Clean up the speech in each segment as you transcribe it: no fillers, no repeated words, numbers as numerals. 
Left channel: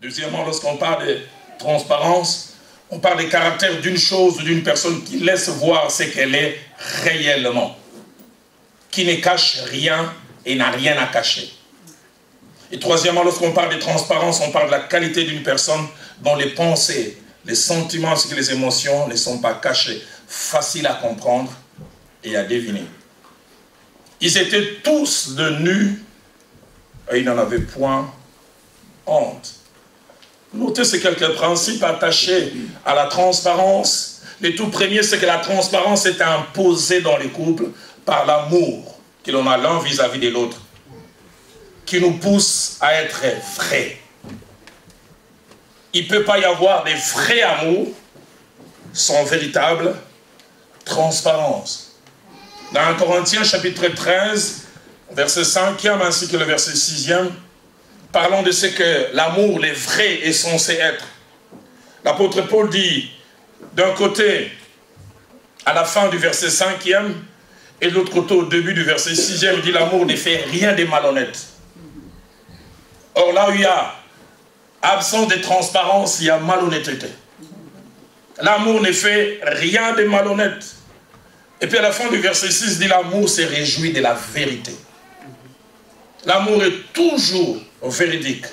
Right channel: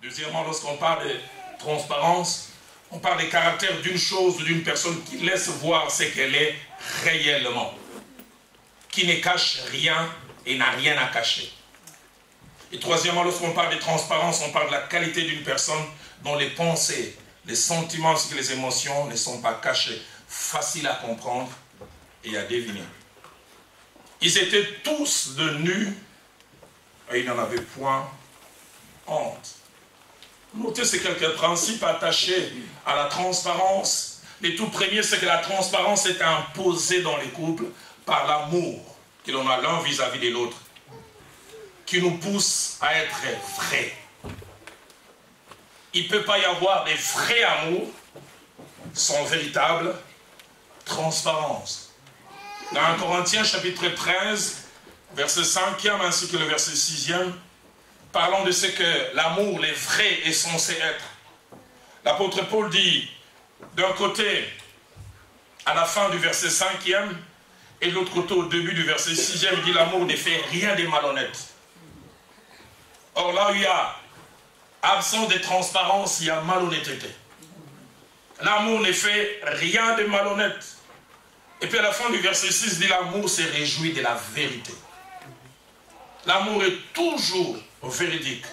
Deuxièmement, lorsqu'on parle de transparence, on parle des caractères d'une chose ou d'une personne qui laisse voir ce qu'elle est réellement, qui ne cache rien et n'a rien à cacher. Et troisièmement, lorsqu'on parle de transparence, on parle de la qualité d'une personne dont les pensées, les sentiments ainsi que les émotions ne sont pas cachés, faciles à comprendre et à deviner. Ils étaient tous de nus et ils n'en avaient point honte. Notez ces quelques principes attachés à la transparence. Le tout premier, c'est que la transparence est imposée dans les couples par l'amour que l'on a l'un vis-à-vis de l'autre, qui nous pousse à être vrais. Il ne peut pas y avoir de vrai amour sans véritable transparence. Dans 1 Corinthiens chapitre 13, verset 5e ainsi que le verset 6e, parlons de ce que l'amour, le vrai, est censé être. L'apôtre Paul dit, d'un côté, à la fin du verset 5e, et de l'autre côté, au début du verset 6e, il dit l'amour ne fait rien de malhonnête. Or là où il y a absence de transparence, il y a malhonnêteté. L'amour ne fait rien de malhonnête. Et puis à la fin du verset 6, il dit l'amour se réjouit de la vérité. L'amour est toujours véridique.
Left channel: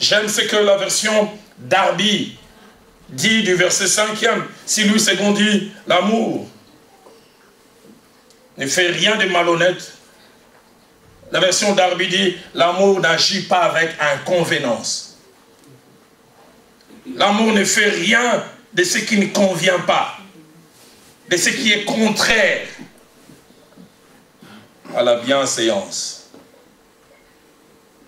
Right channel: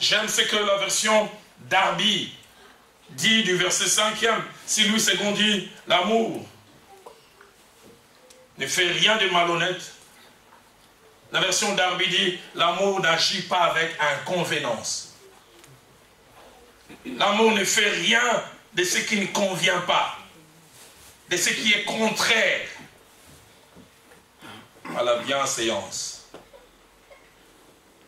J'aime ce que la version Darby dit du verset 5e. Si Louis II dit l'amour ne fait rien de malhonnête, la version Darby dit l'amour n'agit pas avec inconvénance. L'amour ne fait rien de ce qui ne convient pas, de ce qui est contraire à la bienséance.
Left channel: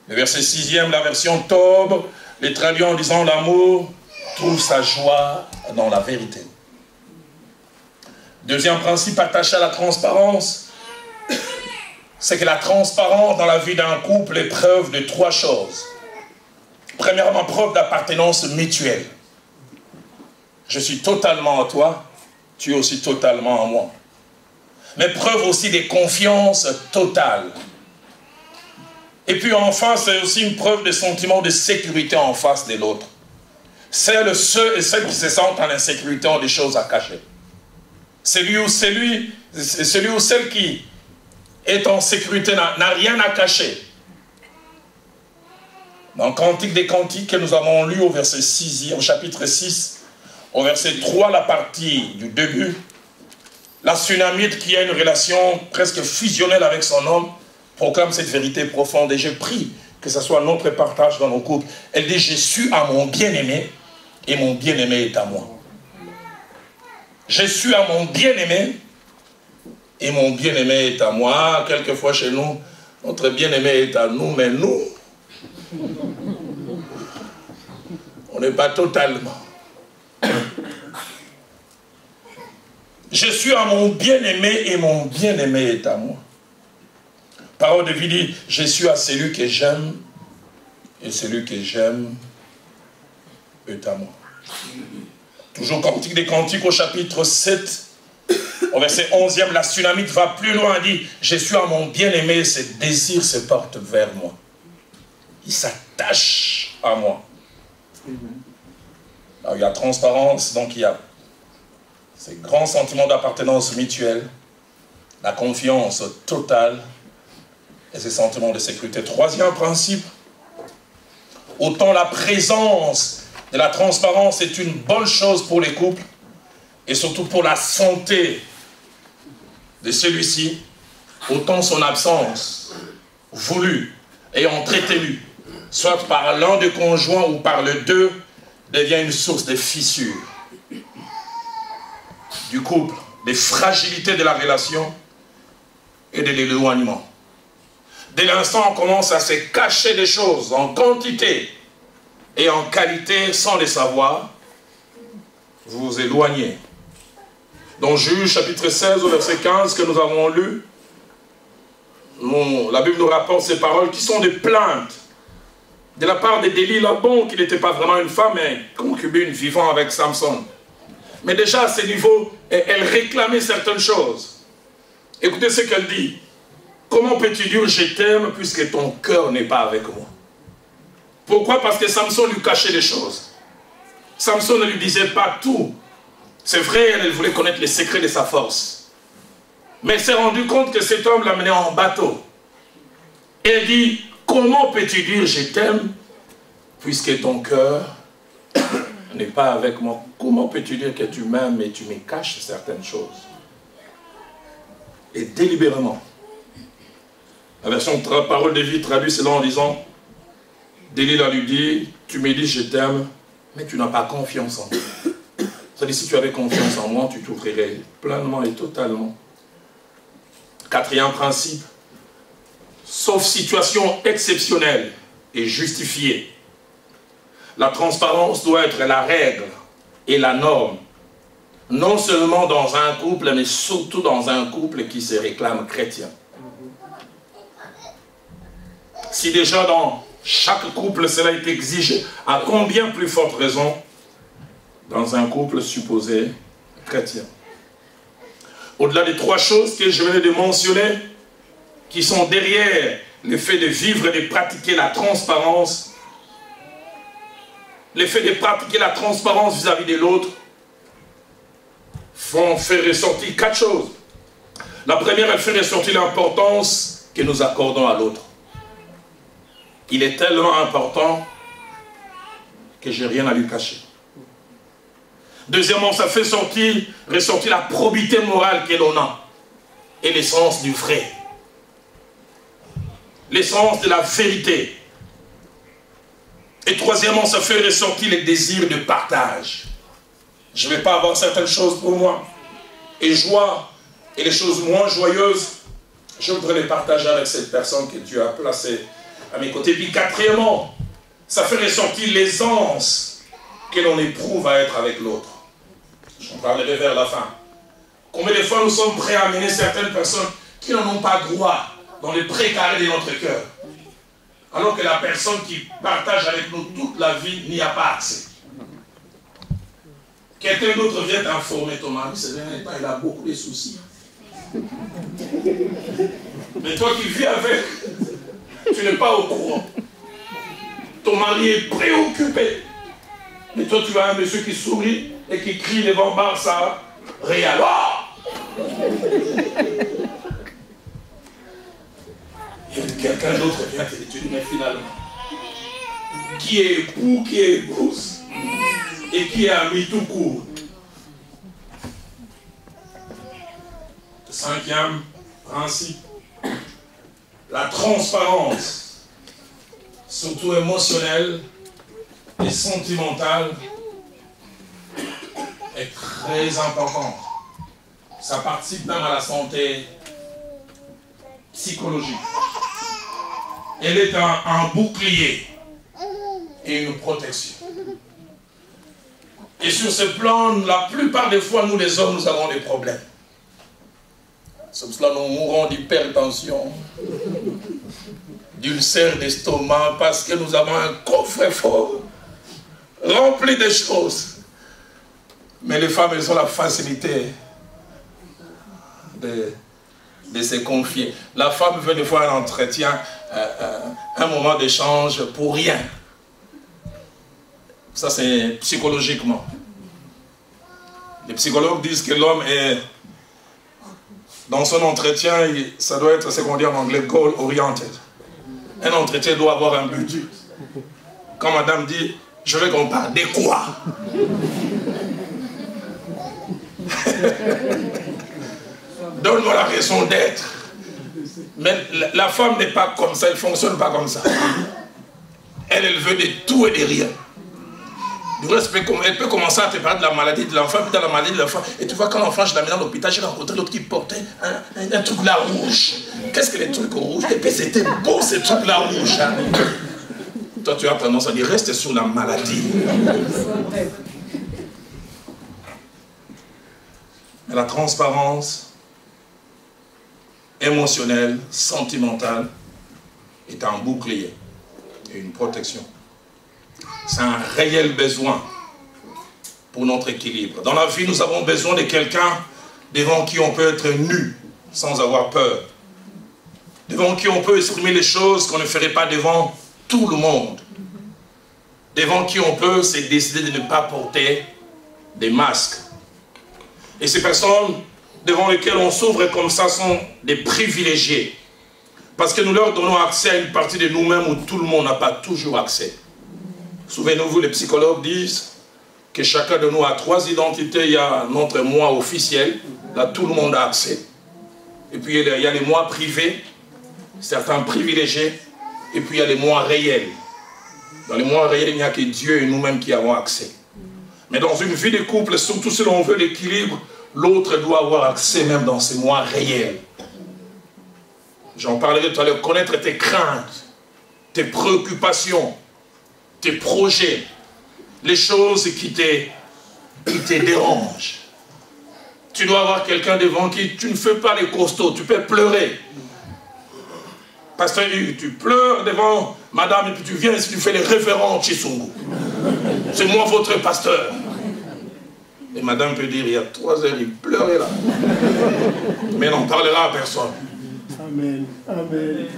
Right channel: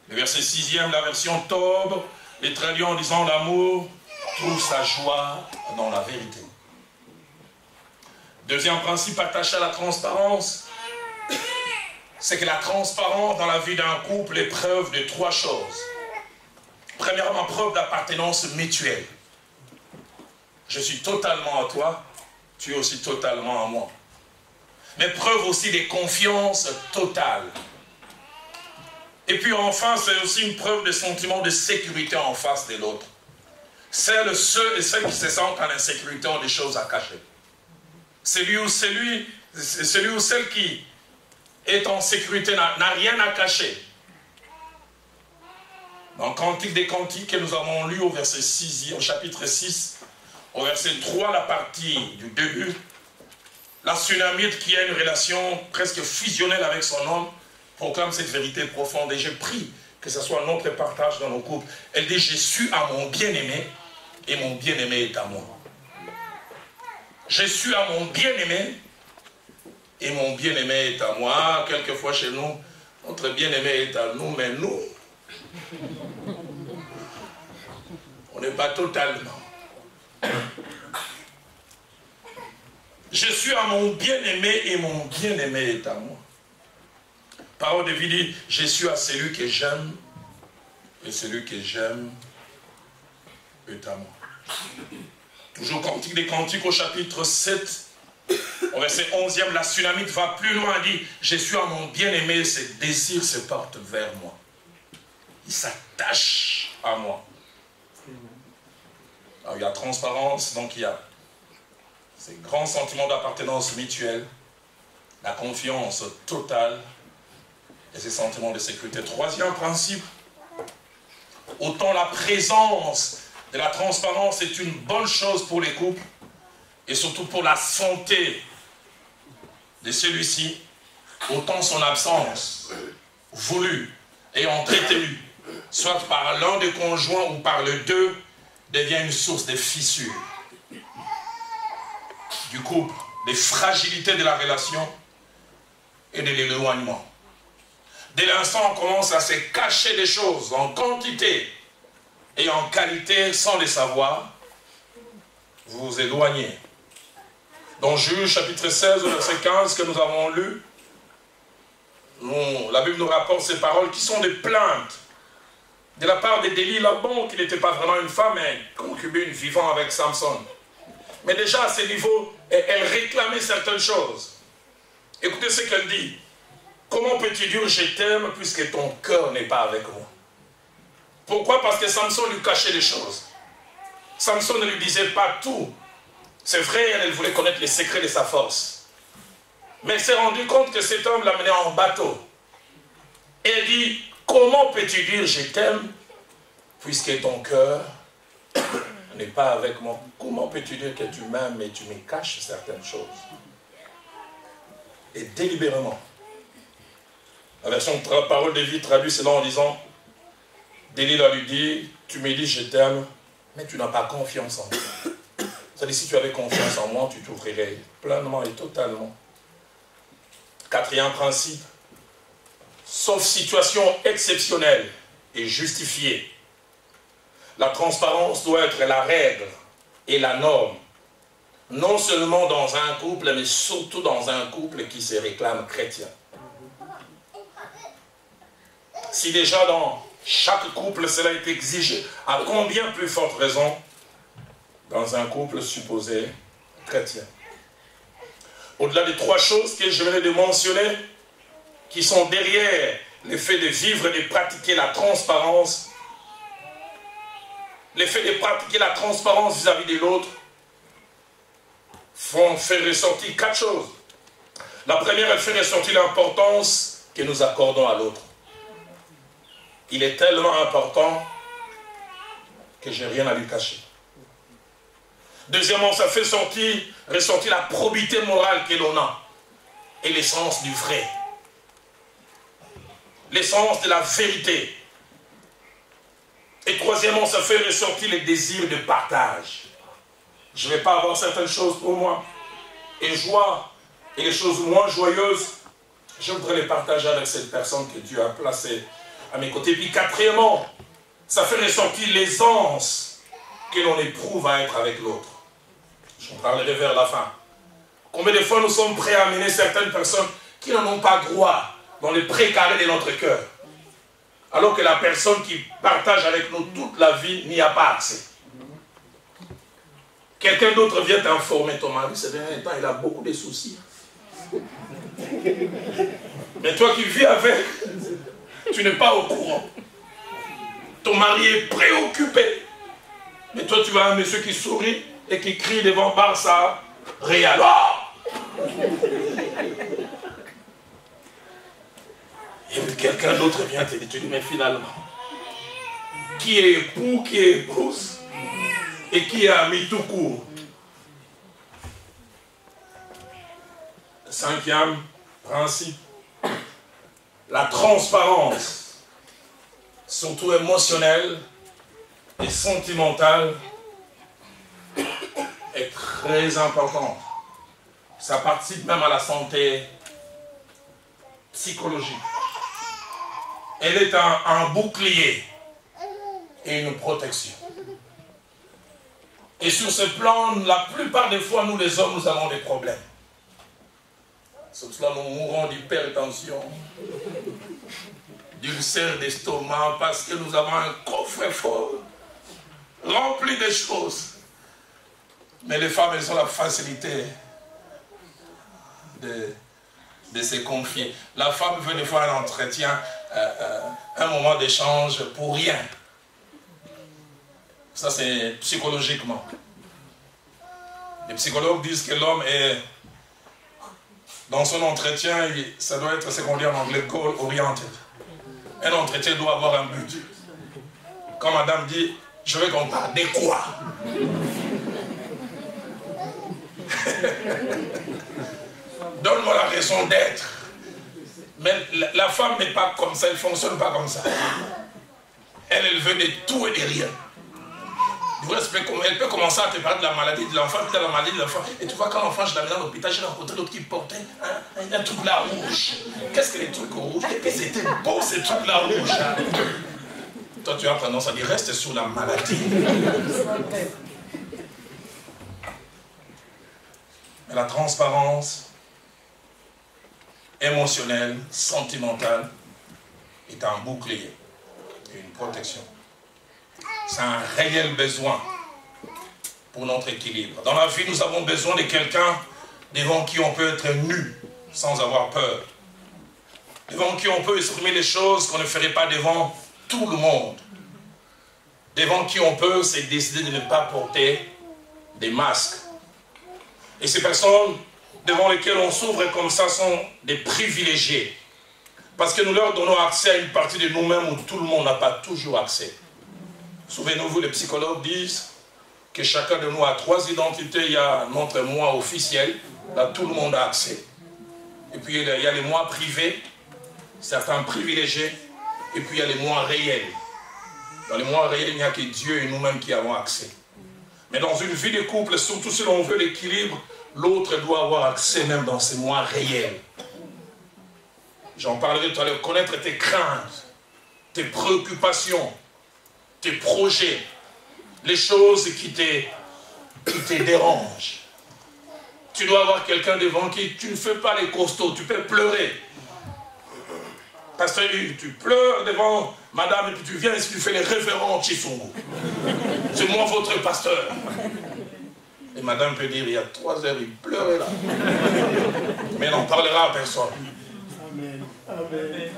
Le verset 6e, la version Tob, les traduit en disant l'amour trouve sa joie dans la vérité. Deuxième principe attaché à la transparence, c'est que la transparence dans la vie d'un couple est preuve de trois choses. Premièrement, preuve d'appartenance mutuelle. Je suis totalement à toi, tu es aussi totalement à moi. Mais preuve aussi de confiance totale. Et puis enfin, c'est aussi une preuve de sentiment de sécurité en face de l'autre. Ceux et celles qui se sentent en insécurité ont des choses à cacher. Celui ou celle qui est en sécurité n'a rien à cacher. Dans Cantique des Cantiques que nous avons lu au verset 6, au chapitre 6, au verset 3, la partie du début, la Sunamite qui a une relation presque fusionnelle avec son homme proclame cette vérité profonde et je prie que ce soit notre partage dans nos couples. Elle dit, je suis à mon bien-aimé et mon bien-aimé est à moi. Je suis à mon bien-aimé et mon bien-aimé est à moi. Quelquefois chez nous, notre bien-aimé est à nous, mais nous, on n'est pas totalement. Je suis à mon bien-aimé et mon bien-aimé est à moi. Parole de vie dit, je suis à celui que j'aime et celui que j'aime est à moi. Toujours Cantique des Cantiques au chapitre 7, au verset 11e, la Sunamite va plus loin et dit, je suis à mon bien-aimé, ses désirs se portent vers moi. Il s'attache à moi. Là où il y a transparence, donc il y a ces grands sentiments d'appartenance mutuelle, la confiance totale et ces sentiments de sécurité. Troisième principe, autant la présence de la transparence est une bonne chose pour les couples et surtout pour la santé de celui-ci, autant son absence voulue et entretenue, soit par l'un des conjoints ou par les deux, devient une source de fissures du couple, des fragilités de la relation et de l'éloignement. Dès l'instant où on commence à se cacher des choses en quantité et en qualité sans les savoir, vous vous éloignez. Dans Juge chapitre 16 au verset 15 que nous avons lu, la Bible nous rapporte ces paroles qui sont des plaintes de la part de Delilah, bon, qui n'était pas vraiment une femme, mais concubine vivant avec Samson. Mais déjà à ce niveau, elle réclamait certaines choses. Écoutez ce qu'elle dit. Comment peux-tu dire je t'aime puisque ton cœur n'est pas avec moi? Pourquoi? Parce que Samson lui cachait des choses. Samson ne lui disait pas tout. C'est vrai, elle voulait connaître les secrets de sa force. Mais elle s'est rendue compte que cet homme l'amenait en bateau. Et elle dit, comment peux-tu dire je t'aime puisque ton cœur n'est pas avec moi? Comment peux-tu dire que tu m'aimes et tu me caches certaines choses? Et délibérément, la version Parole de vie traduit cela en disant, Delilah lui dit, tu me dis je t'aime, mais tu n'as pas confiance en moi. C'est-à-dire, si tu avais confiance en moi, tu t'ouvrirais pleinement et totalement. Quatrième principe, sauf situation exceptionnelle et justifiée, la transparence doit être la règle et la norme, non seulement dans un couple, mais surtout dans un couple qui se réclame chrétien. Si déjà dans chaque couple cela est exigé, à combien plus forte raison dans un couple supposé chrétien? Au-delà des trois choses que je venais de mentionner, qui sont derrière le fait de vivre et de pratiquer la transparence, le fait de pratiquer la transparence vis-à-vis de l'autre, font faire ressortir quatre choses. La première, elle fait ressortir l'importance que nous accordons à l'autre. Il est tellement important que je n'ai rien à lui cacher. Deuxièmement, ça fait ressortir la probité morale que l'on a et l'essence du vrai. L'essence de la vérité. Et troisièmement, ça fait ressortir les désirs de partage. Je ne vais pas avoir certaines choses pour moi. Et joie, et les choses moins joyeuses, je voudrais les partager avec cette personne que Dieu a placée à mes côtés. Puis quatrièmement, ça fait ressortir l'aisance que l'on éprouve à être avec l'autre. Je parlerai vers la fin. Combien de fois nous sommes prêts à amener certaines personnes qui n'en ont pas droit dans les précarés de notre cœur, alors que la personne qui partage avec nous toute la vie n'y a pas accès. Quelqu'un d'autre vient t'informer, ton mari, c'est dernier temps, il a beaucoup de soucis. Mais toi qui vis avec, tu n'es pas au courant. Ton mari est préoccupé. Mais toi, tu vois un monsieur qui sourit et qui crie devant Barça, Real. Oh! Et puis quelqu'un d'autre vient te dire, mais finalement, qui est époux, qui est épouse, et qui est ami tout court. Cinquième principe, la transparence, surtout émotionnelle et sentimentale, est très importante. Ça participe même à la santé psychologique. Elle est un bouclier et une protection. Et sur ce plan, la plupart des fois, nous les hommes, nous avons des problèmes. Sur cela, nous mourons d'hypertension, d'ulcère d'estomac, parce que nous avons un coffre-fort rempli de choses. Mais les femmes, elles ont la facilité de se confier. La femme veut des fois un entretien, un moment d'échange pour rien. Ça, c'est psychologiquement. Les psychologues disent que l'homme est, dans son entretien, ça doit être ce qu'on dit en anglais, goal oriented. Un entretien doit avoir un but. Quand madame dit, je veux qu'on parle de quoi? Donne-moi la raison d'être. Mais la femme n'est pas comme ça, elle ne fonctionne pas comme ça. Elle veut de tout et de rien. Elle peut commencer à te parler de la maladie de l'enfant, puis de la maladie de l'enfant. Et tu vois, quand l'enfant, je l'amène à l'hôpital, j'ai rencontré l'autre qui portait un truc là rouge. Qu'est-ce que les trucs rouges? Et puis c'était beau ces trucs là rouges. Hein? Toi, tu as tendance à dire, reste sur la maladie. Mais la transparence émotionnelle, sentimentale, est un bouclier et une protection. C'est un réel besoin pour notre équilibre. Dans la vie, nous avons besoin de quelqu'un devant qui on peut être nu sans avoir peur. Devant qui on peut exprimer les choses qu'on ne ferait pas devant tout le monde. devant qui on peut, c'est décider de ne pas porter des masques. Et ces personnes devant lesquelles on s'ouvre comme ça sont des privilégiés. Parce que nous leur donnons accès à une partie de nous-mêmes où tout le monde n'a pas toujours accès. Souvenez-vous, les psychologues disent que chacun de nous a 3 identités. Il y a notre moi officiel, là tout le monde a accès. Et puis il y a les moi privés, certains privilégiés, et puis il y a les moi réels. Dans les moi réels, il n'y a que Dieu et nous-mêmes qui avons accès. Mais dans une vie de couple, surtout si l'on veut l'équilibre, l'autre doit avoir accès même dans ses moi réels. J'en parlerai tout à l'heure. Connaître tes craintes, tes préoccupations, tes projets, les choses qui te dérangent. Tu dois avoir quelqu'un devant qui tu ne fais pas les costauds, tu peux pleurer. Pasteur Hugues, tu pleures devant madame et puis tu viens et tu fais les référents Chisungu. C'est moi votre pasteur. Et madame peut dire, il y a 3 heures, il pleurait là. Mais il n'en parlera à personne. Amen. Amen.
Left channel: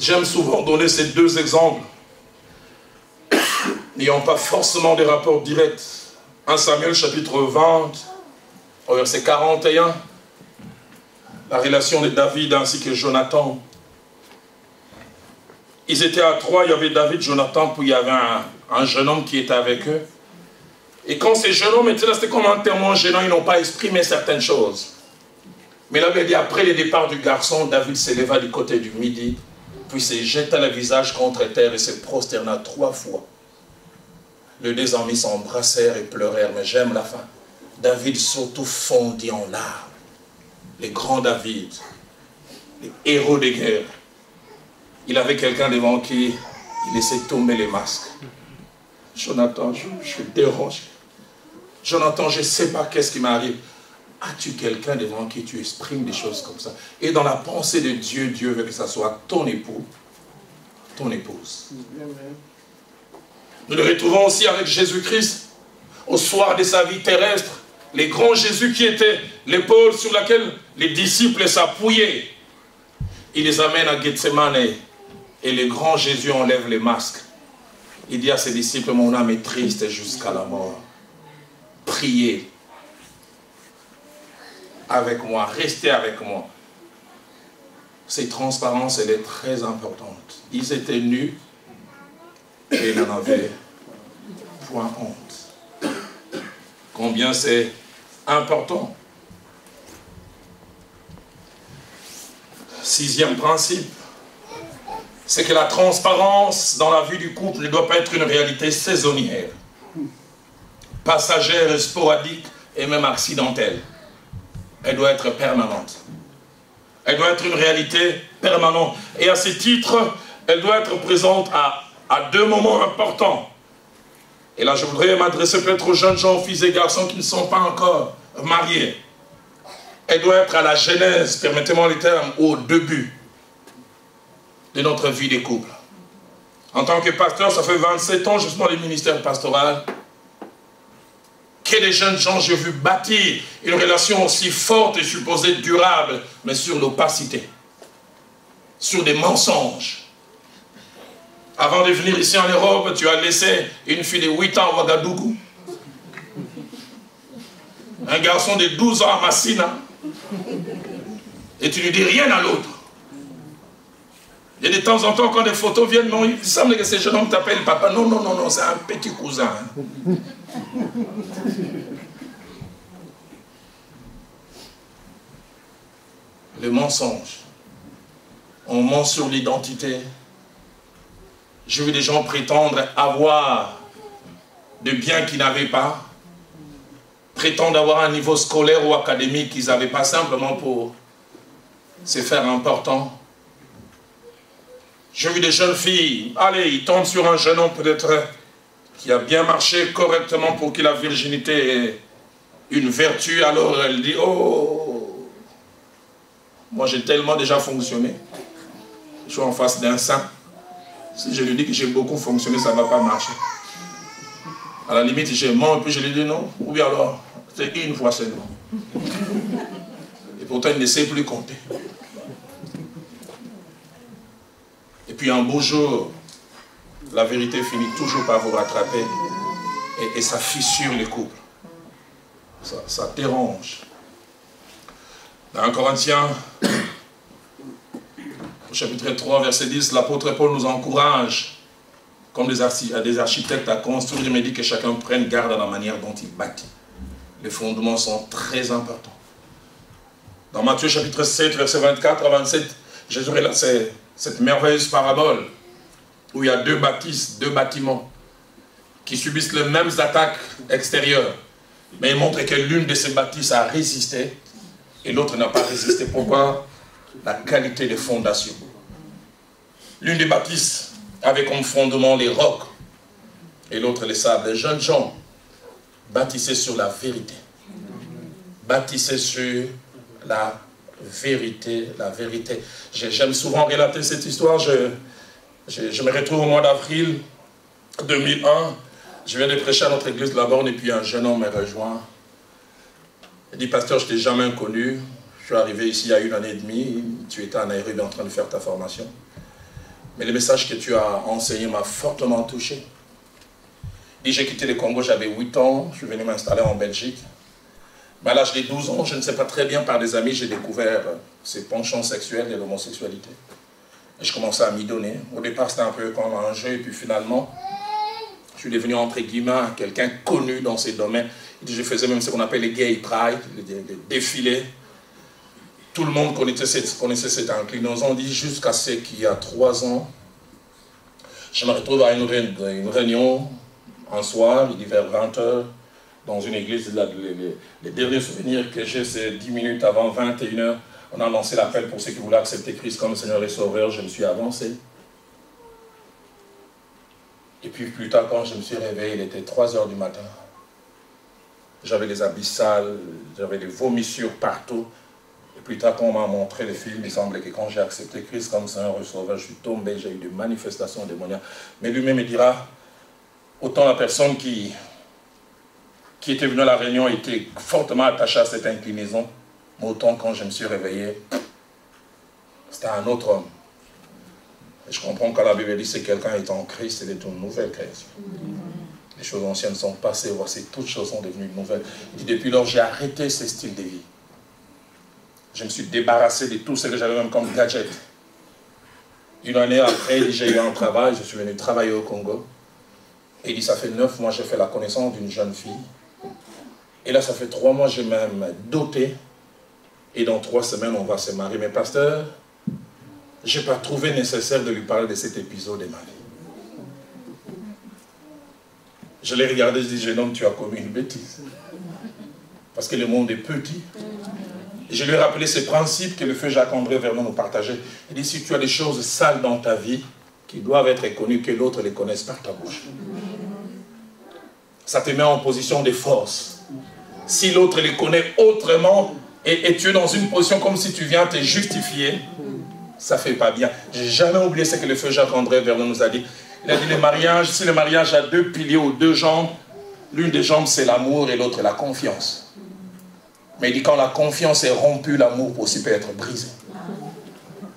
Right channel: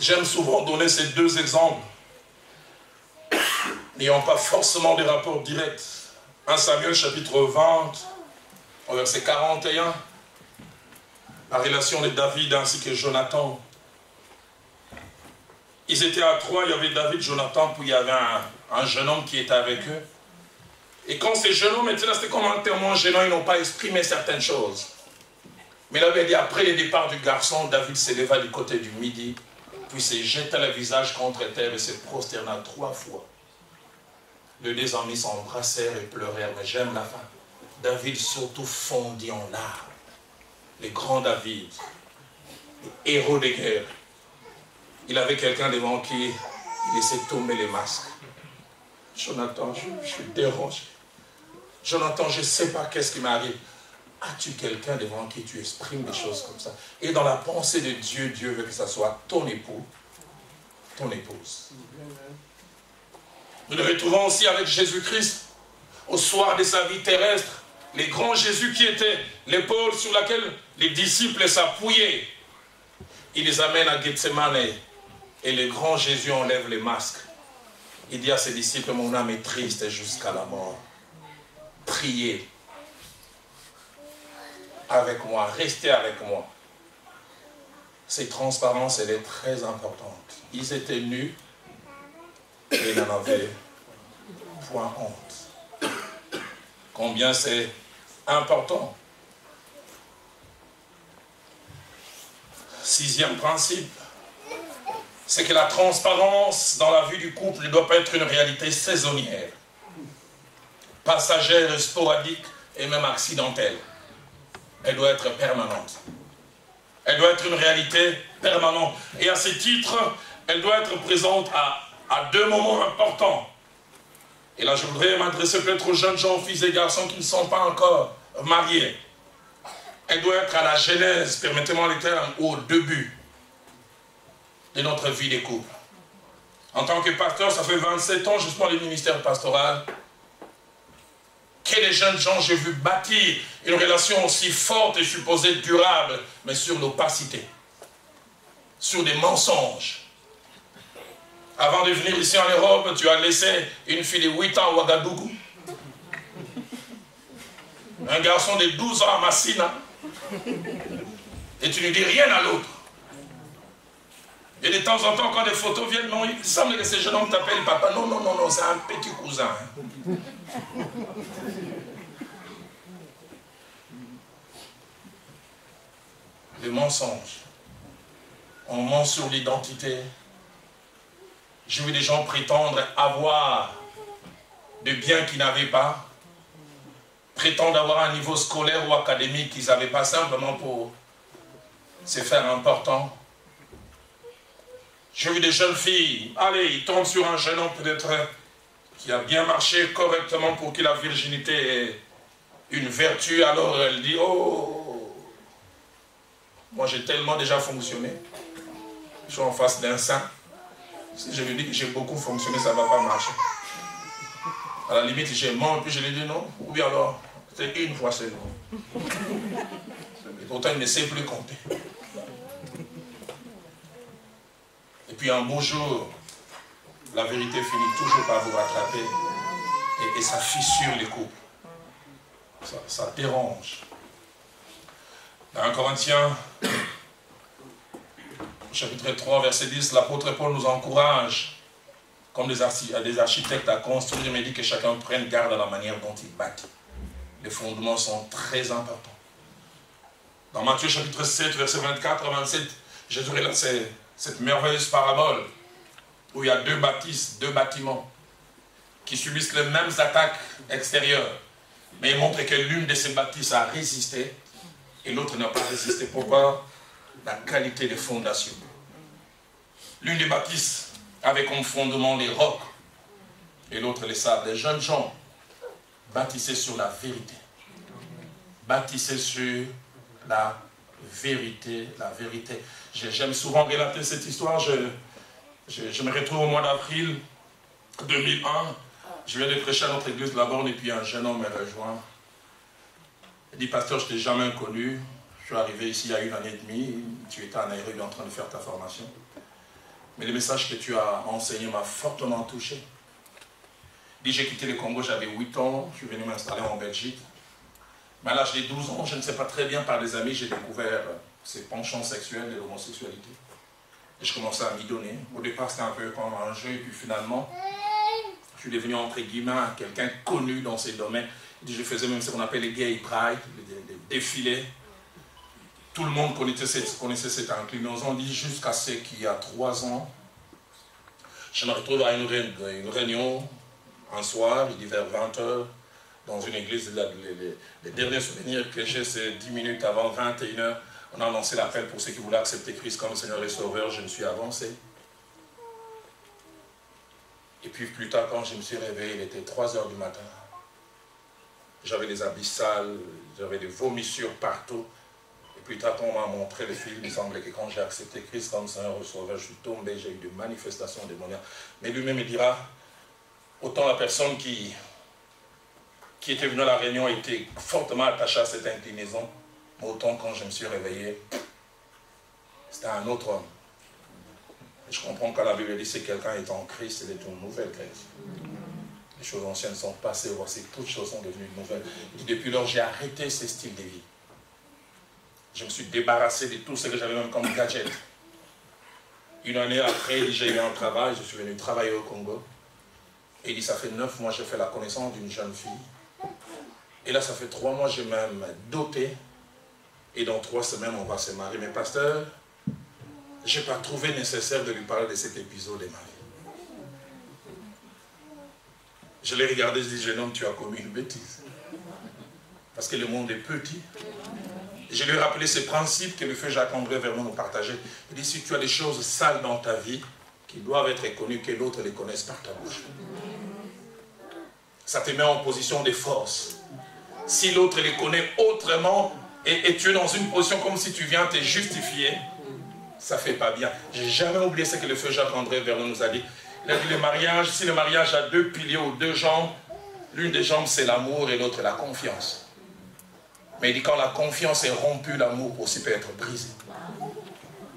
J'aime souvent donner ces 2 exemples, n'ayant pas forcément des rapports directs. 1 Samuel chapitre 20, au verset 41, la relation de David ainsi que Jonathan. Ils étaient à 3, il y avait David, Jonathan, puis il y avait un jeune homme qui était avec eux. Et quand ces jeunes hommes étaient là, c'était comme un témoin gênant, ils n'ont pas exprimé certaines choses. Mais là, il dit, après le départ du garçon, David s'éleva du côté du midi, puis se jeta le visage contre terre et se prosterna 3 fois. Les 2 amis s'embrassèrent et pleurèrent, mais j'aime la fin. David surtout fondit en larmes. Les grands David, les héros de guerre. Il avait quelqu'un devant qui il laissait tomber les masques. Jonathan, je suis dérangé. Jonathan, je ne sais pas qu'est-ce qui m'arrive. As-tu quelqu'un devant qui tu exprimes des choses comme ça? Et dans la pensée de Dieu, Dieu veut que ça soit ton époux, ton épouse. Nous le retrouvons aussi avec Jésus-Christ, au soir de sa vie terrestre. Les grands Jésus qui était l'épaule sur laquelle les disciples s'appuyaient. Il les amène à Gethsemane et le grand Jésus enlève les masques. Il dit à ses disciples, mon âme est triste jusqu'à la mort. Priez avec moi, restez avec moi. Cette transparence, elle est très importante. Ils étaient nus et ils n'en avaient point honte. Combien c'est important. 6e principe, c'est que la transparence dans la vie du couple ne doit pas être une réalité saisonnière, passagère, sporadique et même accidentelle. Elle doit être permanente. Elle doit être une réalité permanente. Et à ce titre, elle doit être présente à 2 moments importants. Et là, je voudrais m'adresser peut-être aux jeunes gens, filles et garçons qui ne sont pas encore mariés. Elle doit être à la genèse, permettez-moi le terme, au début de notre vie de couple. En tant que pasteur, ça fait 27 ans, je suis dans le ministère pastoral, que les jeunes gens, j'ai vu bâtir une relation aussi forte et supposée durable, mais sur l'opacité, sur des mensonges. Avant de venir ici en Europe, tu as laissé une fille de 8 ans à Ouagadougou, un garçon de 12 ans à Massina, et tu ne dis rien à l'autre. Et de temps en temps, quand des photos viennent, non, il semble que ces jeunes hommes t'appellent papa. Non, non, non, non, c'est un petit cousin. Le mensonge. On ment sur l'identité. J'ai vu des gens prétendre avoir des biens qu'ils n'avaient pas, prétendre avoir un niveau scolaire ou académique qu'ils n'avaient pas, simplement pour se faire important. J'ai vu des jeunes filles, allez, ils tombent sur un jeune homme peut-être qui a bien marché correctement pour que la virginité ait une vertu, alors elle dit, oh, moi j'ai tellement déjà fonctionné, je suis en face d'un saint. Si je lui dis que j'ai beaucoup fonctionné, ça ne va pas marcher. À la limite, j'ai menti et puis je lui dis non. Ou bien alors, c'est une fois seulement. Et pourtant, il ne sait plus compter. Et puis un beau jour, la vérité finit toujours par vous rattraper et ça fissure les couples. Ça dérange. Dans 1 Corinthiens, au chapitre 3, verset 10, l'apôtre Paul nous encourage, comme des architectes, à construire, mais dit que chacun prenne garde à la manière dont il bâtit. Les fondements sont très importants. Dans Matthieu chapitre 7, verset 24 à 27, Jésus relate cette merveilleuse parabole où il y a deux bâtiments qui subissent les mêmes attaques extérieures. Mais il montre que l'une de ces bâtisses a résisté et l'autre n'a pas résisté. Pourquoi? La qualité des fondations. L'une des bâtisses avait comme fondement les rocs et l'autre les sables. Les jeunes gens bâtissaient sur la vérité. Bâtissaient sur la vérité, la vérité. J'aime souvent relater cette histoire. Je me retrouve au mois d'avril 2001. Je viens de prêcher à notre église de la Borne et puis un jeune homme me rejoint. Il dit, pasteur, je ne t'ai jamais connu. Je suis arrivé ici il y a 1 an et demi. Tu étais en Nairobi en train de faire ta formation. Mais le message que tu as enseigné m'a fortement touché. Il dit, j'ai quitté le Congo, j'avais 8 ans. Je suis venu m'installer en Belgique. Mais à l'âge de 12 ans, je ne sais pas très bien, par des amis, j'ai découvert ces penchants sexuels de l'homosexualité. Et je commençais à m'y donner. Au départ, c'était un peu comme un jeu, et puis finalement, je suis devenu, entre guillemets, quelqu'un connu dans ces domaines. Je faisais même ce qu'on appelle les gay pride, les défilés. Tout le monde connaissait cette inclinaison. On dit jusqu'à ce qu'il y a 3 ans, je me retrouve à une réunion, un soir, il dit vers 20h, dans une église. Les derniers souvenirs que j'ai, c'est 10 minutes avant 21h. On a lancé l'appel pour ceux qui voulaient accepter Christ comme Seigneur et Sauveur. Je me suis avancé. Et puis plus tard, quand je me suis réveillé, il était 3h du matin. J'avais des habits sales, j'avais des vomissures partout. Et plus tard, quand on m'a montré le film, il semblait que quand j'ai accepté Christ comme Seigneur et Sauveur, je suis tombé, j'ai eu des manifestations démoniaques. Mais lui-même me dira, autant la personne qui était venue à la réunion était fortement attachée à cette inclinaison, mais autant quand je me suis réveillé, c'était un autre homme. Et je comprends quand la Bible dit que quelqu'un est en Christ, il est une nouvelle création. Les choses anciennes sont passées, voici toutes choses sont devenues nouvelles. Il dit, depuis lors, j'ai arrêté ce style de vie. Je me suis débarrassé de tout ce que j'avais même comme gadget. 1 année après, j'ai eu un travail, je suis venu travailler au Congo. Et il dit, ça fait 9 mois, j'ai fait la connaissance d'une jeune fille. Et là, ça fait 3 mois, j'ai même doté. Et dans 3 semaines, on va se marier. Mais pasteur, je n'ai pas trouvé nécessaire de lui parler de cet épisode de ma vie. Je l'ai regardé, je dis, jeune homme, tu as commis une bêtise. Parce que le monde est petit. Et je lui ai rappelé ces principes que le feu Jacques-André Vernon nous partageait. Il dit, si tu as des choses sales dans ta vie, qui doivent être connues, que l'autre les connaisse par ta bouche. Ça te met en position de force. Si l'autre les connaît autrement, et tu es dans une position comme si tu viens te justifier, ça ne fait pas bien. Je n'ai jamais oublié ce que le feu Jacques-André Vernon nous a dit. Il a dit, le mariage, si le mariage a 2 piliers ou 2 jambes, l'une des jambes c'est l'amour et l'autre la confiance. Mais il dit, quand la confiance est rompue, l'amour aussi peut être brisé.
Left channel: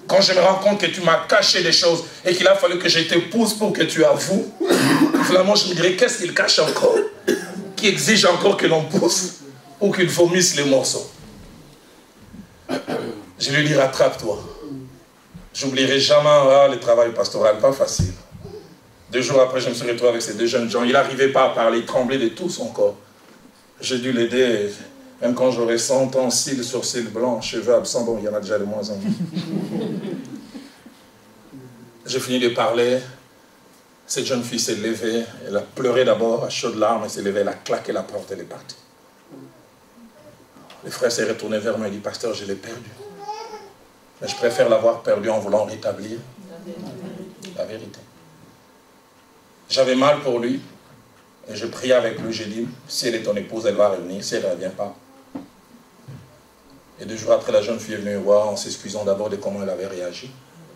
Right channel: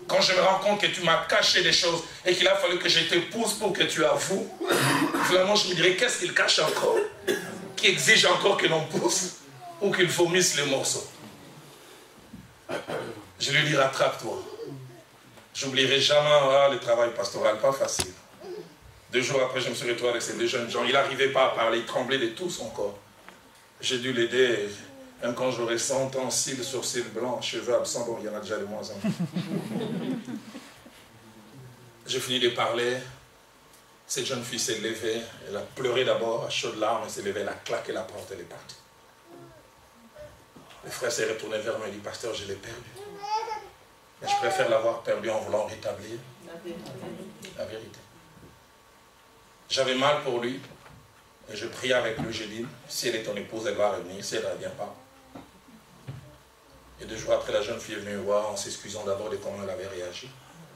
Quand je me rends compte que tu m'as caché des choses et qu'il a fallu que je te pousse pour que tu avoues, finalement je me dirais, qu'est-ce qu'il cache encore, qui exige encore que l'on pousse ou qu'il vomisse les morceaux. Je lui dis, rattrape-toi. J'oublierai jamais le travail pastoral, pas facile. 2 jours après, je me suis retrouvé avec ces 2 jeunes gens. Il n'arrivait pas à parler, il tremblait de tout son corps. J'ai dû l'aider, même quand j'aurais 100 ans, cils sur cils blancs, cheveux absents, bon, il y en a déjà de moins en moins. J'ai fini de parler. Cette jeune fille s'est levée, elle a pleuré d'abord, à chaudes larmes, elle s'est levée, elle a claqué la porte, elle est partie. Le frère s'est retourné vers moi et dit, pasteur, je l'ai perdu. Mais je préfère l'avoir perdu en voulant rétablir la vérité. J'avais mal pour lui, et je priais avec lui, j'ai dit, si elle est ton épouse, elle va revenir, si elle ne revient pas. Et 2 jours après, la jeune fille est venue me voir en s'excusant d'abord de comment elle avait réagi.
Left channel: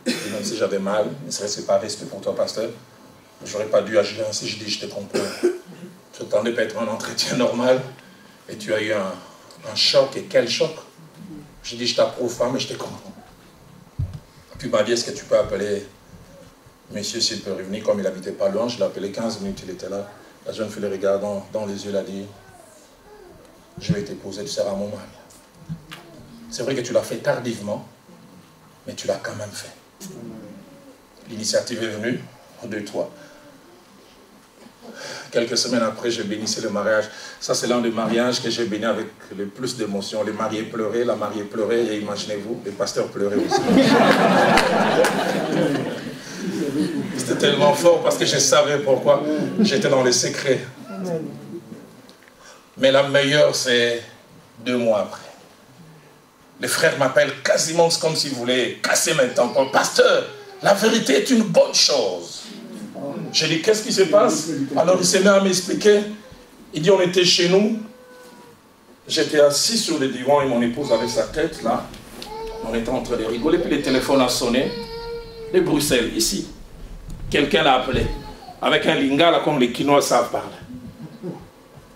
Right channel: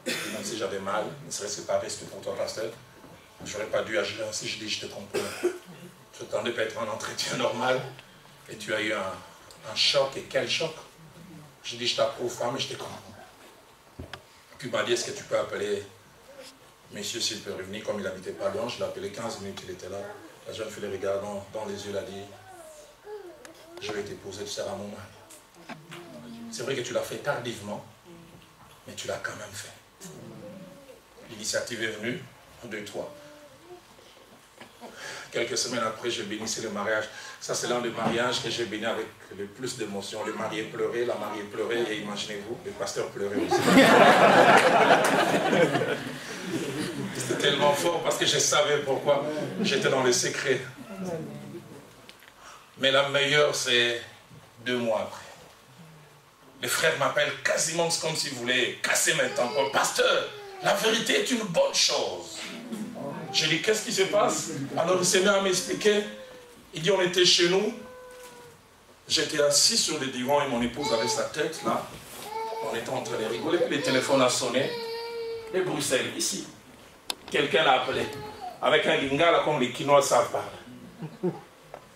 Et même si j'avais mal, ne serait-ce que par respect pour toi, pasteur, je n'aurais pas dû agir ainsi. Je dis, je te comprends. Je t'attendais pas être un entretien normal, et tu as eu un choc, et quel choc. Je dis, je t'approuve pas, mais je te comprends. Puis il m'a dit, est-ce que tu peux appeler Monsieur, s'il peut revenir, comme il n'habitait pas loin, je l'ai appelé 15 minutes, il était là. La jeune fille le regardant dans les yeux, elle a dit, je vais t'épouser, tu seras mon mari. C'est vrai que tu l'as fait tardivement, mais tu l'as quand même fait. L'initiative est venue de toi. Quelques semaines après, j'ai bénissé le mariage. Ça, c'est l'un des mariages que j'ai béni avec le plus d'émotion. Le marié pleurait, la mariée pleurait, et imaginez-vous, le pasteur pleurait aussi. C'était tellement fort parce que je savais pourquoi. J'étais dans les secrets. Mais la meilleure, c'est 2 mois après. Les frères m'appellent quasiment comme s'ils voulaient casser mes tampons. Pasteur, la vérité est une bonne chose. Je dis, qu'est-ce qui se passe? Alors il s'est mis à m'expliquer. Il dit, on était chez nous. J'étais assis sur le divan et mon épouse avec sa tête là. On était en train de rigoler. Puis le téléphone a sonné. De Bruxelles, ici. Quelqu'un l'a appelé. Avec un lingala comme les Quinois savent parler.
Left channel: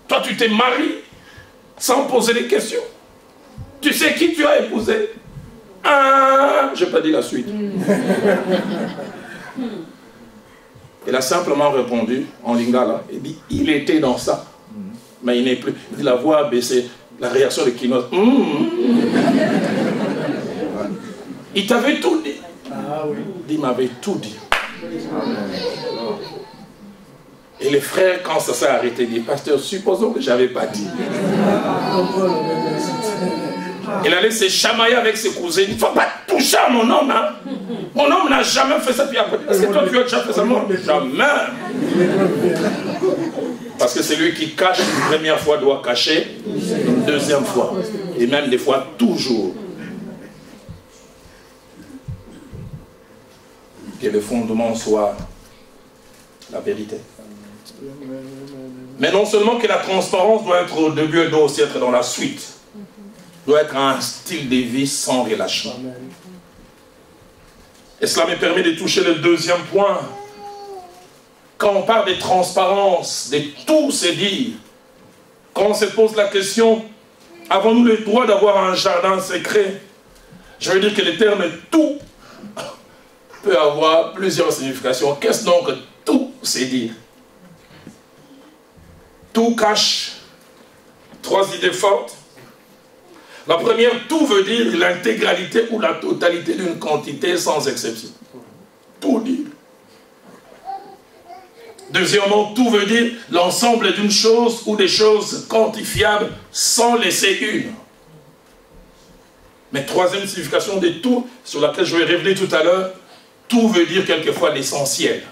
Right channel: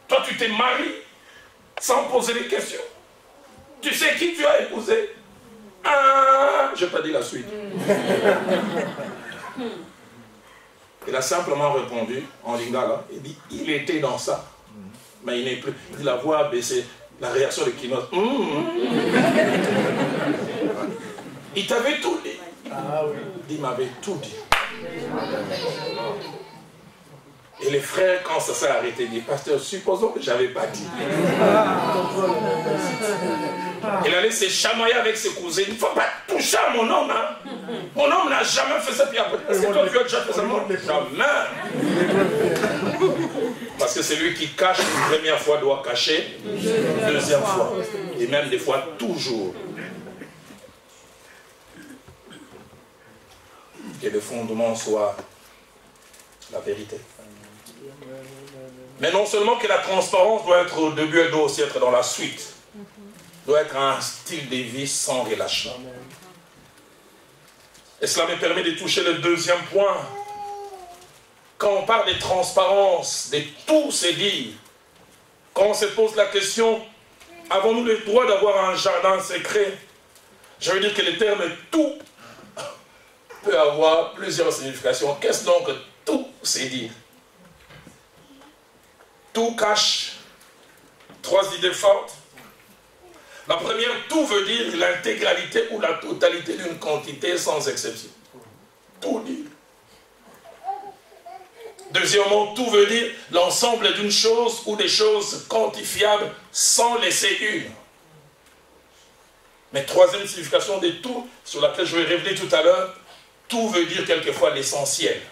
Toi, tu t'es marié sans poser des questions. Tu sais qui tu as épousé? Ah, je n'ai pas dit la suite. Il a simplement répondu en lingala. Il dit, il était dans ça, mais il n'est plus. Il dit, la voix a baissé. La réaction de Quinois. Il t'avait tout dit. Il m'avait tout dit. Et les frères, quand ça s'est arrêté, disent, pasteur, supposons que je n'avais pas dit. Il allait se chamailler avec ses cousins. Il ne faut pas toucher à mon homme. Hein. Mon homme n'a jamais fait ça. Est-ce que toi, tu as déjà fait ça? Non, jamais. Parce que c'est lui qui cache une première fois doit cacher une deuxième fois. Et même des fois, toujours. Que le fondement soit la vérité. Mais non seulement que la transparence doit être au début, elle doit aussi être dans la suite. Doit être un style de vie sans relâchement. Et cela me permet de toucher le deuxième point. Quand on parle de transparence, de tout se dire, quand on se pose la question, avons-nous le droit d'avoir un jardin secret? Je veux dire que le terme tout peut avoir plusieurs significations. Qu'est-ce donc que tout se dire? Tout cache 3 idées fortes. La première, tout veut dire l'intégralité ou la totalité d'une quantité sans exception. Tout dire. Deuxièmement, tout veut dire l'ensemble d'une chose ou des choses quantifiables sans laisser une. Mais troisième signification de tout, sur laquelle je vais revenir tout à l'heure, tout veut dire quelquefois l'essentiel.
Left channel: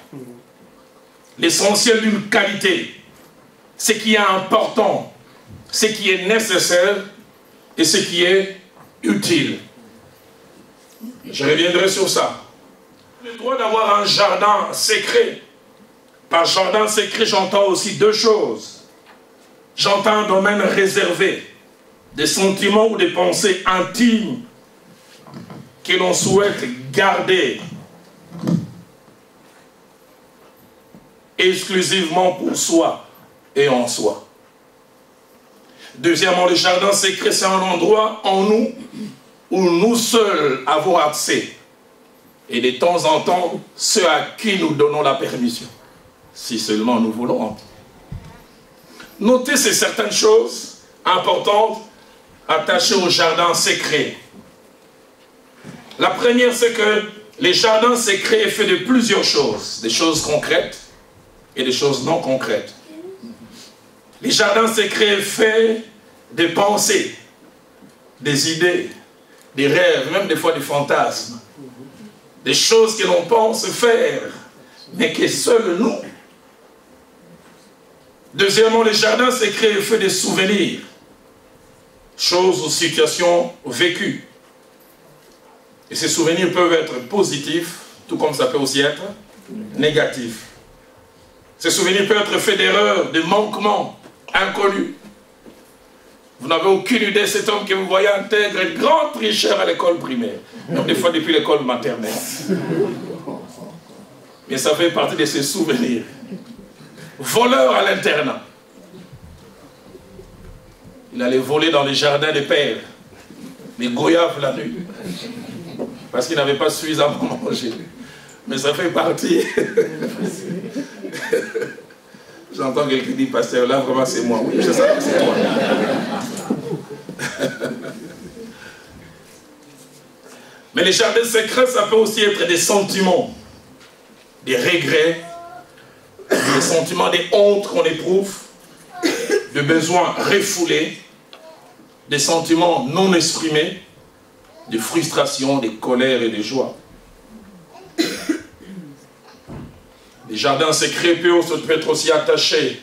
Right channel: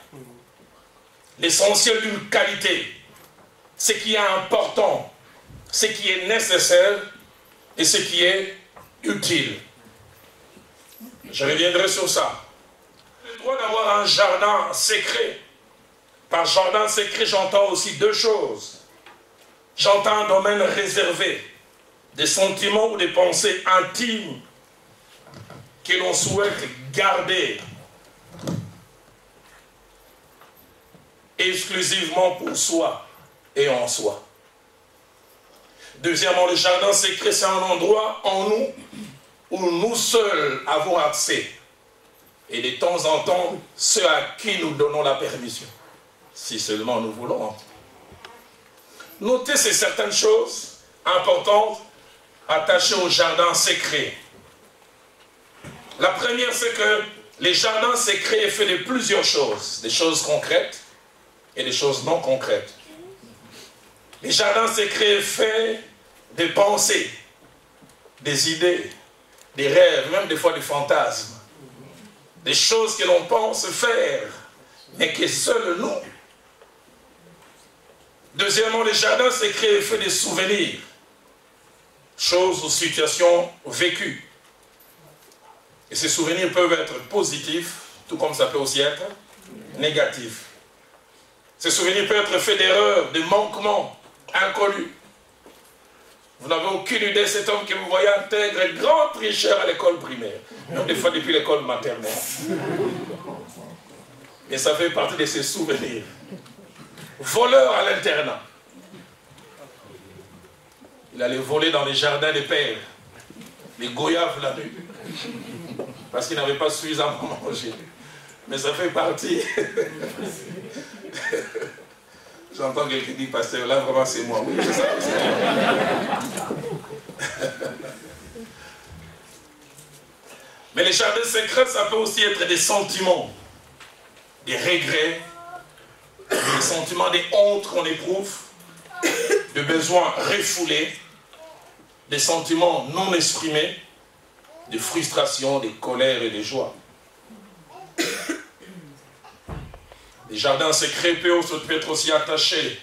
L'essentiel d'une qualité. Ce qui est important, ce qui est nécessaire et ce qui est utile. Je reviendrai sur ça. Le droit d'avoir un jardin secret. Par jardin secret, j'entends aussi 2 choses. J'entends un domaine réservé, des sentiments ou des pensées intimes que l'on souhaite garder exclusivement pour soi et en soi. Deuxièmement, le jardin secret, c'est un endroit en nous où nous seuls avons accès. Et de temps en temps, ceux à qui nous donnons la permission. Si seulement nous voulons. Notez ces certaines choses importantes attachées au jardin secret. La première, c'est que les jardins secrets est fait de plusieurs choses. Des choses concrètes et des choses non concrètes. Les jardins secrets est fait des pensées, des idées, des rêves, même des fois des fantasmes. Des choses que l'on pense faire, mais que seuls nous. Deuxièmement, les jardins secrets est fait des souvenirs. Choses ou situations vécues. Et ces souvenirs peuvent être positifs, tout comme ça peut aussi être négatif. Ces souvenirs peuvent être faits d'erreurs, de manquements inconnus. Vous n'avez aucune idée de cet homme que vous voyez intègre, un grand tricheur à l'école primaire, même des fois depuis l'école maternelle. Mais ça fait partie de ses souvenirs. Voleur à l'internat. Il allait voler dans les jardins des pères, les goyaves la nuit, parce qu'il n'avait pas suffisamment mangé. Mais ça fait partie. J'entends quelqu'un dire, pasteur, là vraiment c'est moi. Oui, je sais que c'est moi. Mais les jardins secrets, ça peut aussi être des sentiments, des regrets, des sentiments, des hontes qu'on éprouve, des besoins refoulés, des sentiments non exprimés, des frustrations, des colères et des joies. Les jardins secrets peuvent être aussi attachés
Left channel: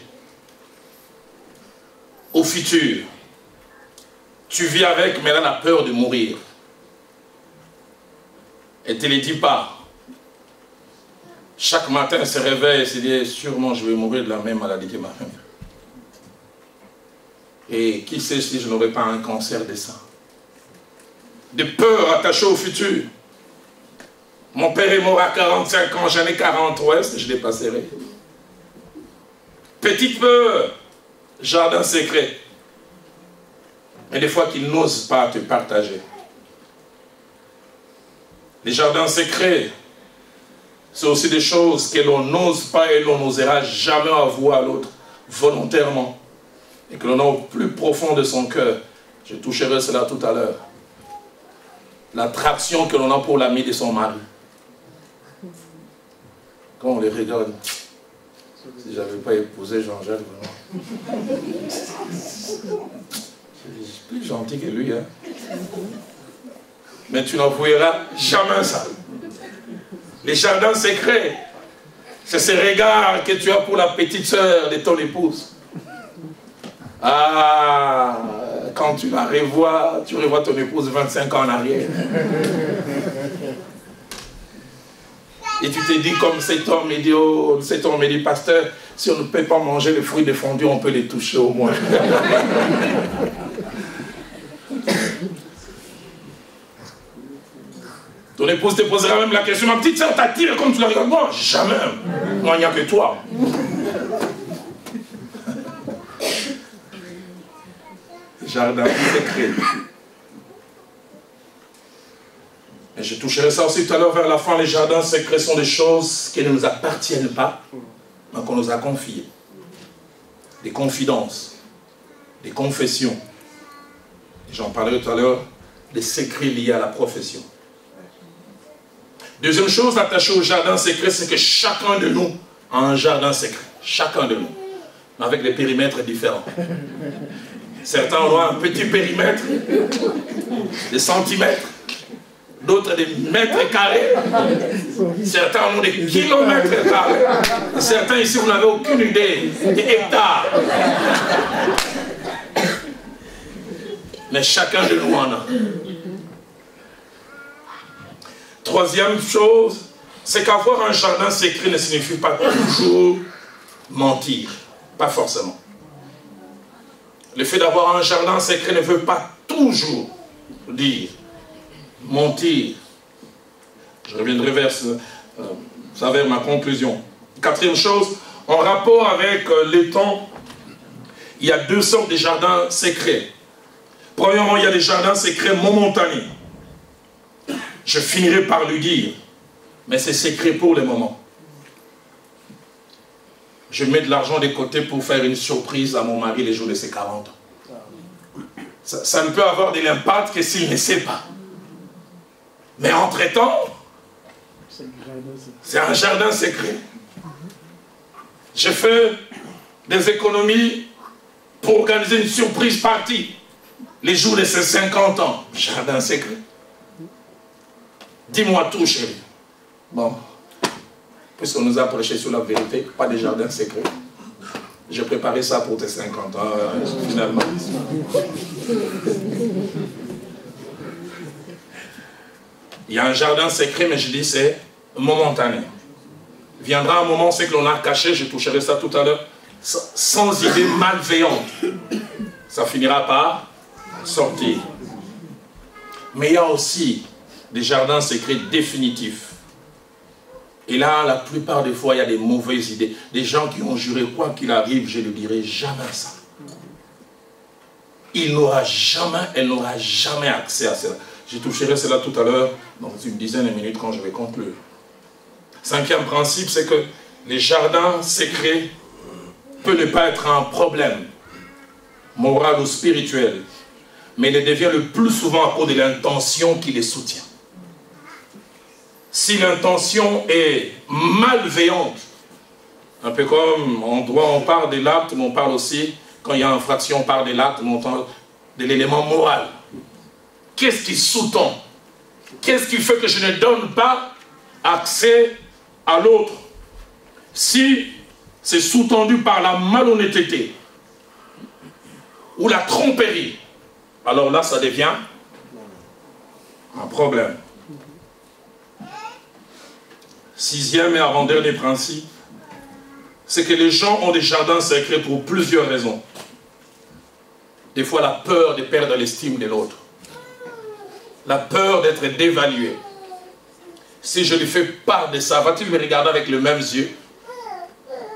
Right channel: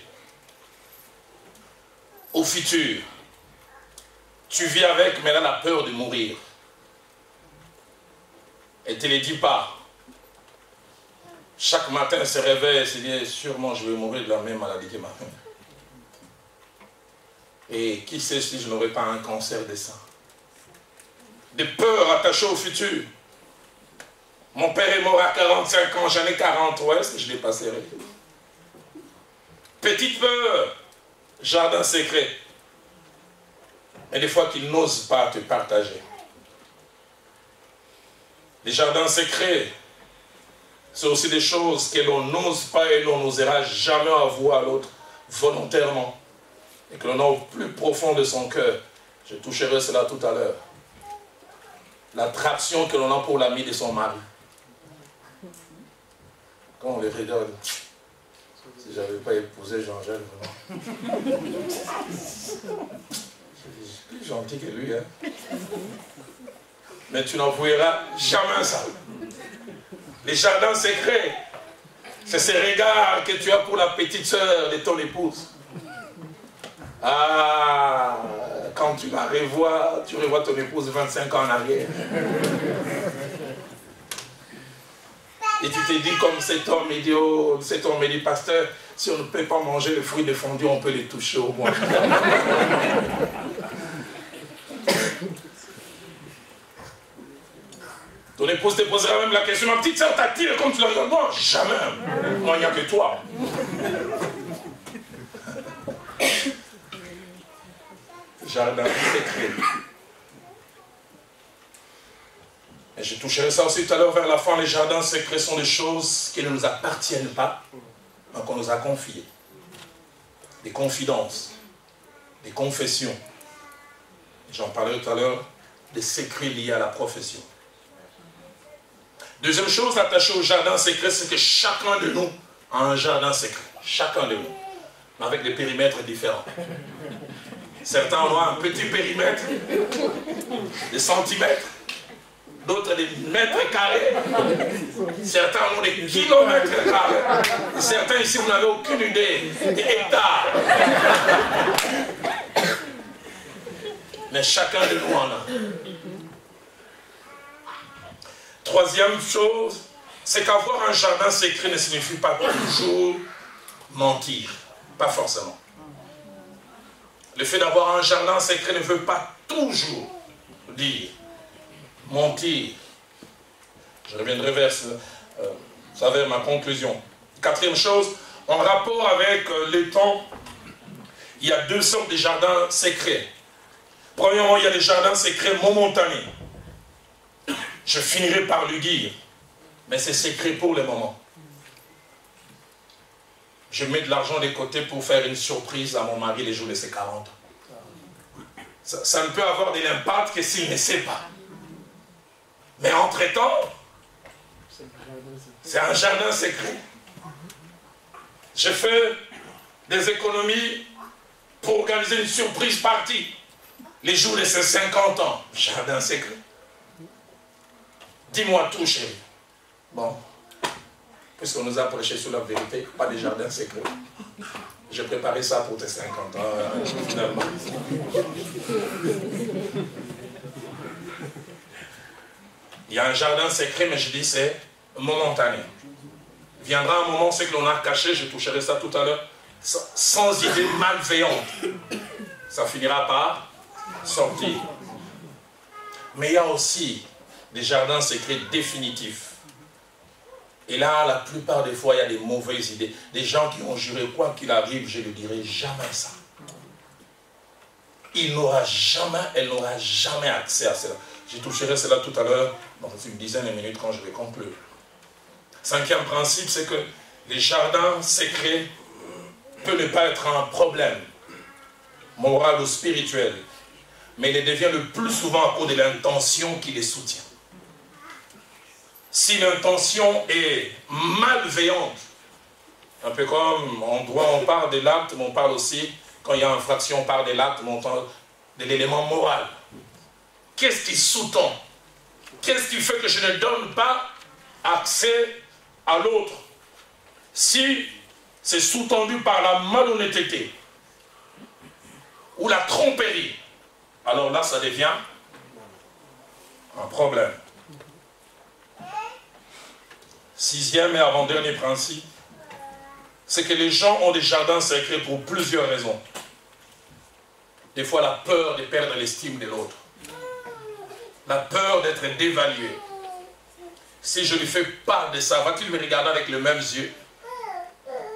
au futur. Tu vis avec, mais elle a peur de mourir. Elle ne te le dit pas. Chaque matin, elle se réveille et se dit, sûrement je vais mourir de la même maladie que ma mère. Et qui sait si je n'aurai pas un cancer de sein. Des peurs attachées au futur. Mon père est mort à 45 ans, j'en ai 40, ouais, je l'ai passerai. Petite peur, jardin secret. Mais des fois qu'ils n'osent pas te partager. Les jardins secrets, c'est aussi des choses que l'on n'ose pas et l'on n'osera jamais avouer à l'autre volontairement. Et que l'on a au plus profond de son cœur. Je toucherai cela tout à l'heure. L'attraction que l'on a pour l'ami de son mari. Quand on les regarde, si je n'avais pas épousé Jean-Jacques, je suis plus gentil que lui. Hein. Mais tu n'avoueras jamais ça. Les jardins secrets, c'est ce regard que tu as pour la petite sœur de ton épouse. Ah, quand tu la revois, tu revois ton épouse 25 ans en arrière. Et tu te dis comme cet homme dit, oh, cet homme dit, pasteur, si on ne peut pas manger les fruits défendus, on peut les toucher au moins. Ton épouse te posera même la question, ma petite soeur t'attire comme tu la regardes moi? Jamais. Moi, il n'y a que toi. Jardin secret. Et je toucherai ça aussi tout à l'heure vers la fin. Les jardins secrets sont des choses qui ne nous appartiennent pas, mais qu'on nous a confiées. Des confidences, des confessions. J'en parlerai tout à l'heure, des secrets liés à la profession. Deuxième chose attachée au jardin secret, c'est que chacun de nous a un jardin secret. Chacun de nous. Mais avec des périmètres différents. Certains ont un petit périmètre, des centimètres, d'autres des mètres carrés, certains ont des kilomètres carrés, certains ici vous n'avez aucune idée, des hectares. Mais chacun de nous en a. Troisième chose, c'est qu'avoir un jardin secret ne signifie pas toujours mentir, pas forcément. Le fait d'avoir un jardin secret ne veut pas toujours dire mentir. Je reviendrai vers ma conclusion. Quatrième chose, en rapport avec les temps, il y a deux sortes de jardins secrets. Premièrement, il y a les jardins secrets momentanés. Je finirai par le dire, mais c'est secret pour le moment. Je mets de l'argent de côté pour faire une surprise à mon mari les jours de ses 40 ans. Ça ne peut avoir de l'impact que s'il ne sait pas. Mais entre-temps, c'est un jardin secret. Je fais des économies pour organiser une surprise party les jours de ses 50 ans. Jardin secret. Dis-moi tout, chérie. Bon. Puisqu'on nous a prêché sur la vérité, pas des jardins secrets. J'ai préparé ça pour tes 50 ans, finalement. Il y a un jardin secret, mais je dis c'est momentané. Viendra un moment, c'est que l'on a caché, je toucherai ça tout à l'heure, sans idée malveillante. Ça finira par sortir. Mais il y a aussi des jardins secrets définitifs. Et là, la plupart des fois, il y a des mauvaises idées. Des gens qui ont juré, quoi qu'il arrive, je ne dirai jamais ça. Elle n'aura jamais accès à cela. Je toucherai cela tout à l'heure, dans une dizaine de minutes, quand je vais conclure. Cinquième principe, c'est que les jardins secrets peuvent ne pas être un problème moral ou spirituel, mais il devient le plus souvent à cause de l'intention qui les soutient. Si l'intention est malveillante, un peu comme en droit on parle de l'acte, mais on parle aussi, quand il y a infraction, on parle de l'acte, mais on parle de l'élément moral. Qu'est-ce qui sous-tend? Qu'est-ce qui fait que je ne donne pas accès à l'autre? Si c'est sous-tendu par la malhonnêteté ou la tromperie, alors là, ça devient un problème. Sixième et avant-dernier principe, c'est que les gens ont des jardins secrets pour plusieurs raisons. Des fois, la peur de perdre l'estime de l'autre. La peur d'être dévalué. Si je lui fais part de ça, va-t-il me regarder avec les mêmes yeux?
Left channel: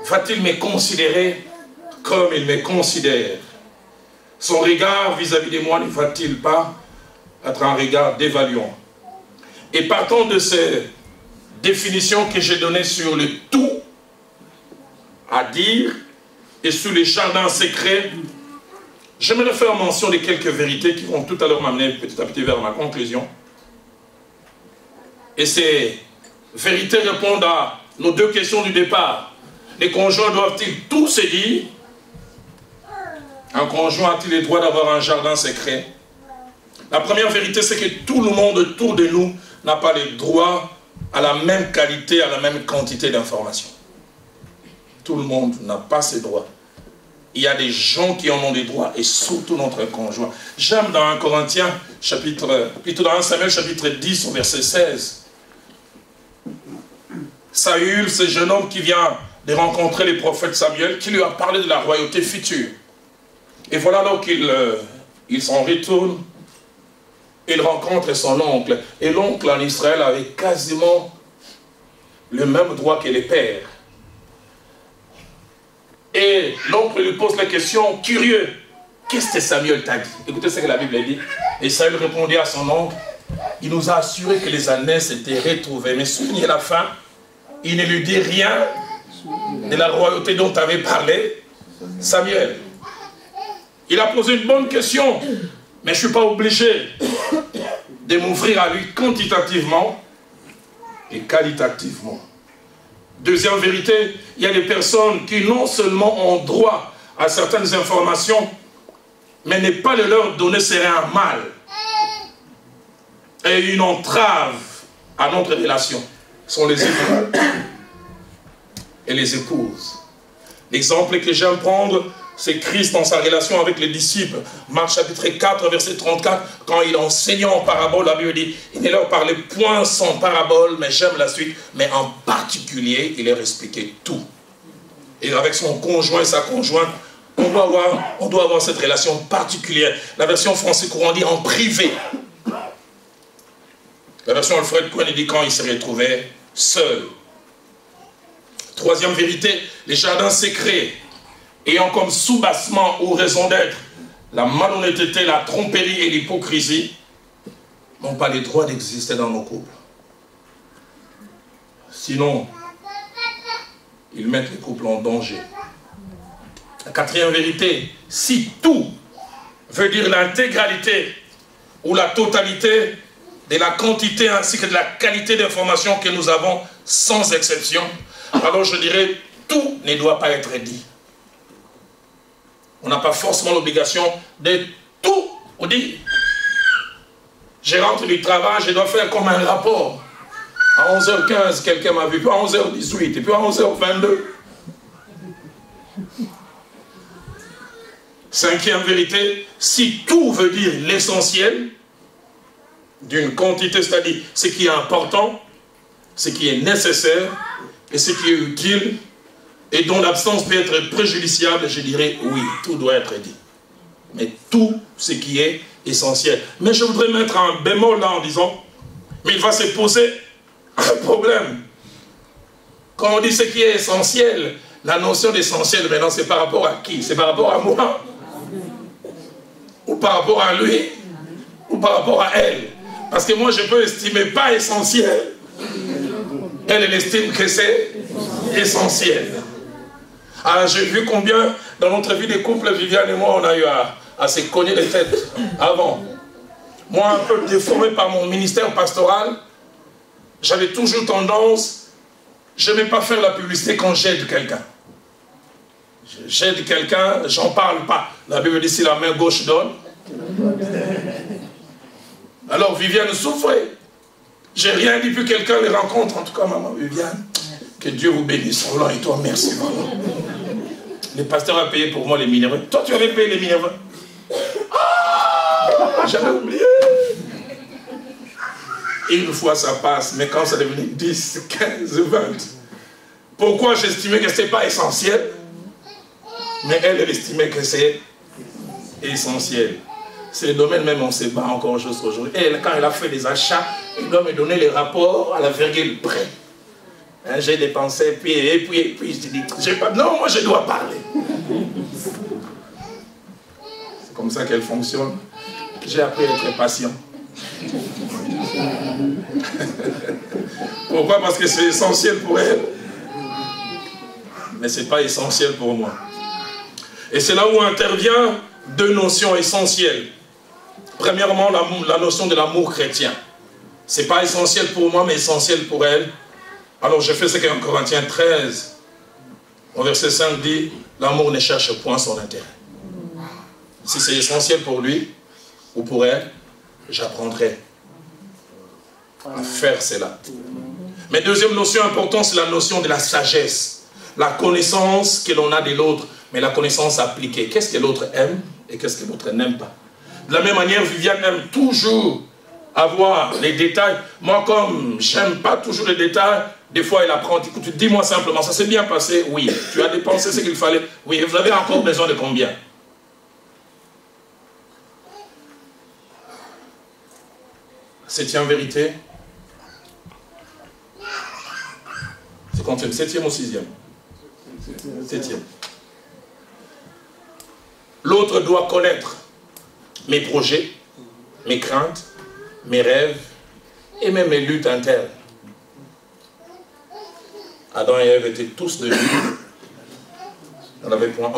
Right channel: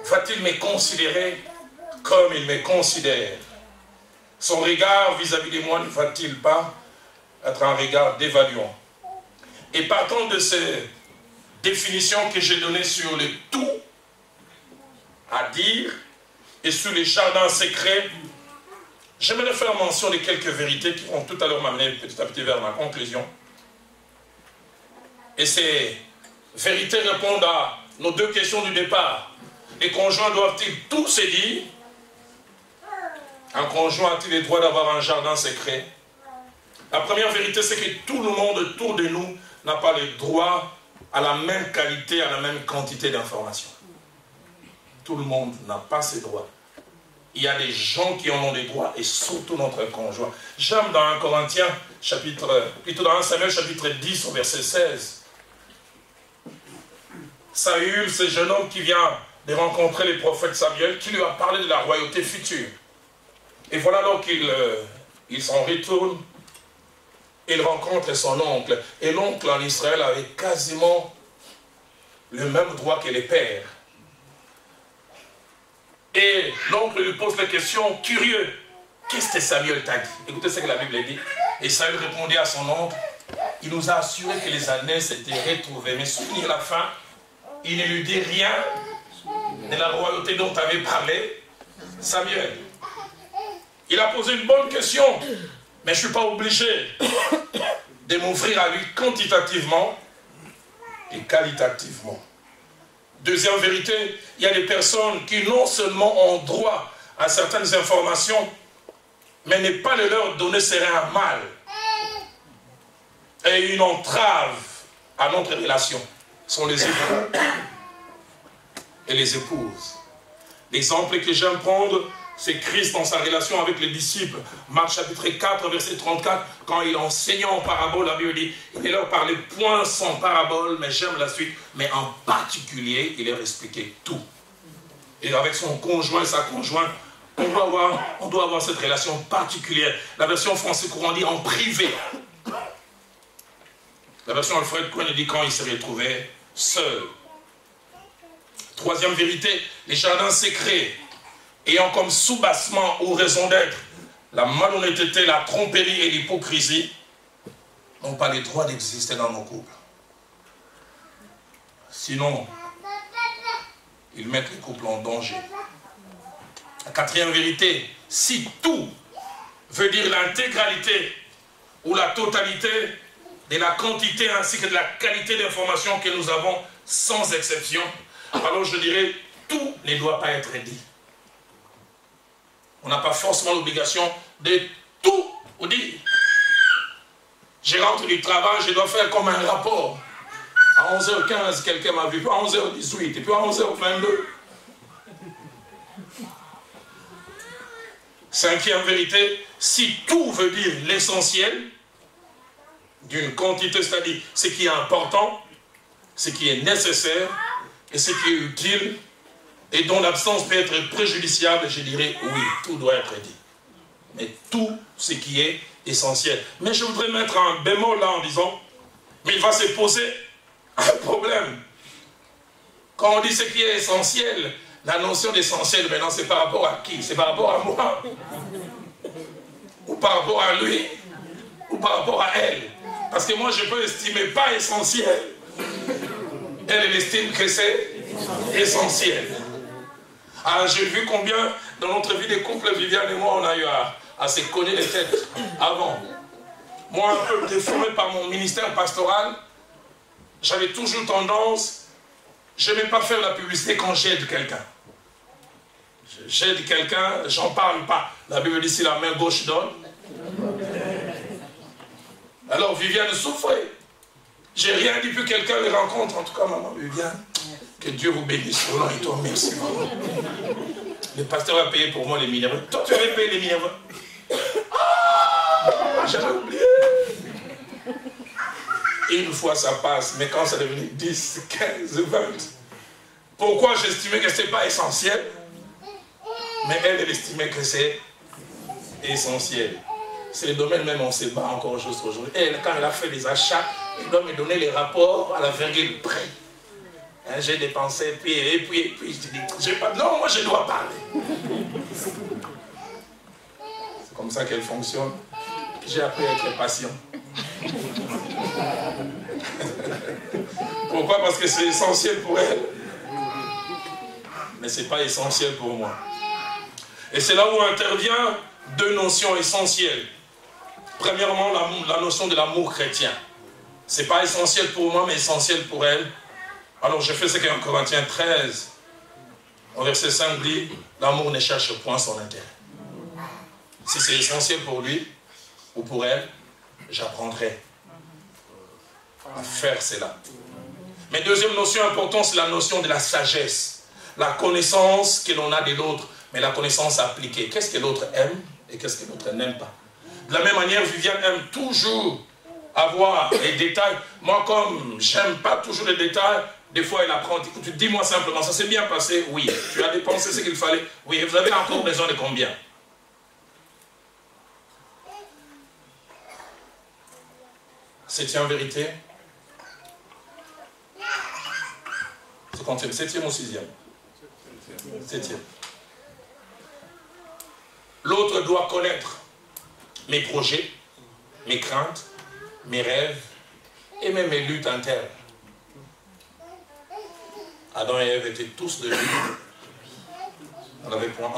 Va-t-il me considérer comme il me considère? Son regard vis-à-vis de moi ne va-t-il pas être un regard dévaluant? Et partant de ces définitions que j'ai données sur le tout à dire et sur les jardins secrets, j'aimerais faire mention de quelques vérités qui vont tout à l'heure m'amener petit à petit vers ma conclusion. Et ces vérités répondent à nos deux questions du départ. Les conjoints doivent-ils tout se dire? Un conjoint a-t-il le droit d'avoir un jardin secret? La première vérité, c'est que tout le monde autour de nous n'a pas le droit à la même qualité, à la même quantité d'informations. Tout le monde n'a pas ces droits. Il y a des gens qui en ont des droits, et surtout notre conjoint. J'aime dans 1 Corinthiens, plutôt dans 1 Samuel, chapitre 10, au verset 16. Saül, ce jeune homme qui vient de rencontrer les prophètes Samuel, qui lui a parlé de la royauté future. Et voilà donc il s'en retourne, il rencontre son oncle. Et l'oncle en Israël avait quasiment le même droit que les pères. Et l'oncle lui pose la question, curieux, qu'est-ce que Samuel t'a dit? Écoutez ce que la Bible dit. Et Saül répondit à son oncle, il nous a assuré que les années s'étaient retrouvées. Mais souvenez la fin, il ne lui dit rien de la royauté dont tu avais parlé, Samuel. Il a posé une bonne question, mais je ne suis pas obligé de m'ouvrir à lui quantitativement et qualitativement. Deuxième vérité, il y a des personnes qui non seulement ont droit à certaines informations, mais ne pas le leur donner serait un mal et une entrave à notre relation. Ce sont les époux et les épouses. L'exemple que j'aime prendre, c'est Christ dans sa relation avec les disciples. Marc chapitre 4, verset 34, quand il enseignait en parabole, la Bible dit, il ne leur parlait point sans parabole, mais j'aime la suite, mais en particulier, il leur expliquait tout. Et avec son conjoint et sa conjointe, on doit avoir cette relation particulière. La version français courant dit en privé. La version Alfred Cohen dit quand il se retrouvait seul. Troisième vérité, les jardins secrets ayant comme soubassement ou raison d'être la malhonnêteté, la tromperie et l'hypocrisie, n'ont pas le droit d'exister dans nos couples. Sinon, ils mettent les couples en danger. La quatrième vérité, si tout veut dire l'intégralité ou la totalité de la quantité ainsi que de la qualité d'information que nous avons sans exception, alors je dirais tout ne doit pas être dit. On n'a pas forcément l'obligation de tout dire. Je rentre du travail, je dois faire comme un rapport. À 11h15, quelqu'un m'a vu, puis à 11h18, et puis à 11h22. Cinquième vérité, si tout veut dire l'essentiel d'une quantité, c'est-à-dire ce qui est important, ce qui est nécessaire, et ce qui est utile, et dont l'absence peut être préjudiciable, je dirais oui, tout doit être dit. Mais tout ce qui est essentiel. Mais je voudrais mettre un bémol là en disant, mais il va se poser un problème. Quand on dit ce qui est essentiel, la notion d'essentiel maintenant c'est par rapport à qui? C'est par rapport à moi? Ou par rapport à lui? Ou par rapport à elle? Parce que moi je peux estimer pas essentiel Elle estime que c'est essentiel. Ah, j'ai vu combien, dans notre vie de couple, Viviane et moi, on a eu à se cogner les têtes avant. Moi, un peu déformé par mon ministère pastoral, j'avais toujours tendance, je n'aimais pas faire la publicité quand j'aide quelqu'un. J'aide quelqu'un, j'en parle pas. La Bible dit si la main gauche donne. Alors Viviane souffrait. J'ai rien dit, puis quelqu'un les rencontre. En tout cas, maman Viviane, que Dieu vous bénisse. Oh, et toi, merci beaucoup. Le pasteur a payé pour moi les minéraux. Toi, tu avais payé les minéraux. Ah, j'avais oublié. Une fois ça passe, mais quand ça devenait 10, 15, 20. Pourquoi j'estimais que ce n'était pas essentiel? Mais elle estimait que c'est essentiel. C'est le domaine même, on se bat encore juste aujourd'hui. Elle, quand elle a fait des achats, elle doit me donner les rapports à la virgule près. Hein, j'ai dépensé, puis je dis, non, moi je dois parler. C'est comme ça qu'elle fonctionne. J'ai appris à être patient. Pourquoi? Parce que c'est essentiel pour elle. Mais ce n'est pas essentiel pour moi. Et c'est là où intervient deux notions essentielles. Premièrement, la notion de l'amour chrétien. Ce n'est pas essentiel pour moi, mais essentiel pour elle. Alors je fais ce qu'en Corinthiens 13, au verset 5 dit, l'amour ne cherche point son intérêt. Si c'est essentiel pour lui ou pour elle, j'apprendrai à faire cela. Mais deuxième notion importante, c'est la notion de la sagesse. La connaissance que l'on a de l'autre, mais la connaissance appliquée. Qu'est-ce que l'autre aime et qu'est-ce que l'autre n'aime pas. De la même manière, Viviane aime toujours avoir les détails. Moi, comme j'aime pas toujours les détails, des fois elle apprend, écoute, dis-moi simplement, ça s'est bien passé? Oui. Tu as dépensé ce qu'il fallait? Oui. Vous avez encore besoin de combien? Septième vérité. C'est combien? Septième ou sixième? Septième. L'autre doit connaître mes projets, mes craintes, mes rêves et même mes luttes internes. Adam et Ève étaient tous de lui.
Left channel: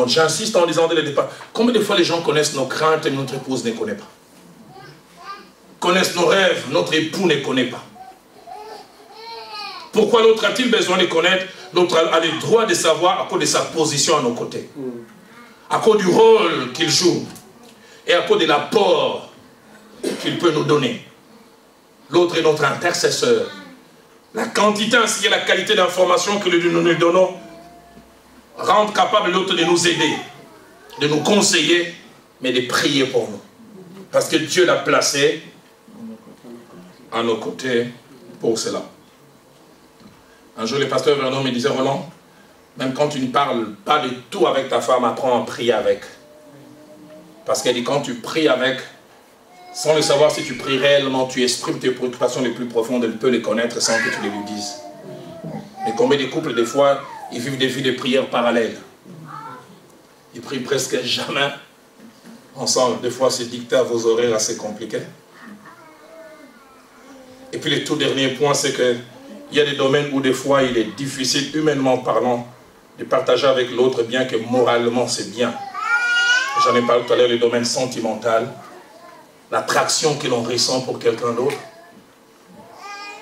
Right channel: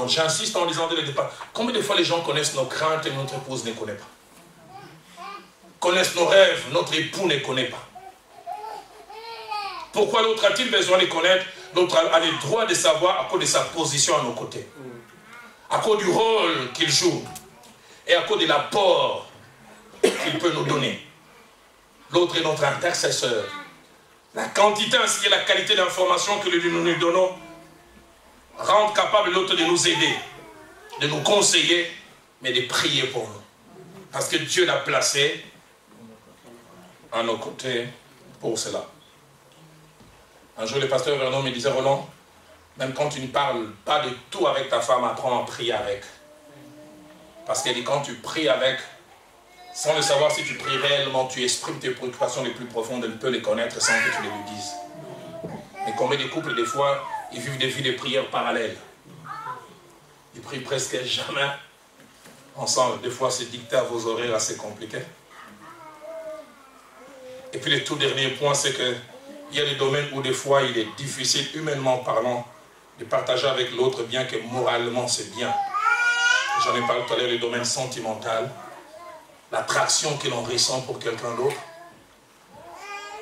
J'insiste en disant dès le départ, combien de fois les gens connaissent nos craintes et notre épouse ne connaît pas? Connaissent nos rêves, notre époux ne connaît pas. Pourquoi l'autre a-t-il besoin de connaître? L'autre a le droit de savoir à cause de sa position à nos côtés. À cause du rôle qu'il joue. Et à cause de l'apport qu'il peut nous donner. L'autre est notre intercesseur. La quantité ainsi et la qualité d'information que nous lui donnons rendent capable l'autre de nous aider, de nous conseiller, mais de prier pour nous. Parce que Dieu l'a placé à nos côtés pour cela. Un jour, le pasteur Vernon me disait, Roland, même quand tu ne parles pas de tout avec ta femme, apprends à prier avec. Parce qu'elle dit, quand tu pries avec, sans le savoir si tu pries réellement, tu exprimes tes préoccupations les plus profondes, elle peut les connaître sans que tu les lui dises. Mais combien de couples, des fois, ils vivent des vies de prières parallèles. Ils prient presque jamais ensemble. Des fois, c'est dicté à vos horaires assez compliqués. Et puis le tout dernier point, c'est que il y a des domaines où des fois il est difficile, humainement parlant, de partager avec l'autre, bien que moralement c'est bien. J'en ai parlé tout à l'heure, le domaine sentimental, l'attraction que l'on ressent pour quelqu'un d'autre,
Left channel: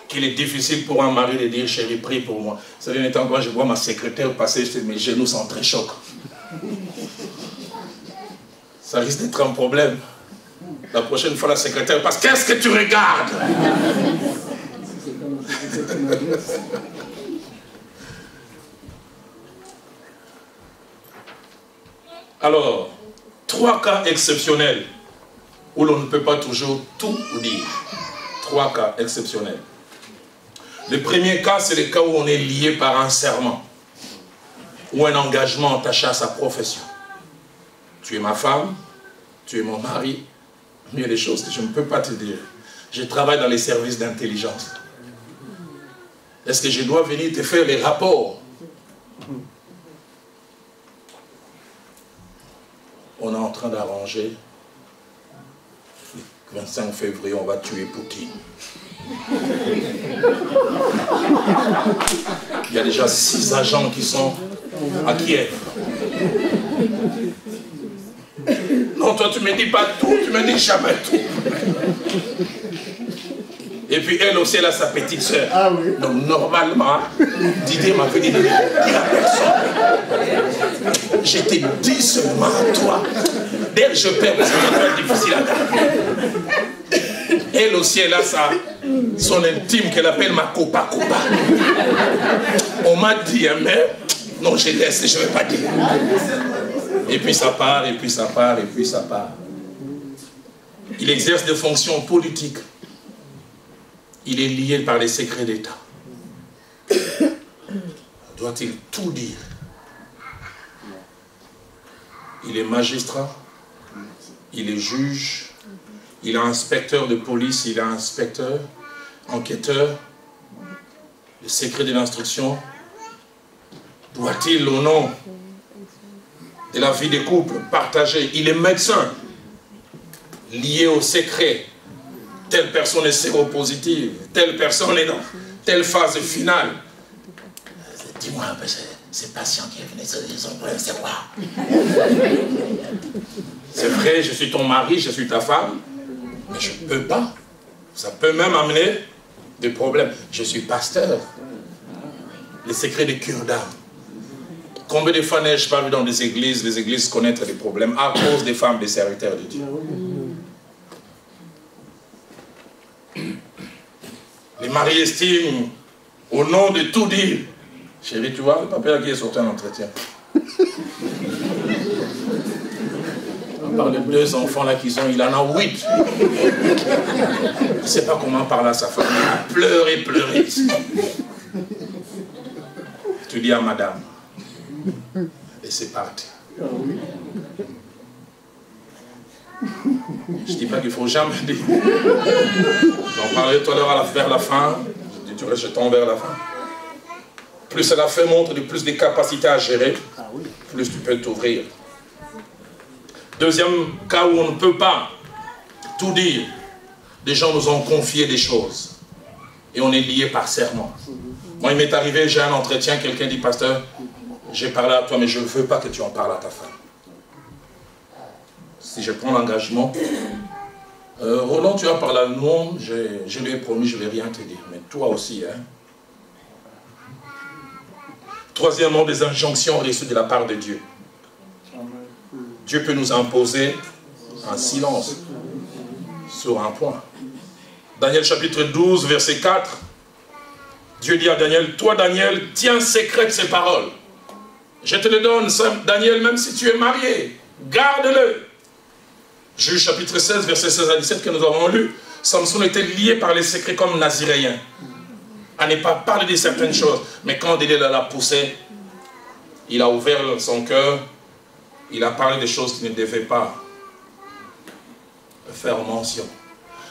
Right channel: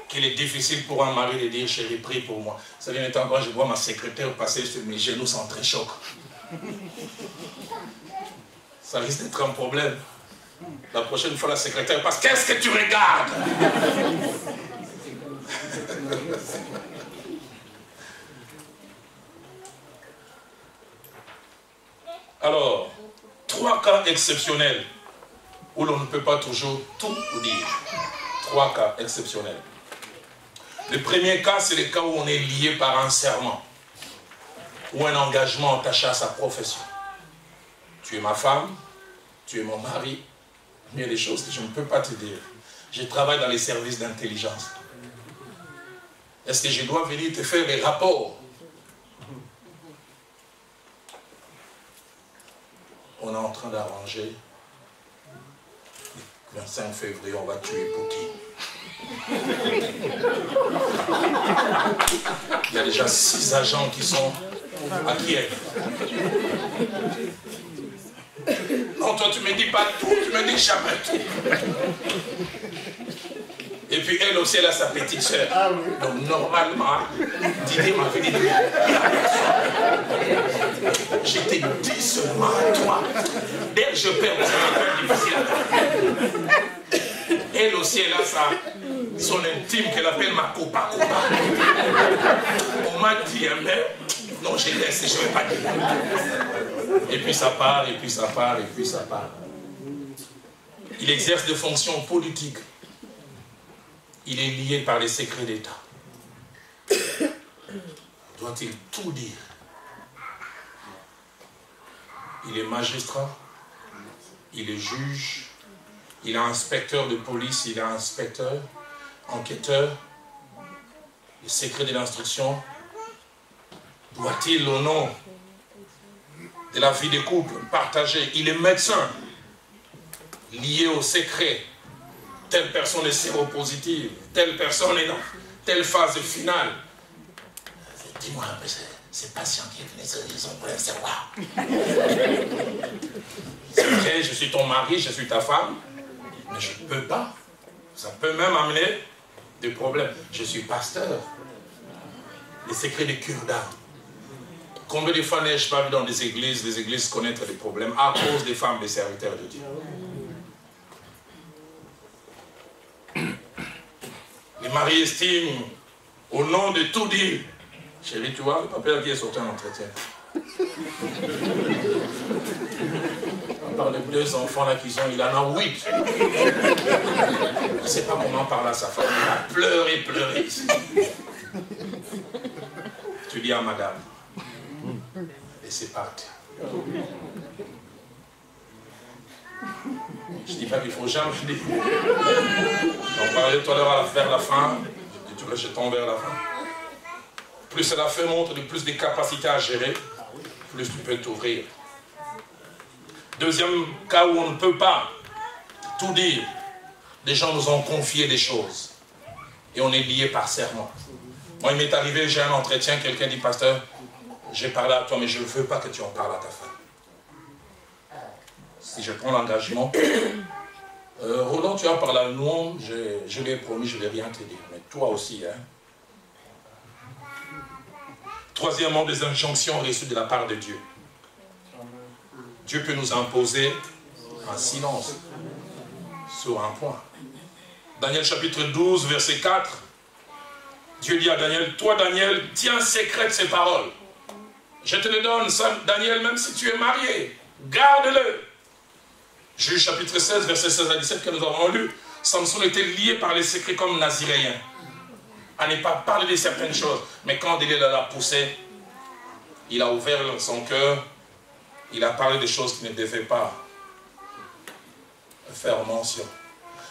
qu'il est difficile pour un mari de dire, chérie, prie pour moi. Ça vient étant quand je vois ma secrétaire passer, mes genoux sont très chocs. Ça risque d'être un problème. La prochaine fois, la secrétaire passe, qu'est-ce que tu regardes? Alors, 3 cas exceptionnels où l'on ne peut pas toujours tout dire. 3 cas exceptionnels. Le premier cas, c'est le cas où on est lié par un serment ou un engagement attaché à sa profession. Tu es ma femme, tu es mon mari, mais il y a des choses que je ne peux pas te dire. Je travaille dans les services d'intelligence. Est-ce que je dois venir te faire les rapports? On est en train d'arranger. Le 25 février, on va tuer Poutine. Il y a déjà 6 agents qui sont à Kiev. Non, toi, tu ne me dis pas tout, tu ne me dis jamais tout. Et puis elle aussi, elle a sa petite soeur. Ah oui. Donc normalement, Didier m'a fait dire à personne. Je te dis seulement à toi. Dès que je perds, parce que c'est difficile à dire. Elle aussi, elle a son intime qu'elle appelle ma copa. On m'a dit, mais non, je laisse, je ne vais pas dire. Et puis ça part, et puis ça part, et puis ça part. Il exerce des fonctions politiques. Il est lié par les secrets d'État. Doit-il tout dire? Il est magistrat, il est juge, il est inspecteur de police, il est inspecteur, enquêteur. Le secret de l'instruction, doit-il, au nom de la vie des couples, partager? Il est médecin, lié au secret. Telle personne est séropositive, telle personne est dans telle phase finale. Dis-moi un peu, ces patients qui venaient, ils ont problème, c'est quoi? C'est vrai, je suis ton mari, je suis ta femme, mais je ne peux pas. Ça peut même amener des problèmes. Je suis pasteur. Les secrets des cures d'âme. Combien de fois n'ai-je pas vu dans les églises connaître des problèmes à cause des femmes, des serviteurs de Dieu? Les maris estiment, au nom de tout dire, chérie, tu vois le papa qui est sorti en entretien. On parle de 2 enfants là qu'ils ont, il en a 8. Je ne sais pas comment parler à sa femme. Il a pleuré. Tu dis à madame, et c'est parti. Je ne dis pas qu'il ne faut jamais dire. J'en parlais tout à l'heure vers la fin. Je tombe vers la fin. Plus la fin montre de plus de capacités à gérer, plus tu peux t'ouvrir. Deuxième cas où on ne peut pas tout dire. Des gens nous ont confié des choses. Et on est lié par serment. Moi, il m'est arrivé, j'ai un entretien, quelqu'un dit, pasteur, j'ai parlé à toi, mais je ne veux pas que tu en parles à ta femme. Si je prends l'engagement, Roland, tu as parlé à nous, je lui ai promis, je ne vais rien te dire. Mais toi aussi, hein. Troisièmement, des injonctions reçues de la part de Dieu. Dieu peut nous imposer un silence sur un point. Daniel chapitre 12, verset 4. Dieu dit à Daniel, toi Daniel, tiens secrète ces paroles. Je te les donne, Daniel, même si tu es marié, garde-le. Juge chapitre 16, verset 16 à 17 que nous avons lu. Samson était lié par les secrets comme naziréen. À ne pas parler de certaines choses. Mais quand Daniel l'a poussé, il a ouvert son cœur, il a parlé des choses qui ne devaient pas faire mention.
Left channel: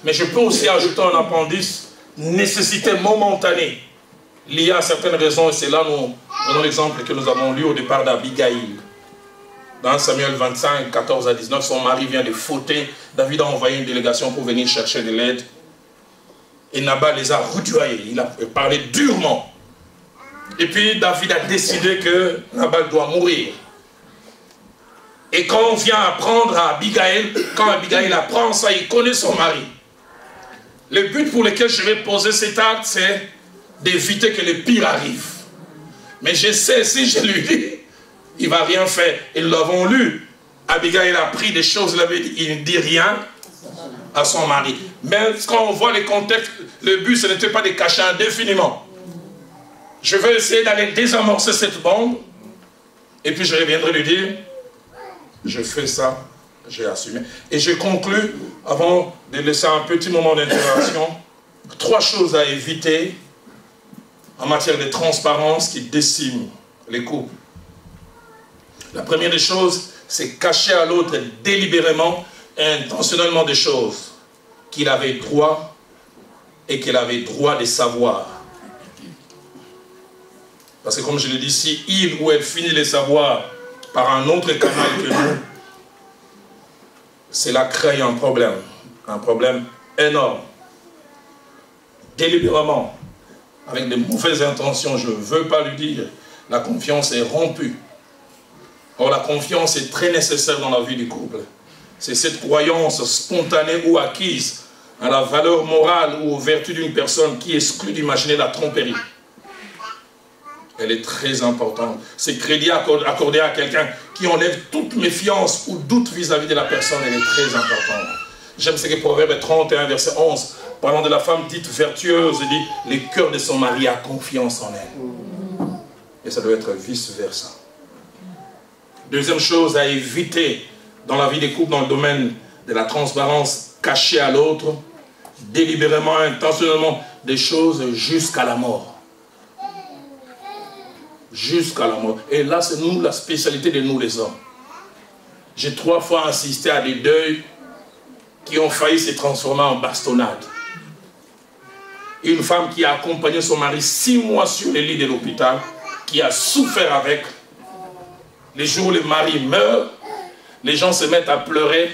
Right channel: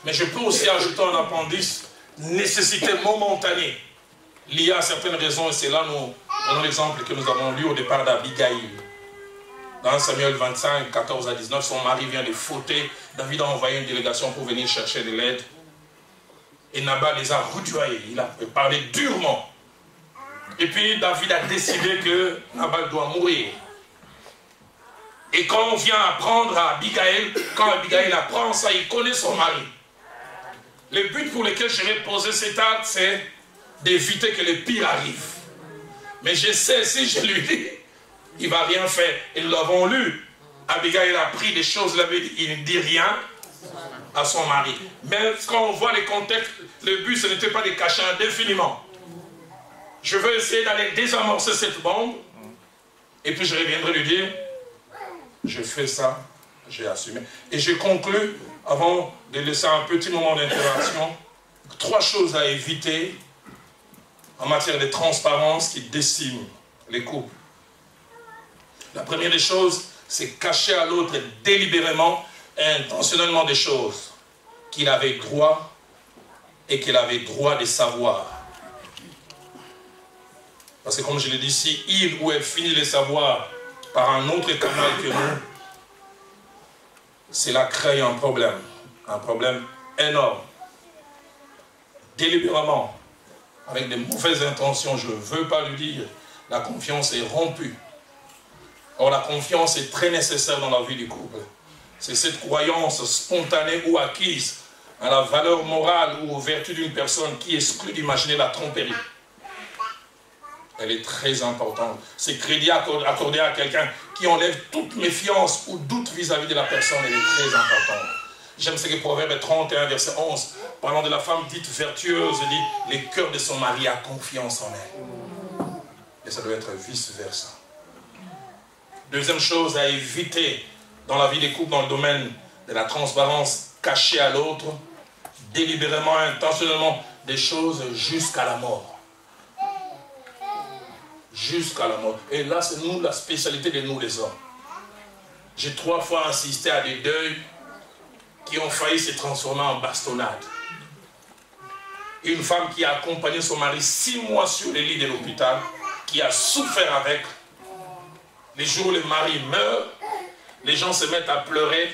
Mais je peux aussi ajouter un appendice, nécessité momentanée, liée à certaines raisons, et c'est là nous donnons l'exemple que nous avons lu au départ d'Abigaïl. Dans Samuel 25, 14 à 19, son mari vient de fauter. David a envoyé une délégation pour venir chercher de l'aide. Et Nabal les a rudoyés. Il a parlé durement. Et puis David a décidé que Nabal doit mourir. Et quand on vient apprendre à Abigaïl, quand Abigaïl apprend ça, il connaît son mari. Le but pour lequel je vais poser cet acte, c'est d'éviter que le pire arrive. Mais je sais, si je lui dis, il ne va rien faire. Et nous l'avons lu. Abigaïl a pris des choses, il ne dit rien à son mari. Mais quand on voit les contextes, le but, ce n'était pas de cacher indéfiniment. Je veux essayer d'aller désamorcer cette bombe. Et puis je reviendrai lui dire, je fais ça, j'ai assumé. Et je conclus, avant de laisser un petit moment d'intervention, 3 choses à éviter en matière de transparence qui déciment les couples. La première des choses, c'est cacher à l'autre délibérément et intentionnellement des choses qu'il avait droit et qu'elle avait droit de savoir. Parce que comme je l'ai dit, si il ou elle finit de savoir par un autre canal que nous, cela crée un problème énorme. délibérément, avec de mauvaises intentions, je ne veux pas lui dire, la confiance est rompue. Or, la confiance est très nécessaire dans la vie du couple. C'est cette croyance spontanée ou acquise à la valeur morale ou aux vertus d'une personne qui exclut d'imaginer la tromperie. Elle est très importante. C'est crédit accordé à quelqu'un qui enlève toute méfiance ou doute vis-à-vis de la personne, elle est très importante. J'aime ce que Proverbe 31, verset 11, parlant de la femme dite vertueuse, il dit, le cœur de son mari a confiance en elle. Et ça doit être vice-versa. Deuxième chose à éviter dans la vie des couples, dans le domaine de la transparence cachée à l'autre, délibérément, intentionnellement, des choses jusqu'à la mort. Jusqu'à la mort. Et là, c'est nous, la spécialité de nous les hommes. J'ai 3 fois assisté à des deuils qui ont failli se transformer en bastonnade. Une femme qui a accompagné son mari 6 mois sur les lits de l'hôpital, qui a souffert avec. Les jours où le mari meurt, les gens se mettent à pleurer,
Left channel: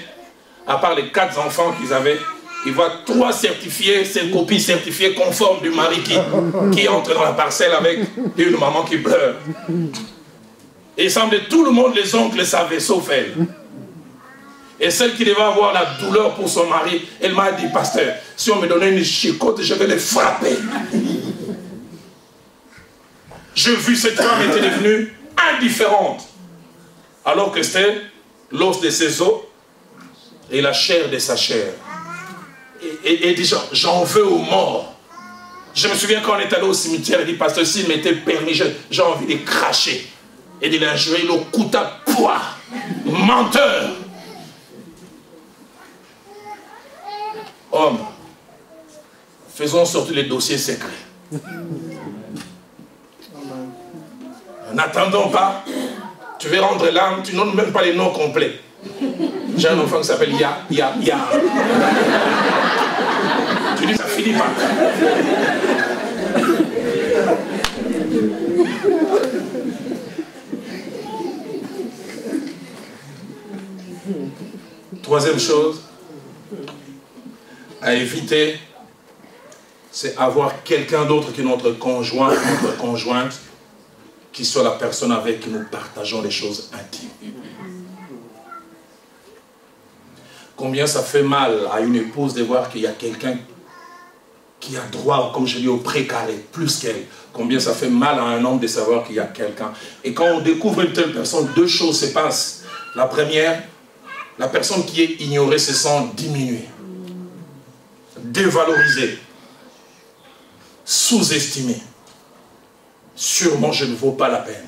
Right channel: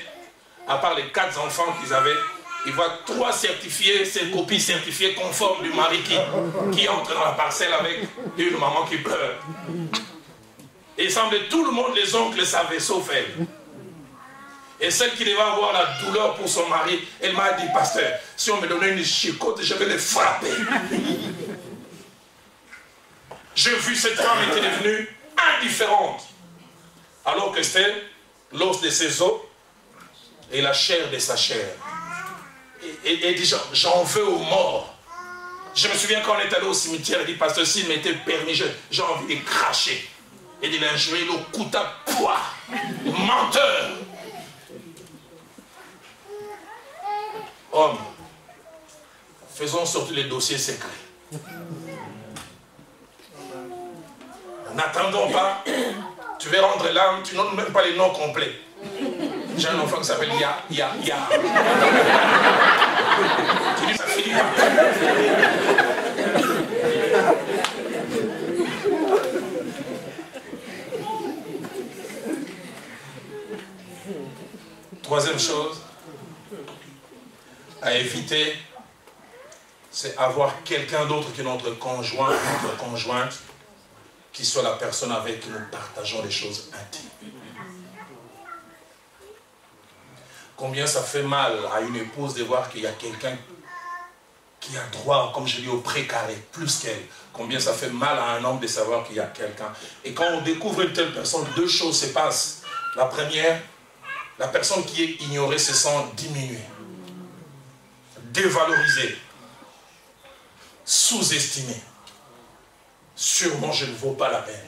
à part les 4 enfants qu'ils avaient. Ils voient 3 certifiés, ces copies certifiées conformes du mari qui entre dans la parcelle avec une maman qui pleure. Et il semble que tout le monde, les oncles, savaient, sauf elle. Et celle qui devait avoir la douleur pour son mari, elle m'a dit, pasteur, si on me donnait une chicotte, je vais les frapper. J'ai vu cette femme était devenue indifférente. Alors que c'était l'os de ses os et la chair de sa chair. Et dit, j'en veux aux morts. Je me souviens quand on est allé au cimetière, il dit, pasteur, s'il m'était permis, j'ai envie de cracher. Et de l'injurer, le coup à poids. Menteur. Homme, faisons sortir les dossiers secrets. N'attendons pas. Tu veux rendre l'âme, tu n'as même pas les noms complets. J'ai un enfant qui s'appelle Ya. Tu dis, ça finit par quoi? Troisième chose à éviter, c'est avoir quelqu'un d'autre que notre conjoint, notre conjointe, qui soit la personne avec qui nous partageons les choses intimes. Combien ça fait mal à une épouse de voir qu'il y a quelqu'un qui a droit, comme je dis, au précaré, plus qu'elle. Combien ça fait mal à un homme de savoir qu'il y a quelqu'un. Et quand on découvre une telle personne, 2 choses se passent. La première, la personne qui est ignorée se sent diminuée, dévalorisée, sous-estimée. Sûrement, je ne vaux pas la peine.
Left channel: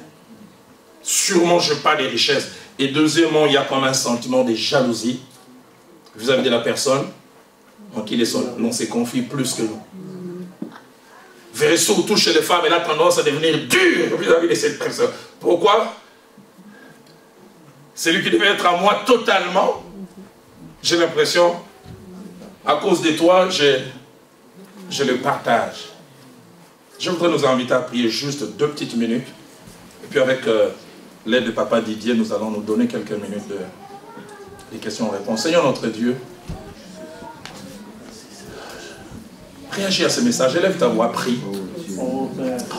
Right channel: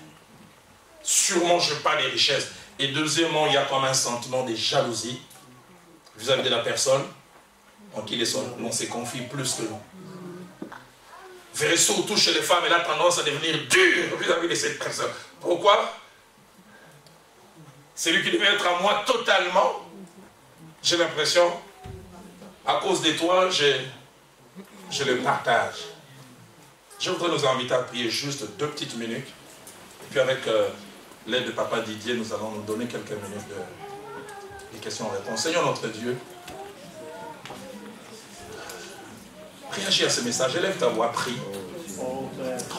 Sûrement, je n'ai pas de richesses. Et deuxièmement, il y a comme un sentiment de jalousie vis-à-vis de la personne en qui l'on se confie plus que nous. Vous verrez surtout chez les femmes, elle a tendance à devenir dure vis-à-vis de cette personne. Pourquoi? Celui qui devait être à moi totalement, j'ai l'impression, à cause de toi, je le partage. Je voudrais nous inviter à prier juste 2 petites minutes. Et puis avec l'aide de Papa Didier, nous allons nous donner quelques minutes de questions-réponses. Seigneur notre Dieu, réagis à ce message. Élève ta voix, prie.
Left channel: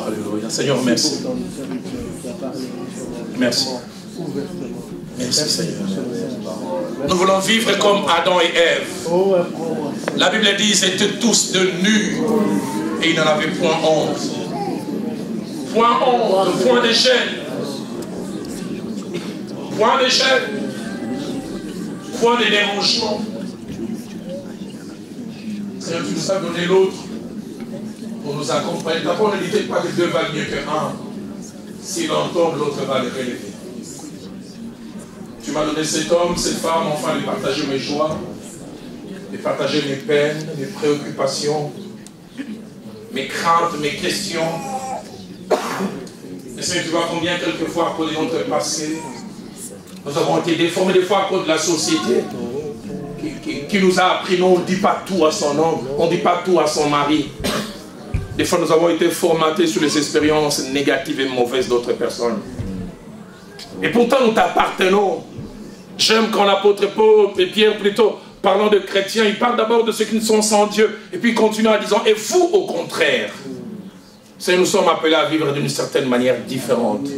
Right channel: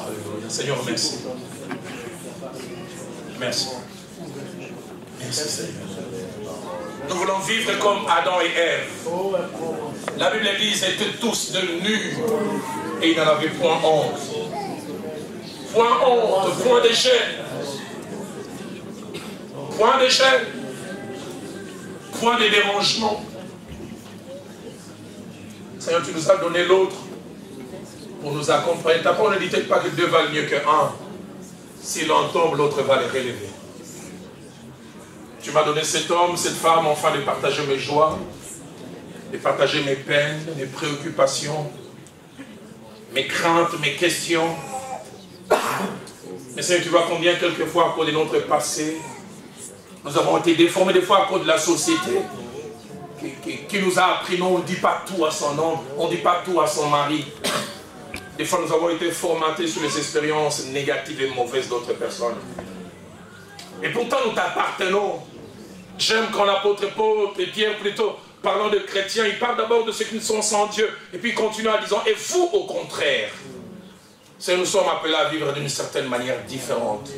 Alléluia. Seigneur, merci. Merci. Merci Seigneur. Nous voulons vivre comme Adam et Ève. La Bible dit qu'ils étaient tous de nus et ils n'en avaient point honte. Point honte, point de gêne. Point de gêne. Point de dérangement. Seigneur, tu nous as donné l'autre pour nous accompagner. Ta parole ne dit pas que 2 valent mieux qu'un. Si l'un tombe, l'autre va le relever. Tu m'as donné cet homme, cette femme, enfin de partager mes joies, de partager mes peines, mes préoccupations, mes craintes, mes questions. Mais Seigneur, tu vois combien quelquefois, à cause de notre passé, nous avons été déformés, des fois à cause de la société, qui nous a appris, non, on ne dit pas tout à son homme, on ne dit pas tout à son mari. Des fois, nous avons été formatés sur les expériences négatives et mauvaises d'autres personnes. Et pourtant, nous t'appartenons. J'aime quand l'apôtre Paul et Pierre plutôt parlant de chrétiens, il parle d'abord de ceux qui ne sont sans Dieu. Et puis il continue en disant, et vous au contraire. C'est nous sommes appelés à vivre d'une certaine manière différente.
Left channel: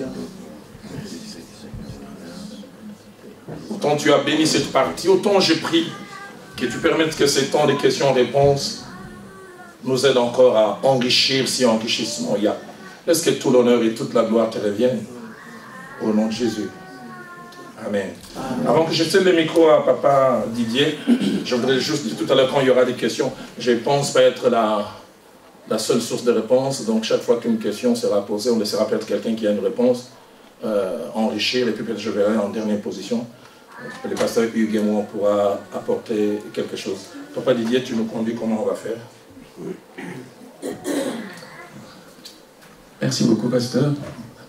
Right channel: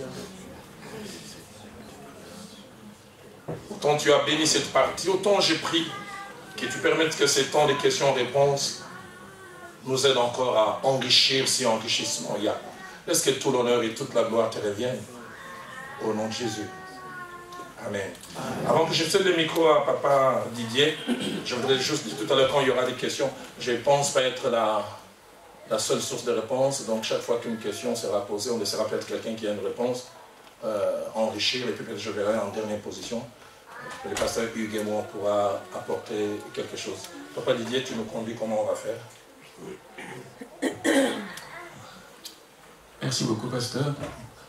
Autant tu as béni cette partie, autant je prie que tu permettes que ces temps de questions-réponses nous aident encore à enrichir si enrichissement il y a. Laisse que tout l'honneur et toute la gloire te reviennent. Au nom de Jésus. Amen. Avant que je cède le micro à papa Didier, je voudrais juste dire tout à l'heure quand il y aura des questions, je ne pense pas être la seule source de réponse. Donc chaque fois qu'une question sera posée, on laissera peut-être quelqu'un qui a une réponse enrichir, et puis peut-être je verrai en dernière position. Le pasteur Hugues et moi, on pourra apporter quelque chose. Papa Didier, tu nous conduis comment on va faire? Merci beaucoup, pasteur.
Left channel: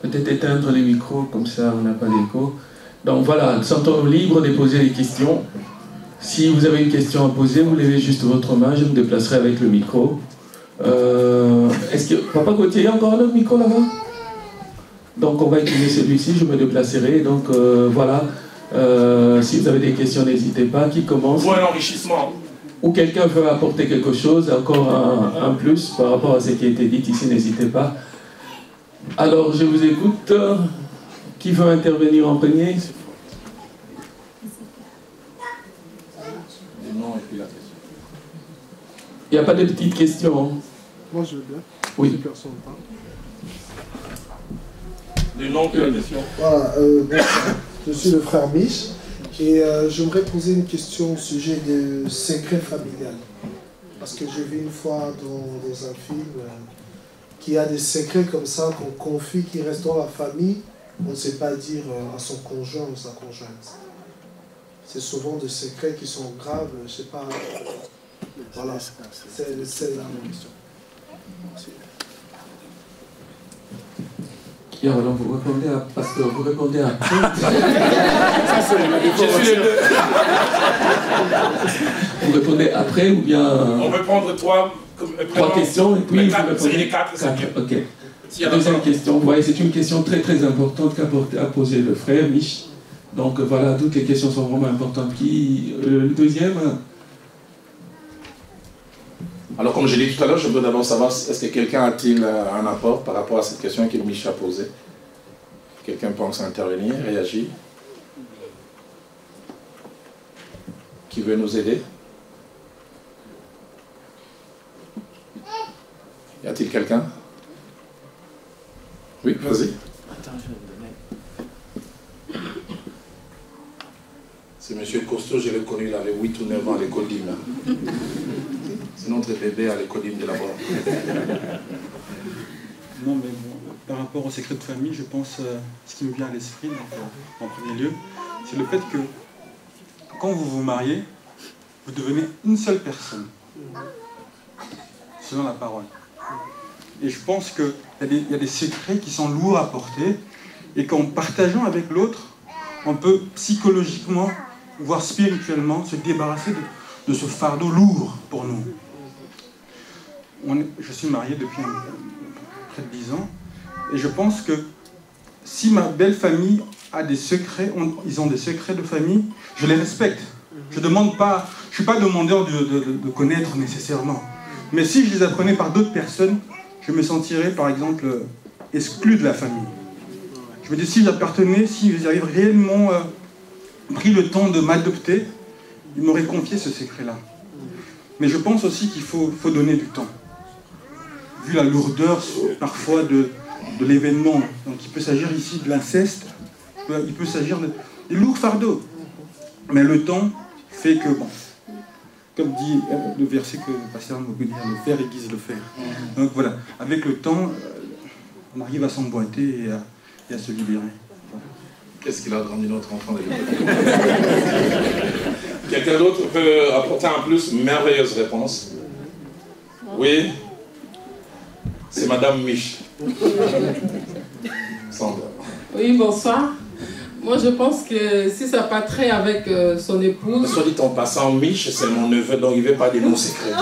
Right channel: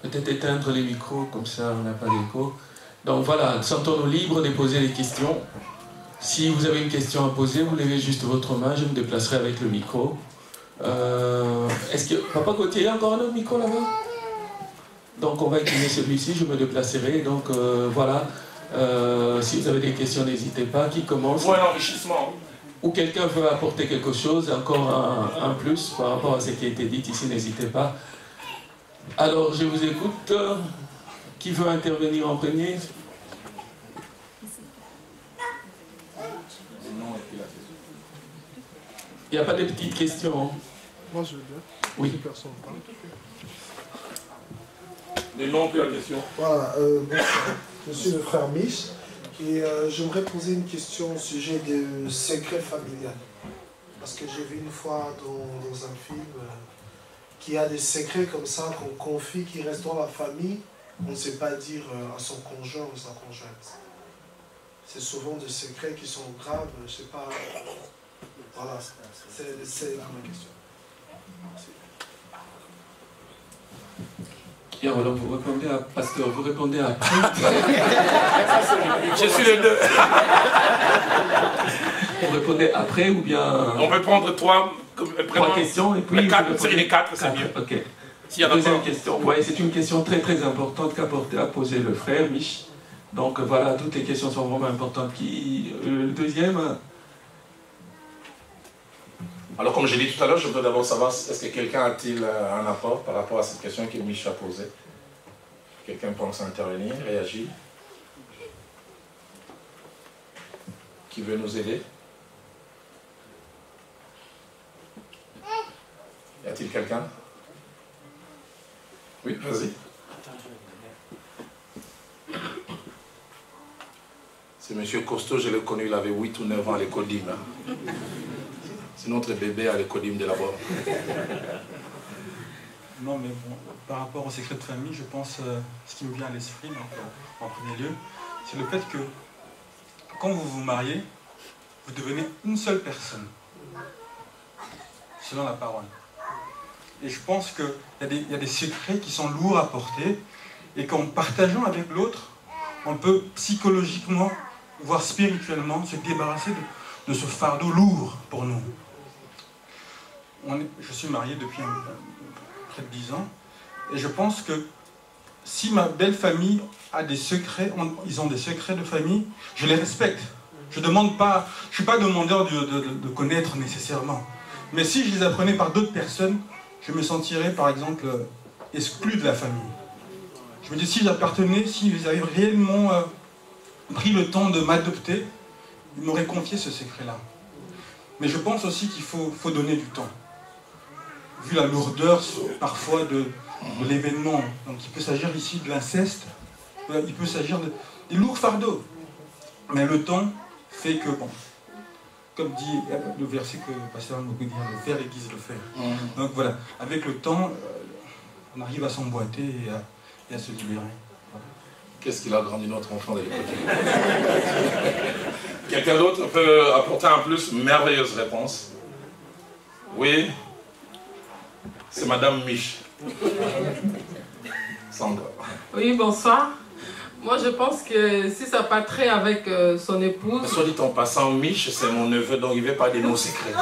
Peut-être éteindre les micros, comme ça on n'a pas d'écho. Donc voilà, sentons-nous libres de poser des questions. Si vous avez une question à poser, vous levez juste votre main, je me déplacerai avec le micro. Est-ce que Papa Gauthier, il y a encore un autre micro là-bas? Donc on va utiliser celui-ci, je me déplacerai. Donc voilà, si vous avez des questions, n'hésitez pas. Qui commence? Pour un enrichissement. Ou quelqu'un veut apporter quelque chose, encore un plus par rapport à ce qui a été dit ici, n'hésitez pas. Alors je vous écoute. Qui veut intervenir en premier? Il n'y a pas de petites questions. Moi je veux. Oui. Les noms de la question. Voilà, je suis le frère Mich et j'aimerais poser une question au sujet du secret familial. Parce que j'ai vu une fois dans un film qu'il y a des secrets comme ça qu'on confie qui restent dans la famille. On ne sait pas dire à son conjoint ou sa conjointe. C'est souvent des secrets qui sont graves, je ne sais pas. Voilà, c'est la question. Et alors vous répondez à pasteur, vous répondez à... Je suis les deux. Vous répondez après ou bien... On peut prendre trois questions et puis vous répondez... Les quatre, c'est mieux. Ok. Deuxième question, vous voyez, c'est une question très très importante qu'a posé le frère Mich. Donc voilà, toutes les questions sont vraiment importantes. Le deuxième? Alors comme je l'ai dit tout à l'heure, je veux d'abord savoir, est-ce que quelqu'un a-t-il un apport par rapport à cette question que Mich a posée? Quelqu'un pense intervenir, réagir? Qui veut nous aider? Y a-t-il quelqu'un? Oui, vas-y. C'est monsieur Costaud, je l'ai connu, il avait 8 ou 9 ans à l'école d'hymne. C'est notre bébé à l'école d'hymne de là-bas. Non, mais bon, par rapport au secret de famille, je pense, ce qui me vient à l'esprit, en premier lieu, c'est le fait que quand vous vous mariez, vous devenez une seule personne, selon la parole. Et je pense qu'il y a des secrets qui sont lourds à porter et qu'en partageant avec l'autre, on peut psychologiquement, voire spirituellement, se débarrasser de ce fardeau lourd pour nous. Je suis marié depuis près de 10 ans et je pense que si ma belle famille a des secrets, ils ont des secrets de famille, je les respecte. Je ne suis pas demandeur de connaître nécessairement. Mais si je les apprenais par d'autres personnes, je me sentirais, par exemple, exclu de la famille. Je me dis, si j'appartenais, si ils avaient réellement pris le temps de m'adopter, ils m'auraient confié ce secret-là. Mais je pense aussi qu'il faut donner du temps. Vu la lourdeur, parfois, de l'événement. Donc, il peut s'agir ici de l'inceste, il peut s'agir des lourds fardeaux. Mais le temps fait que, bon, comme dit le verset que le pasteur m'a dit, le fer aiguise le fer. Donc voilà, avec le temps, on arrive à s'emboîter et à se libérer. Voilà. Qu'est-ce qu'il a grandi notre enfant? Quelqu'un d'autre peut apporter en plus une merveilleuse réponse? Oui? C'est Madame Mich. Sandra. Oui, bonsoir. Moi, je pense que si ça pas trait avec son épouse... Soit dit en passant, Mich, c'est mon neveu, donc il ne veut pas dire mon secret.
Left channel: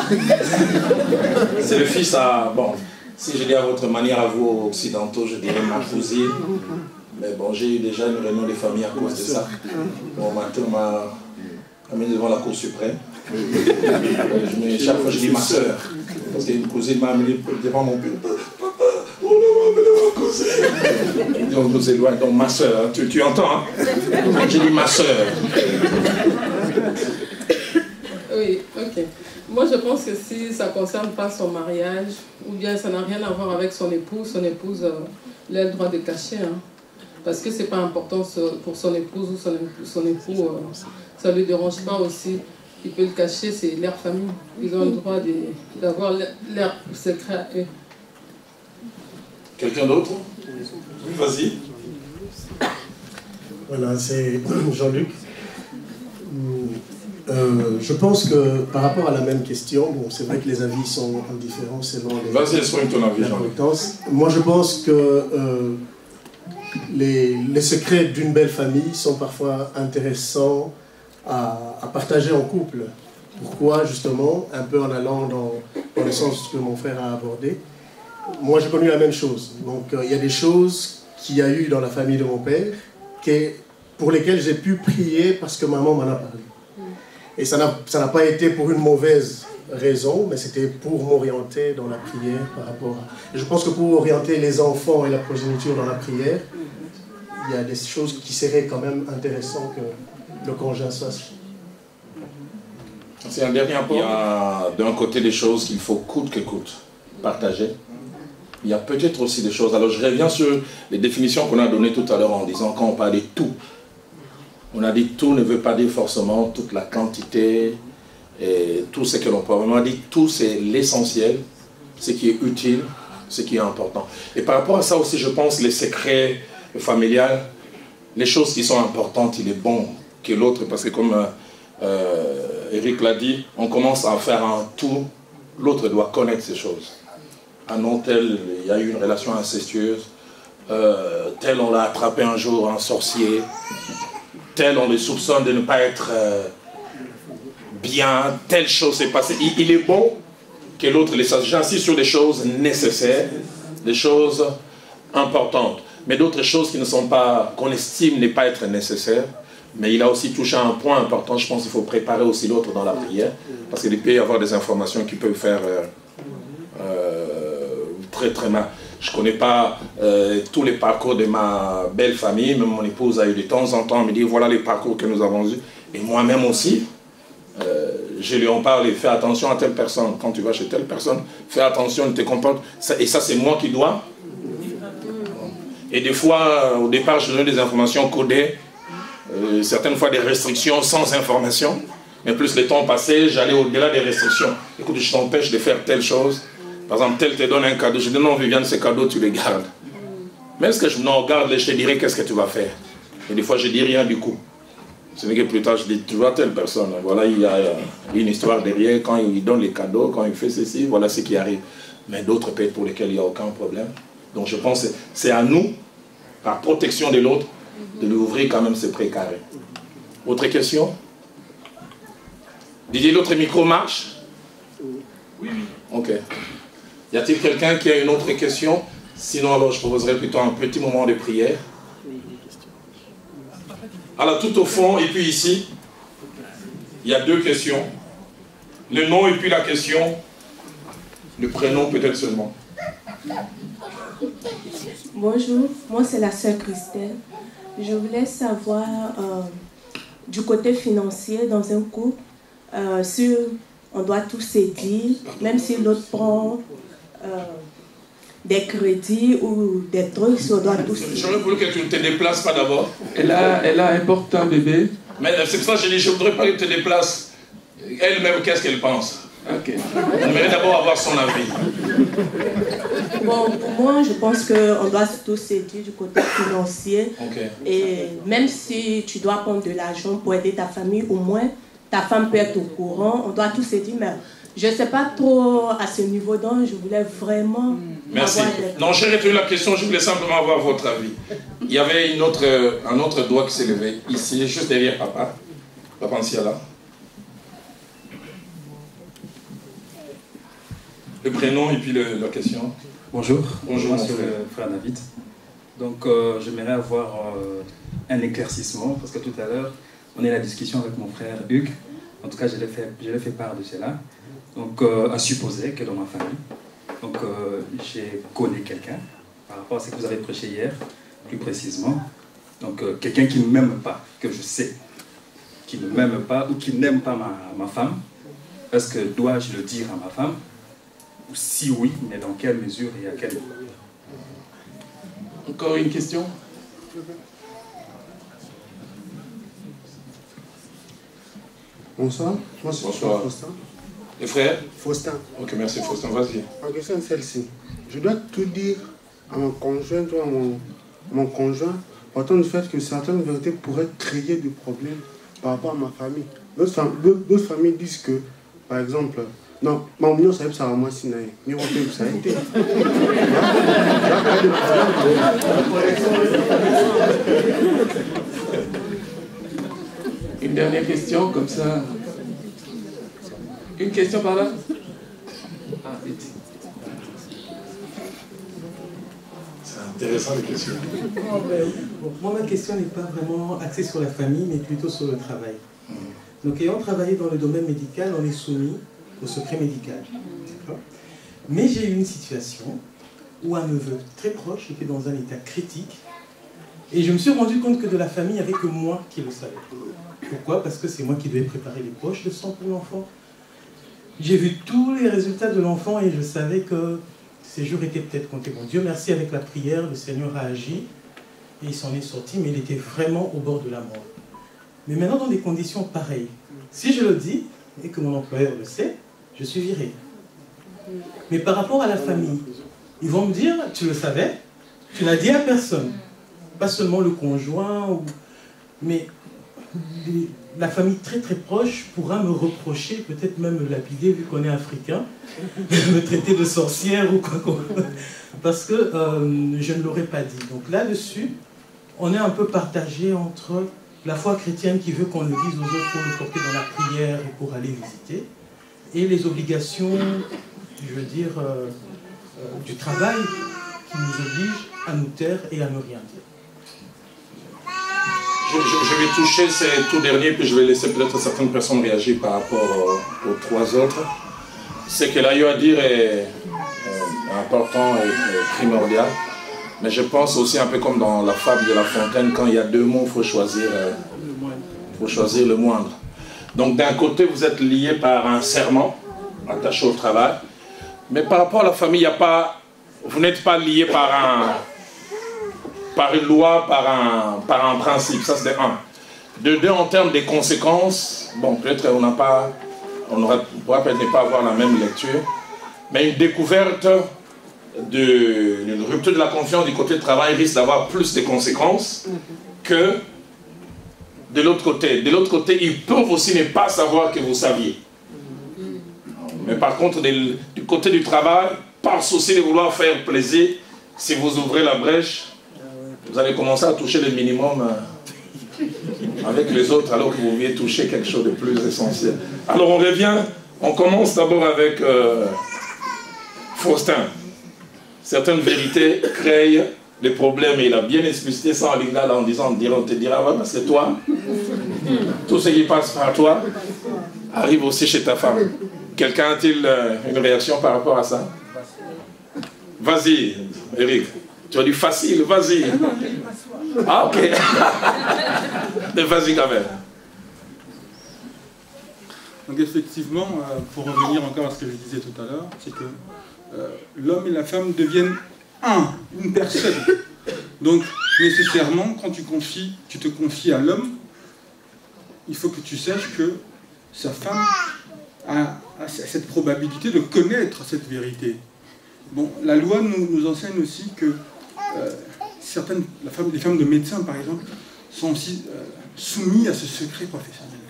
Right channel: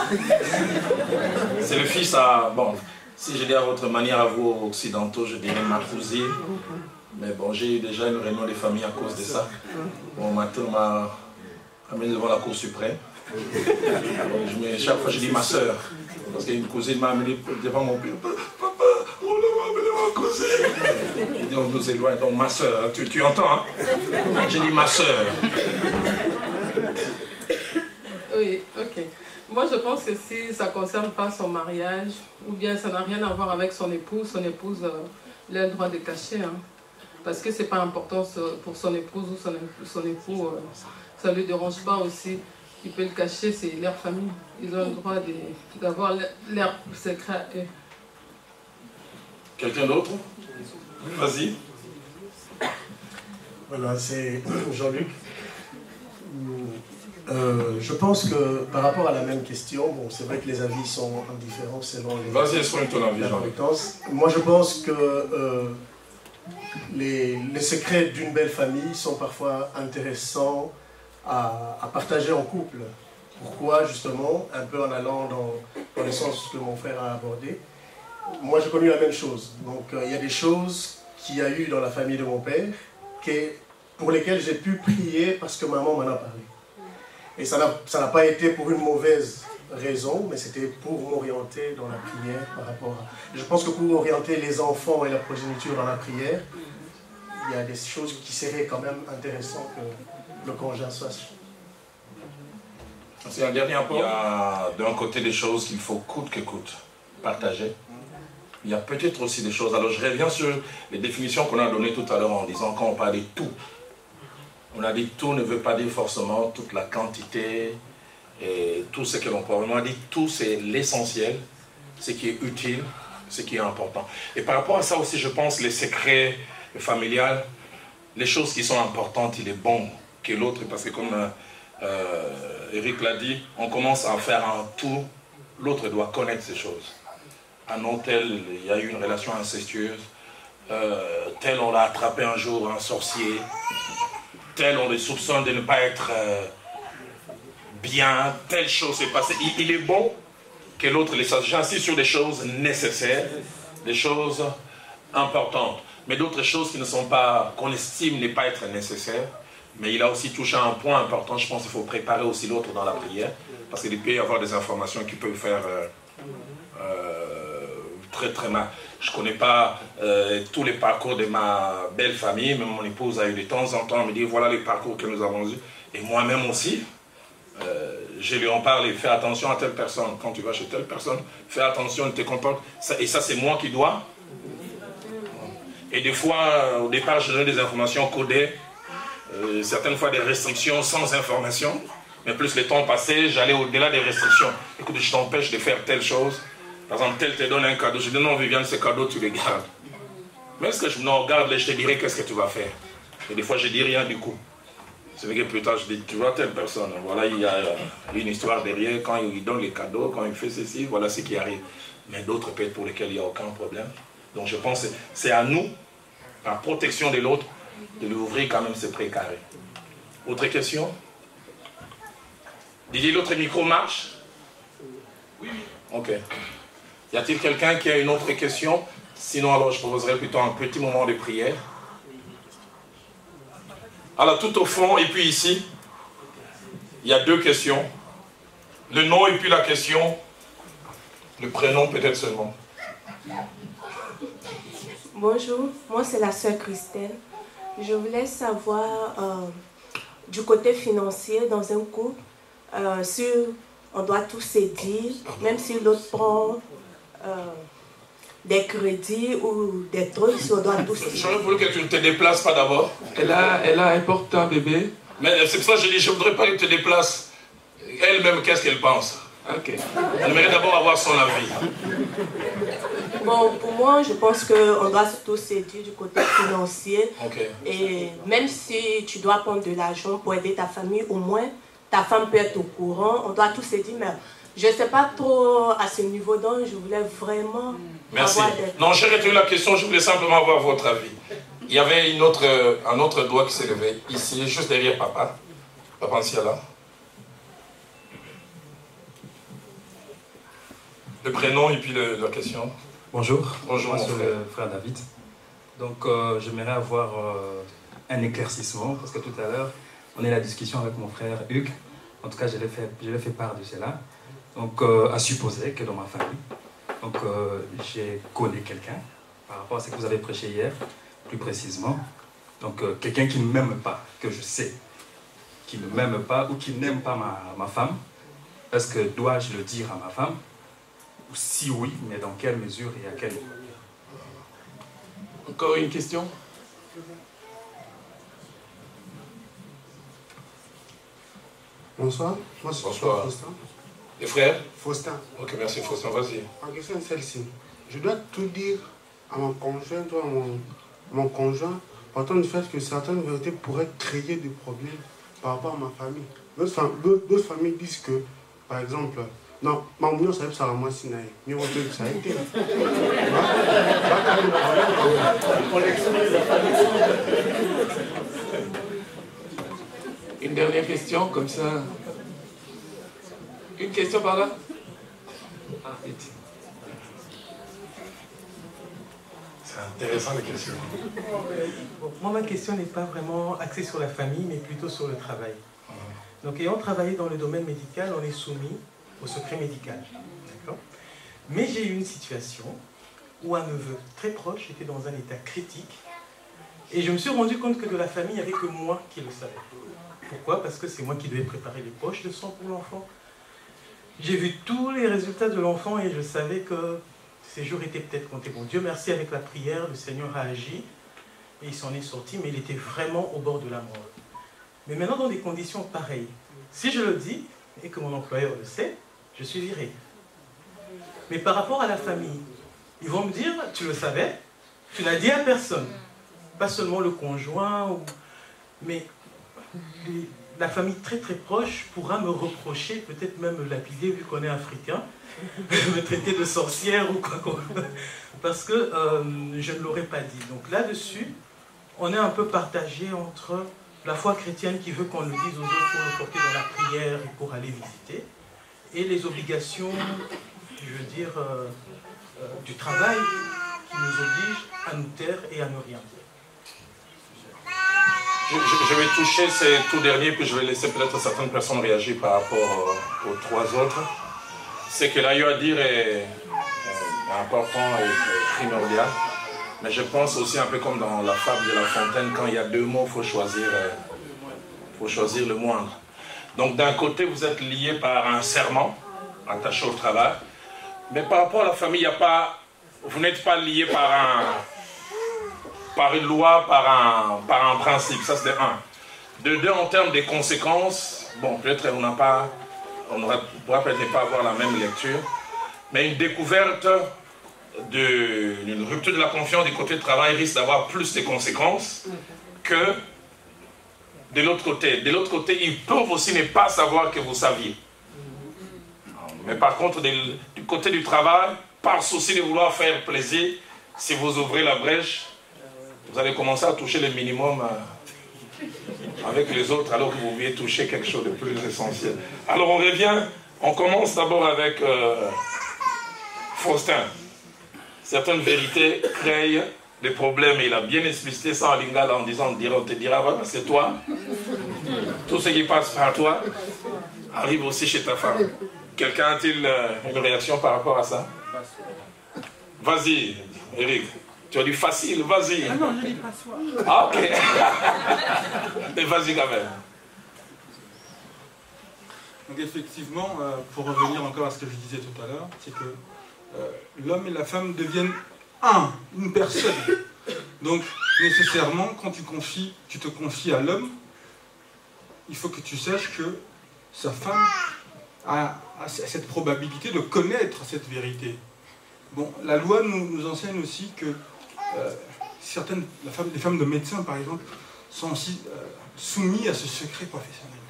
C'est le fils à... Bon, si je dis à votre manière, à vous occidentaux, je dirais ma cousine. Mais bon, j'ai eu déjà une réunion des familles à cause de ça. Bon, maintenant, amené devant la Cour suprême. Chaque fois, je dis ma soeur. Parce qu'une cousine m'a amené devant mon père. Papa, on l'a amené ma cousine. Donc, nous éloigne. Donc, ma soeur, hein, tu entends, hein? J'ai dit ma soeur. Oui, ok. Moi, je pense que si ça ne concerne pas son mariage, ou bien ça n'a rien à voir avec son épouse, il a le droit de cacher. Hein, parce que ce n'est pas important pour son épouse ou son époux. Ça ne lui dérange pas aussi. Il peut le cacher, c'est leur famille. Ils ont le droit d'avoir leur secret à eux. Quelqu'un d'autre? Vas-y. Voilà, c'est Jean-Luc. Je pense que par rapport à la même question, bon, c'est vrai que les avis sont différents selon l'importance. Moi, je pense que les secrets d'une belle famille sont parfois intéressants à partager en couple. Pourquoi, justement, un peu en allant dans le sens que mon frère a abordé. Moi, j'ai connu la même chose. Donc, il y a des choses qu'il y a eu dans la famille de mon père pour lesquelles j'ai pu prier parce que maman m'en a parlé. Et ça n'a pas été pour une mauvaise raison, mais c'était pour m'orienter dans la prière par rapport à... Et je pense que pour orienter les enfants et la progéniture dans la prière, il y a des choses qui seraient quand même intéressantes que le conjoint sache. C'est un dernier point. Il y a d'un côté des choses qu'il faut coûte que coûte partager. Il y a peut-être aussi des choses... Alors je reviens sur les définitions qu'on a données tout à l'heure en disant quand on parle de tout. On a dit tout ne veut pas dire forcément toute la quantité, tout ce que l'on peut. On a dit tout c'est l'essentiel, ce qui est utile, ce qui est important. Et par rapport à ça aussi, je pense les secrets familiales, les choses qui sont importantes, il est bon que l'autre, parce que comme Eric l'a dit, on commence à faire un tout, l'autre doit connaître ces choses. Ah non, tel, il y a eu une relation incestueuse, tel on l'a attrapé un jour, un sorcier, tel on le soupçonne de ne pas être bien, telle chose s'est passée. Il est bon que l'autre les sache. J'insiste sur des choses nécessaires, des choses importantes, mais d'autres choses qui ne sont pas, qu'on estime ne pas être nécessaires. Mais il a aussi touché à un point important, je pense qu'il faut préparer aussi l'autre dans la prière, parce qu'il peut y avoir des informations qui peuvent faire très très mal. Je ne connais pas tous les parcours de ma belle famille, mais mon épouse a eu de temps en temps, elle me dit voilà les parcours que nous avons eus. Et moi-même aussi, je lui en parle et fais attention à telle personne. Quand tu vas chez telle personne, fais attention, ne te comporte. Et ça, c'est moi qui dois. Et des fois, au départ, je donnais des informations codées, certaines fois des restrictions sans information. Mais plus le temps passait, j'allais au-delà des restrictions. Écoute, je t'empêche de faire telle chose. Par exemple, tel te donne un cadeau. Je dis non, Viviane, ce cadeau, tu le gardes. Mais est-ce que je non, garde-le, je te dirai qu'est-ce que tu vas faire. Et des fois, je ne dis rien du coup. Ce n'est que plus tard, je dis, tu vois telle personne, voilà, il y a une histoire derrière, quand il donne les cadeaux, quand il fait ceci, voilà ce qui arrive. Mais d'autres peut-être pour lesquels il n'y a aucun problème. Donc je pense que c'est à nous, par protection de l'autre, de lui ouvrir quand même ce précaré. Autre question? Didier, l'autre micro marche? Oui. Ok. Y a-t-il quelqu'un qui a une autre question? Sinon, alors, je proposerai plutôt un petit moment de prière. Alors, tout au fond, et puis ici, il y a deux questions. Le nom et puis la question. Le prénom peut-être seulement. Bonjour, moi c'est la sœur Christelle. Je voulais savoir, du côté financier, dans un couple, si on doit tout céder, même si l'autre prend des crédits ou des trucs, si on doit tout céder. J'aurais voulu que tu ne te déplaces pas d'abord. Elle a un portant bébé. Mais c'est pour ça que je dis, je ne voudrais pas qu'elle te déplace. Elle-même, qu'est-ce qu'elle pense? Okay. J'aimerais d'abord avoir son avis. Bon, pour moi, je pense qu'on doit tout céder du côté financier. Okay. Et même si tu dois prendre de l'argent pour aider ta famille, au moins, ta femme peut être au courant. On doit tout céder, mais je ne sais pas trop à ce niveau, donc je voulais vraiment... Merci. Non, j'ai retenu la question, je voulais simplement avoir votre avis. Il y avait un autre doigt qui s'est levé, ici, juste derrière papa. Papa Anciala. Le prénom et puis la question. Bonjour. Bonjour, moi, c'est le frère David. Donc, j'aimerais avoir un éclaircissement, parce que tout à l'heure, on a eu la discussion avec mon frère Hugues. En tout cas, je lui ai fait part de cela. Donc, à supposer que dans ma famille, donc, j'ai connu quelqu'un, par rapport à ce que vous avez prêché hier, plus précisément. Donc, quelqu'un qui ne m'aime pas, que je sais, qui ne m'aime pas ou qui n'aime pas ma femme. Est-ce que dois-je le dire à ma femme? Ou si oui, mais dans quelle mesure et à quel moment? Encore une question? Bonsoir. Bonsoir. Faustin. Les frères? Faustin. Ok, merci Faustin, vas-y. Ma question est celle-ci. Je dois tout dire à mon conjoint, mon conjoint, autant du fait que certaines vérités pourraient créer des problèmes par rapport à ma famille. D'autres familles disent que, par exemple, non, ma union ça va moi sinaï. Ni on fait ça. Une dernière question, comme ça. Une question par là? Ah, vite. C'est intéressant les questions. Bon, moi, ma question n'est pas vraiment axée sur la famille, mais plutôt sur le travail. Donc, ayant travaillé dans le domaine médical, on est soumis au secret médical. Mais j'ai eu une situation où un neveu très proche était dans un état critique et je me suis rendu compte que de la famille, il n'y avait que moi qui le savais. Pourquoi? Parce que c'est moi qui devais préparer les poches de sang pour l'enfant. J'ai vu tous les résultats de l'enfant et je savais que ces jours étaient peut-être comptés. Bon, Dieu merci, avec la prière, le Seigneur a agi et il s'en est sorti, mais il était vraiment au bord de la mort. Mais maintenant, dans des conditions pareilles, si je le dis, et que mon employeur le sait, je suis viré. Mais par rapport à la famille, ils vont me dire, tu le savais, tu n'as dit à personne. Pas seulement le conjoint, mais la famille très très proche pourra me reprocher, peut-être même me lapider, vu qu'on est africain, me traiter de sorcière ou quoi, parce que je ne l'aurais pas dit. Donc là-dessus, on est un peu partagé entre la foi chrétienne qui veut qu'on le dise aux autres pour le porter dans la prière et pour aller visiter, et les obligations, je veux dire, du travail qui nous oblige à nous taire et à ne rien dire. Je vais toucher ces tout derniers, puis je vais laisser peut-être certaines personnes réagir par rapport aux trois autres. Ce que l'Aïe a dit est important et primordial, mais je pense aussi un peu comme dans la fable de La Fontaine, quand il y a deux mots, il faut choisir le moindre. Donc d'un côté, vous êtes lié par un serment, attaché au travail, mais par rapport à la famille, vous n'êtes pas lié par une loi, par un principe, ça c'est un. De deux, en termes des conséquences, bon, peut-être qu'on pourra peut-être ne pas avoir la même lecture, mais une découverte d'une rupture de la confiance du côté du travail risque d'avoir plus de conséquences que de l'autre côté. De l'autre côté, ils peuvent aussi ne pas savoir que vous saviez. Mais par contre, du côté du travail, par souci de vouloir faire plaisir, si vous ouvrez la brèche, vous allez commencer à toucher le minimum avec les autres, alors que vous vouliez toucher quelque chose de plus essentiel. Alors on revient, on commence d'abord avec Faustin. Certaines vérités créent des problèmes, et il a bien explicité ça en lingala en disant, on te dira, voilà, c'est toi. Tout ce qui passe par toi arrive aussi chez ta femme. Quelqu'un a-t-il une réaction par rapport à ça? Vas-y, Eric. Tu as dit facile, vas-y. Ah, ok. Mais vas-y quand même. Donc effectivement, pour revenir encore à ce que je disais tout à l'heure, c'est que l'homme et la femme deviennent une personne. Donc nécessairement, quand tu te confies à l'homme, il faut que tu saches que sa femme a cette probabilité de connaître cette vérité. Bon, la loi nous enseigne aussi que les femmes de médecins, par exemple, sont aussi soumises à ce secret professionnel.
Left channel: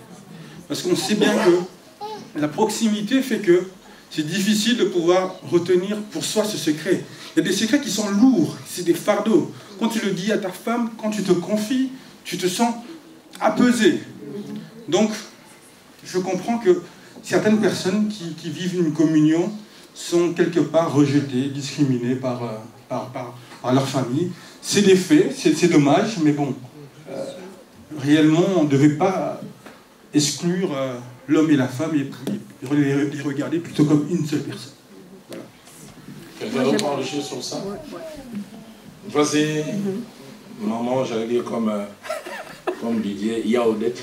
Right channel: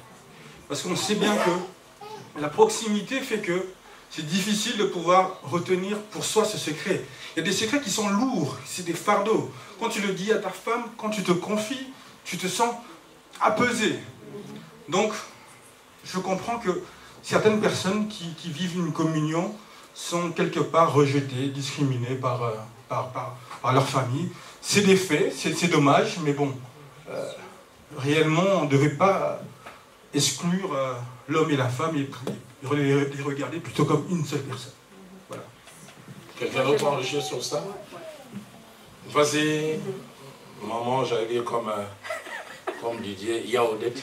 Parce qu'on sait bien que la proximité fait que c'est difficile de pouvoir retenir pour soi ce secret. Il y a des secrets qui sont lourds, c'est des fardeaux. Quand tu le dis à ta femme, quand tu te confies, tu te sens apaisé. Donc, je comprends que certaines personnes qui vivent une communion sont quelque part rejetées, discriminées par leur famille. C'est des faits, c'est dommage, mais bon, réellement, on ne devait pas exclure l'homme et la femme et les regarder plutôt comme une seule personne. Voilà. Quelqu'un d'autre a enrichi sur ça? Vas-y, maman, j'allais dire comme Didier, Yaoudette.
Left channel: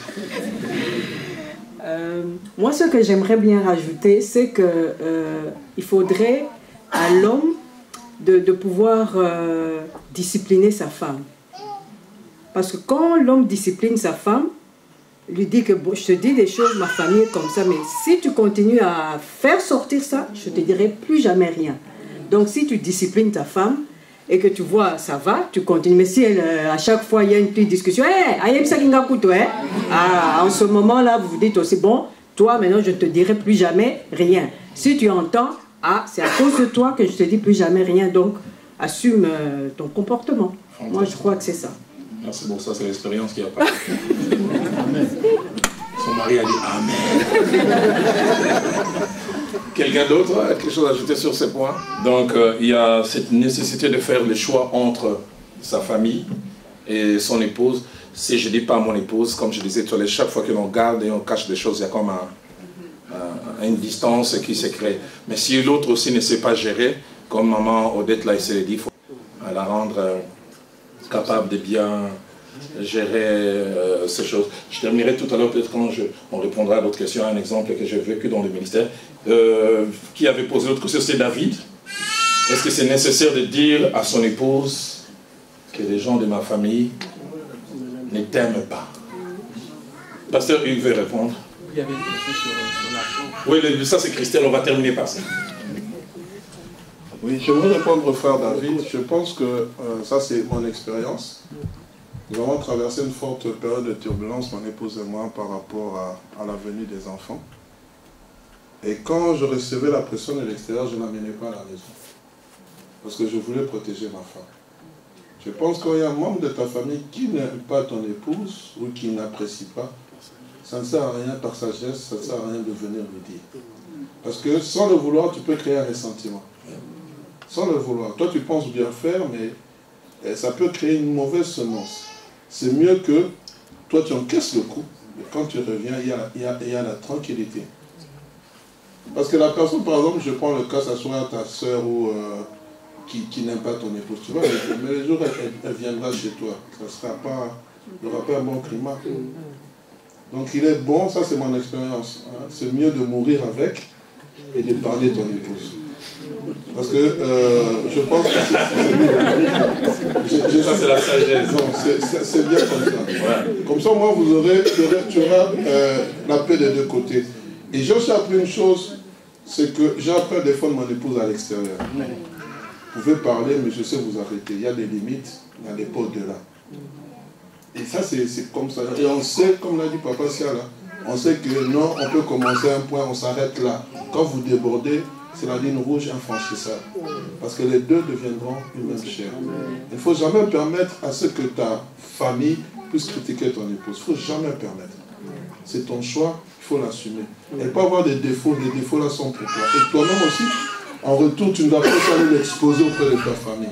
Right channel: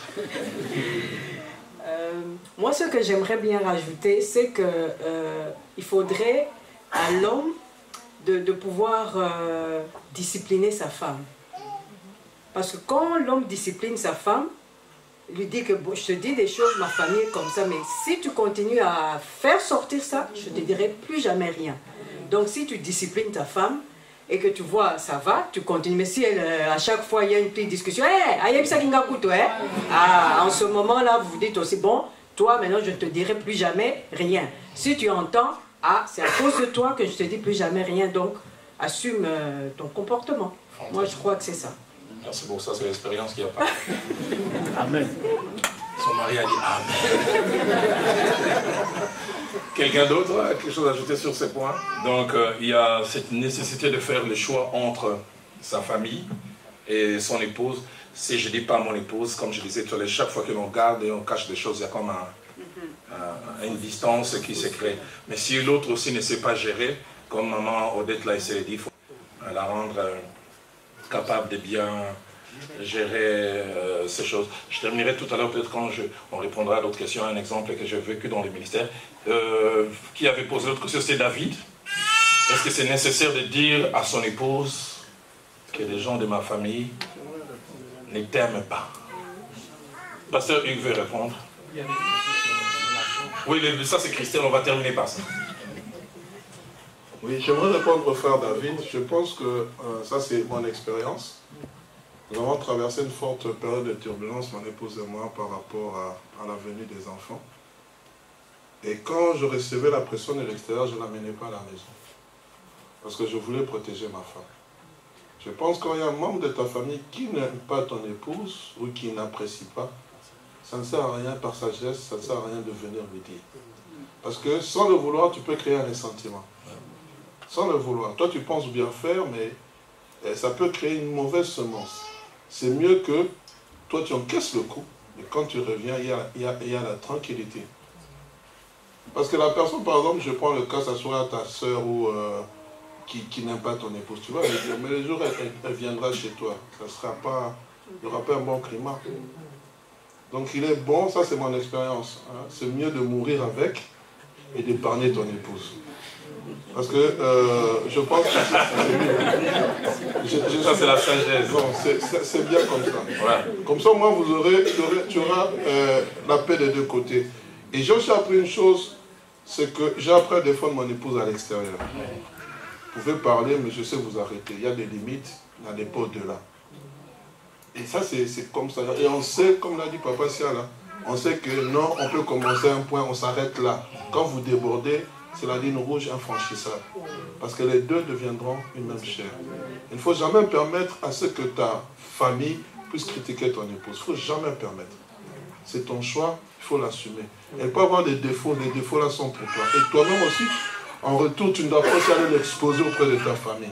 Moi, ce que j'aimerais bien rajouter, c'est qu'il faudrait à l'homme de pouvoir discipliner sa femme. Parce que quand l'homme discipline sa femme, lui dit que bon, je te dis des choses, ma famille est comme ça, mais si tu continues à faire sortir ça, je te dirai plus jamais rien. Donc si tu disciplines ta femme et que tu vois, ça va, tu continues. Mais si à chaque fois il y a une petite discussion, en ce moment-là, vous vous dites aussi, bon, toi maintenant je ne te dirai plus jamais rien. Si tu entends, c'est à cause de toi que je te dis plus jamais rien, donc assume ton comportement. Moi je crois que c'est ça. Merci pour ça, c'est l'expérience qui a parlé. Amen. Son mari a dit Amen. Quelqu'un d'autre a quelque chose à ajouter sur ces points? Donc, il y a cette nécessité de faire le choix entre sa famille et son épouse. Si je ne dis pas mon épouse, comme je disais tout à l'heure, chaque fois que l'on garde et on cache des choses, il y a comme une distance qui se crée. Mais si l'autre aussi ne sait pas gérer, comme maman Odette l'a essayé de dire, il faut la rendre capable de bien gérer ces choses. Je terminerai tout à l'heure, peut-être quand on répondra à d'autres questions, un exemple que j'ai vécu dans le ministère. Qui avait posé l'autre question, c'est David. Est-ce que c'est nécessaire de dire à son épouse que les gens de ma famille ne t'aiment pas? Pasteur Hugues veut répondre. Il y avait une question sur oui, ça c'est Christelle, on va terminer par ça. Oui, j'aimerais répondre au frère David. Je pense que ça c'est mon expérience. Nous avons traversé une forte période de turbulence, mon épouse et moi, par rapport à la venue des enfants. Et quand je recevais la pression de l'extérieur, je n'amenais pas à la maison. Parce que je voulais protéger ma femme. Je pense qu'il y a un membre de ta famille qui n'aime pas ton épouse ou qui n'apprécie pas. Ça ne sert à rien par sa geste, ça ne sert à rien de venir me dire. Parce que sans le vouloir, tu peux créer un ressentiment. Sans le vouloir. Toi, tu penses bien faire, mais ça peut créer une mauvaise semence. C'est mieux que toi, tu encaisses le coup. Et quand tu reviens, il y a la tranquillité. Parce que la personne, par exemple, je prends le cas, ça soit ta soeur ou qui n'aime pas ton épouse, tu vois, mais les jours, elle viendra chez toi. Ça sera pas, il n'y aura pas un bon climat. Donc il est bon, ça c'est mon expérience. Hein, c'est mieux de mourir avec et de parler de ton épouse. Parce que je pense que c'est mieux. Ça c'est la sagesse. C'est bien comme ça. Ouais. Comme ça, moi, tu auras la paix des deux côtés. Et j'ai aussi appris une chose, c'est que j'ai appris à défendre mon épouse à l'extérieur. Vous pouvez parler, mais je sais vous arrêter. Il y a des limites, il n'y a pas au-delà. Et ça, c'est comme ça. Et on sait, comme l'a dit Papa Sia, là, on sait que non, on peut commencer un point, on s'arrête là. Quand vous débordez, c'est la ligne rouge infranchissable. Parce que les deux deviendront une même chair. Il ne faut jamais permettre à ce que ta famille puisse critiquer ton épouse. Il ne faut jamais permettre. C'est ton choix, il faut l'assumer. Elle peut avoir des défauts, les défauts là sont pour toi. Et toi-même aussi, en retour, tu ne dois pas aller l'exposer auprès de ta famille.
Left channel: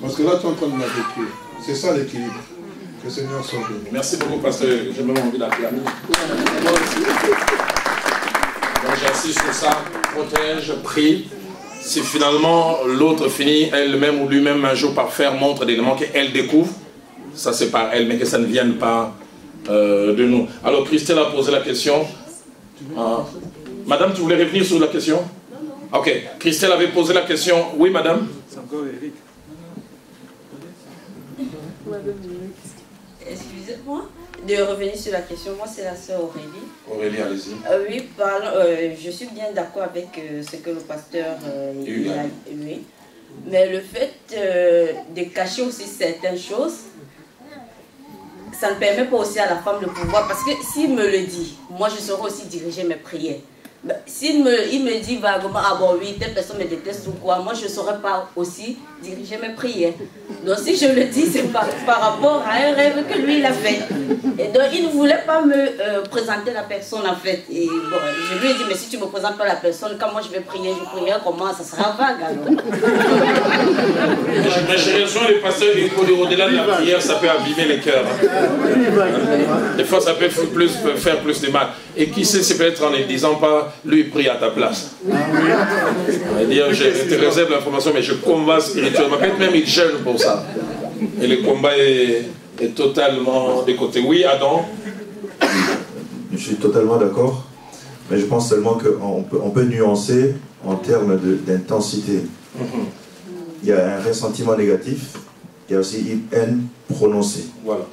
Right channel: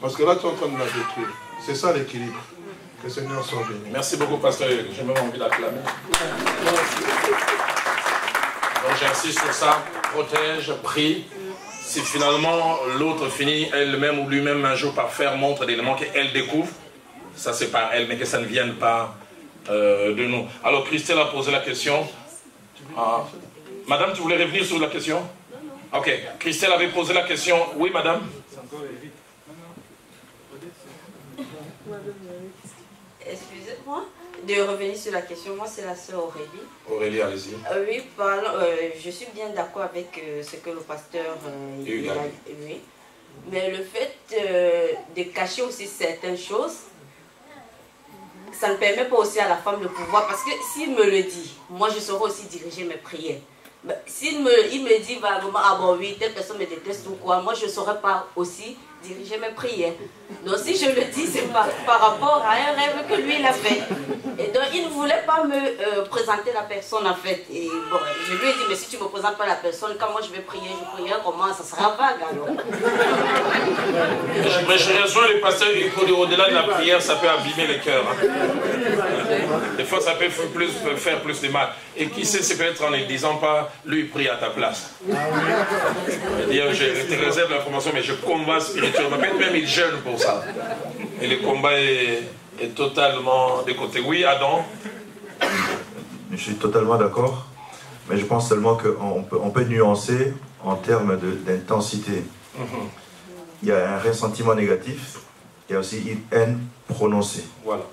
Parce que là, tu es en train de la détruire. C'est ça l'équilibre. Que le Seigneur soit béni. Merci beaucoup, pasteur. J'ai même envie d'acclamer. Donc j'insiste sur ça. Protège, prie. Si finalement l'autre finit elle-même ou lui-même un jour par faire montre des éléments qu'elle découvre, ça c'est par elle, mais que ça ne vienne pas de nous. Alors Christelle a posé la question. Madame, tu voulais revenir sur la question? Ok, Christelle avait posé la question. Oui, madame? C'est encore Eric. Excusez-moi de revenir sur la question. Moi, c'est la sœur Aurélie. Aurélie, allez-y. Oui, je suis bien d'accord avec ce que le pasteur a dit. Mais le fait de cacher aussi certaines choses, ça ne permet pas aussi à la femme de pouvoir. Parce que s'il me le dit, moi, je saurais aussi diriger mes prières. S'il me dit vaguement, ah bon, oui, telle personne me déteste ou quoi, moi, je ne saurais pas aussi diriger mes prières. Donc si je le dis, c'est par rapport à un rêve que lui il a fait. Et donc il ne voulait pas me présenter la personne en fait. Et bon, je lui ai dit, mais si tu ne me présentes pas la personne, quand moi je vais prier, je prierai comment? Ça sera vague alors. Mais j'ai raison, les pasteurs, au-delà de la prière, ça peut abîmer les cœurs. Des fois, ça peut faire plus de mal. Et qui sait, c'est peut-être en ne disant pas, lui prie à ta place. C'est-à-dire, je te réserve l'information, mais je combats spirituellement. Peut-être même il jeûne pour ça. Et le combat est totalement de côté. Oui, Adam? Je suis totalement d'accord, mais je pense seulement qu'on peut nuancer en termes d'intensité. Il y a un ressentiment négatif, il y a aussi une haine prononcée. Voilà.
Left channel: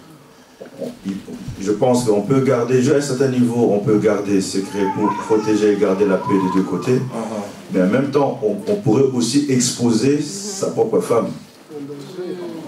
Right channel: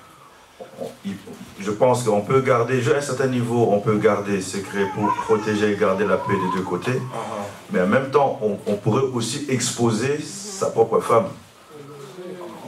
Je pense qu'on peut garder, à un certain niveau, on peut garder secret pour protéger et garder la paix des deux côtés. Mais en même temps, on pourrait aussi exposer sa propre femme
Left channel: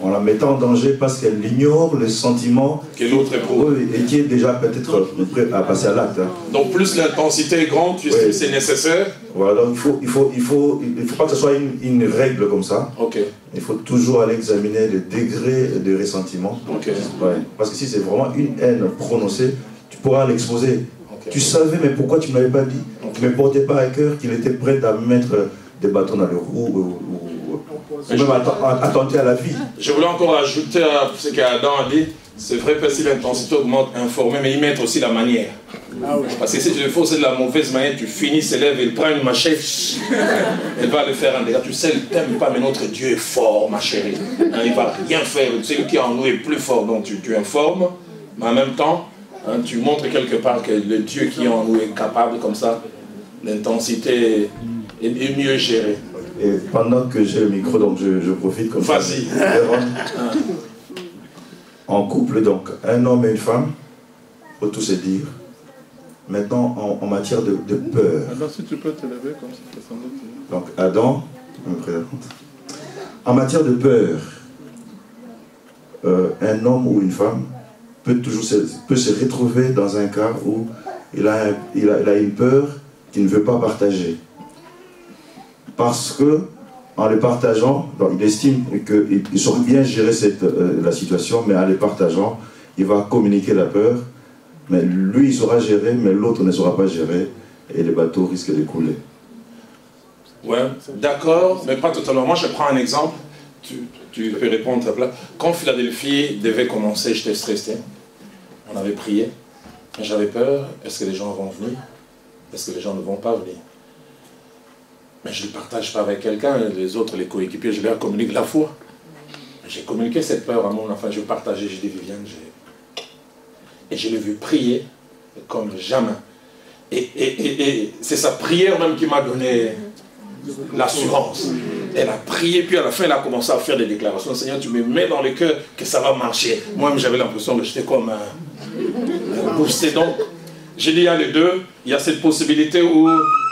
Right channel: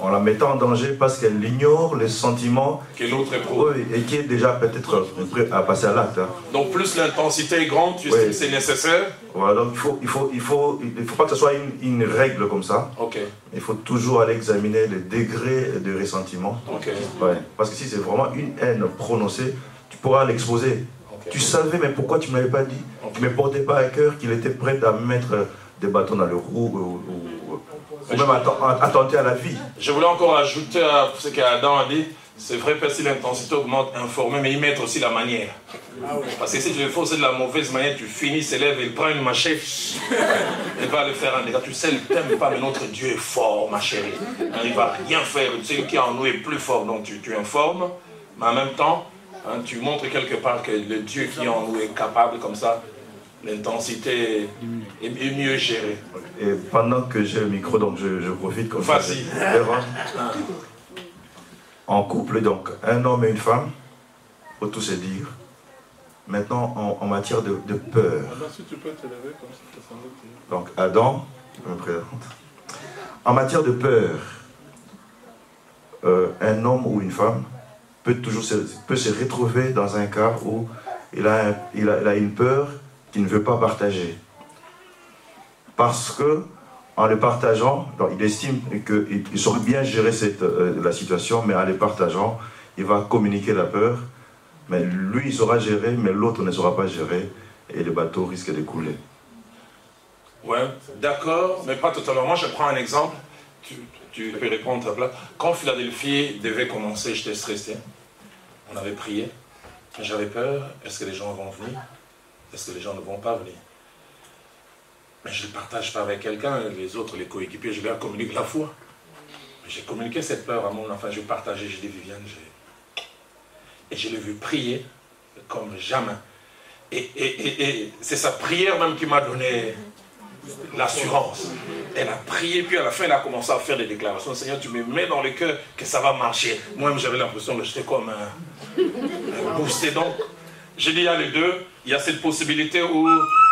en la mettant en danger parce qu'elle ignore les sentiments que l'autre éprouve et qui est déjà peut-être prêt à passer à l'acte. Donc plus l'intensité est grande, c'est nécessaire. Voilà, donc il faut pas que ce soit une règle comme ça. Okay. Il faut toujours aller examiner les degrés de ressentiment. Okay. Ouais, parce que si c'est vraiment une haine prononcée, tu pourras l'exposer. Okay. Tu savais, mais pourquoi tu ne m'avais pas dit? Tu ne me portais pas à cœur qu'il était prêt à mettre des bâtons dans le roue ou même attenter à la vie. Je voulais encore ajouter à ce qu'Adam a dit. C'est vrai que si l'intensité augmente, informer, mais y mettre aussi la manière. Parce que si tu le fais, c'est de la mauvaise manière, tu finis ses lèvres, il prend une machette, elle va le faire en dégâts. Tu sais, il ne t'aime pas, mais notre Dieu est fort, ma chérie. Hein, il ne va rien faire. Celui qui en nous est plus fort, donc tu informes, mais en même temps, hein, tu montres quelque part que le Dieu qui en nous est capable, comme ça, l'intensité est mieux gérée. Et pendant que j'ai le micro, donc je profite comme ça. Vas-y. En couple, donc, un homme et une femme, il faut tout se dire. Maintenant, en matière de peur. Alors, si tu peux te lever comme ça, donc, Adam, je me présente. En matière de peur, un homme ou une femme peut se retrouver dans un cas où il a une peur qu'il ne veut pas partager. Parce que, en le partageant, donc il estime qu'il saura bien gérer la situation, mais en le partageant, il va communiquer la peur. Mais lui, il saura gérer, mais l'autre ne saura pas gérer, et le bateau risque de couler. Ouais, d'accord, mais pas totalement. Moi, je prends un exemple. Tu peux répondre à plat. Quand Philadelphie devait commencer, j'étais stressé. On avait prié. J'avais peur. Est-ce que les gens vont venir? Est-ce que les gens ne vont pas venir? Mais je ne le partage pas avec quelqu'un, les autres, les coéquipiers, je leur communique la foi. J'ai communiqué cette peur à mon enfant, je partageais, je dis Viviane, et je l'ai vu prier comme jamais. Et c'est sa prière même qui m'a donné l'assurance. Elle a prié, puis à la fin, elle a commencé à faire des déclarations. Seigneur, tu me mets dans le cœur que ça va marcher. Moi-même, j'avais l'impression de j'étais comme boosté. Donc, j'ai dit, il y a les deux, il y a cette possibilité où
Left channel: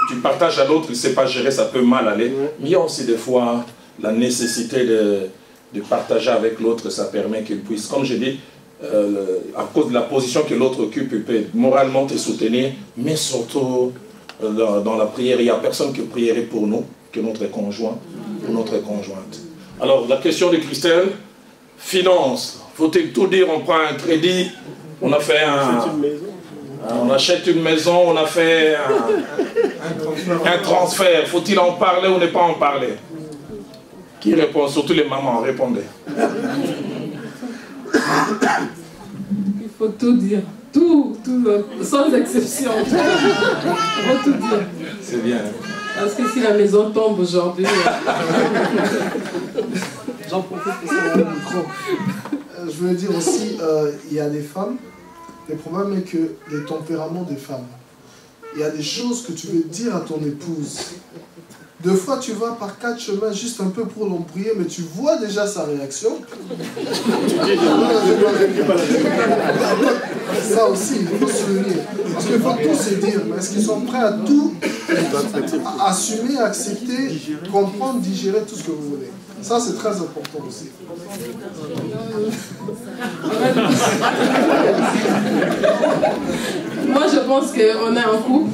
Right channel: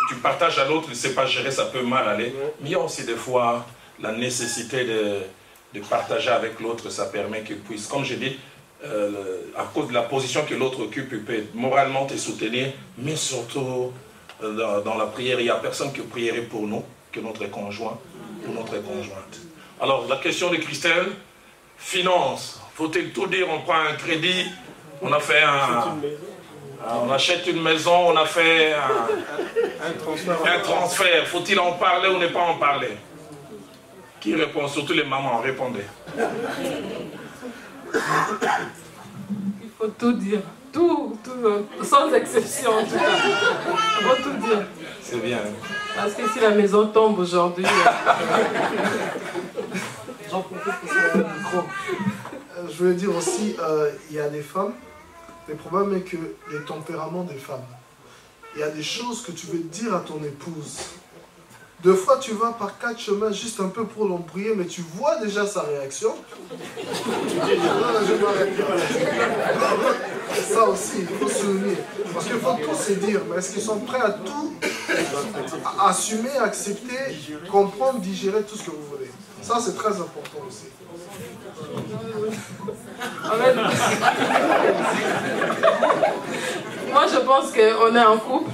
tu partages à l'autre, il ne sait pas gérer, ça peut mal aller. Mais il y a aussi des fois la nécessité de partager avec l'autre, ça permet qu'il puisse, comme je dis, à cause de la position que l'autre occupe, il peut moralement te soutenir, mais surtout dans la prière, il n'y a personne qui prierait pour nous, que notre conjoint, pour notre conjointe. Alors, la question de Christelle, finance, faut-il tout dire, on prend un crédit, on a fait on achète une maison, on a fait un transfert. Faut-il en parler ou ne pas en parler? Qui répond? Surtout les mamans, répondez. Il faut tout dire. Tout, sans exception. Il faut tout dire. C'est bien. Parce que si la maison tombe aujourd'hui... J'en profite pour ça le micro. Je veux dire aussi, il y a des femmes. Le problème est que les tempéraments des femmes, il y a des choses que tu veux dire à ton épouse. Deux fois, tu vas par 4 chemins juste un peu pour l'embrouiller, mais tu vois déjà sa réaction. Ça aussi, il faut se souvenir. Parce qu'il faut tout se dire, mais est-ce qu'ils sont prêts à tout assumer, accepter, comprendre, digérer tout ce que vous voulez? Ça, c'est très important aussi. Moi, je pense qu'on est en couple.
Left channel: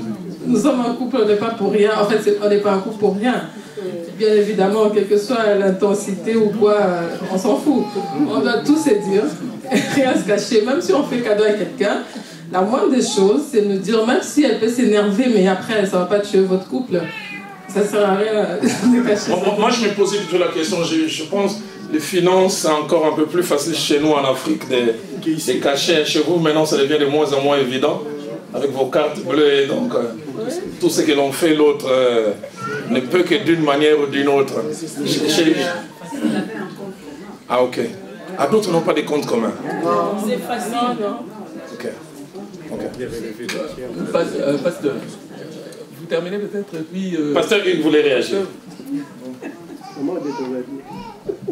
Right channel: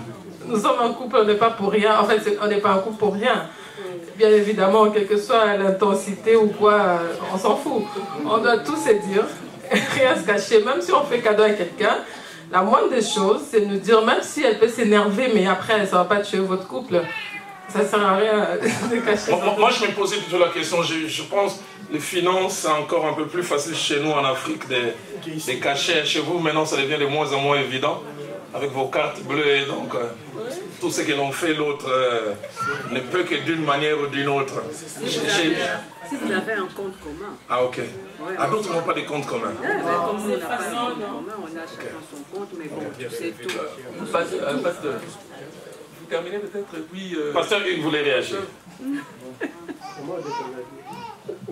Nous sommes un couple, on n'est pas pour rien. En fait, on n'est pas un couple pour rien. bien évidemment, quelle que soit l'intensité ou quoi, on s'en fout. On doit tout se dire, rien se cacher, même si on fait cadeau à quelqu'un. La moindre des choses, c'est de dire, même si elle peut s'énerver, mais après, ça ne va pas tuer votre couple. Ça ne sert à rien de cacher. Moi, je me posais plutôt la question, je pense les finances, c'est encore un peu plus facile chez nous en Afrique de cacher. Chez vous, maintenant, ça devient de moins en moins évident, avec vos cartes bleues, et donc tout ce que l'on fait, l'autre ne peut que d'une manière ou d'une autre. Vous avez un compte commun. Ah, ok. Ah, d'autres n'ont pas de compte commun. C'est facile, non. Ok. Pasteur, vous terminez peut-être, puis... Pasteur, il voulait réagir.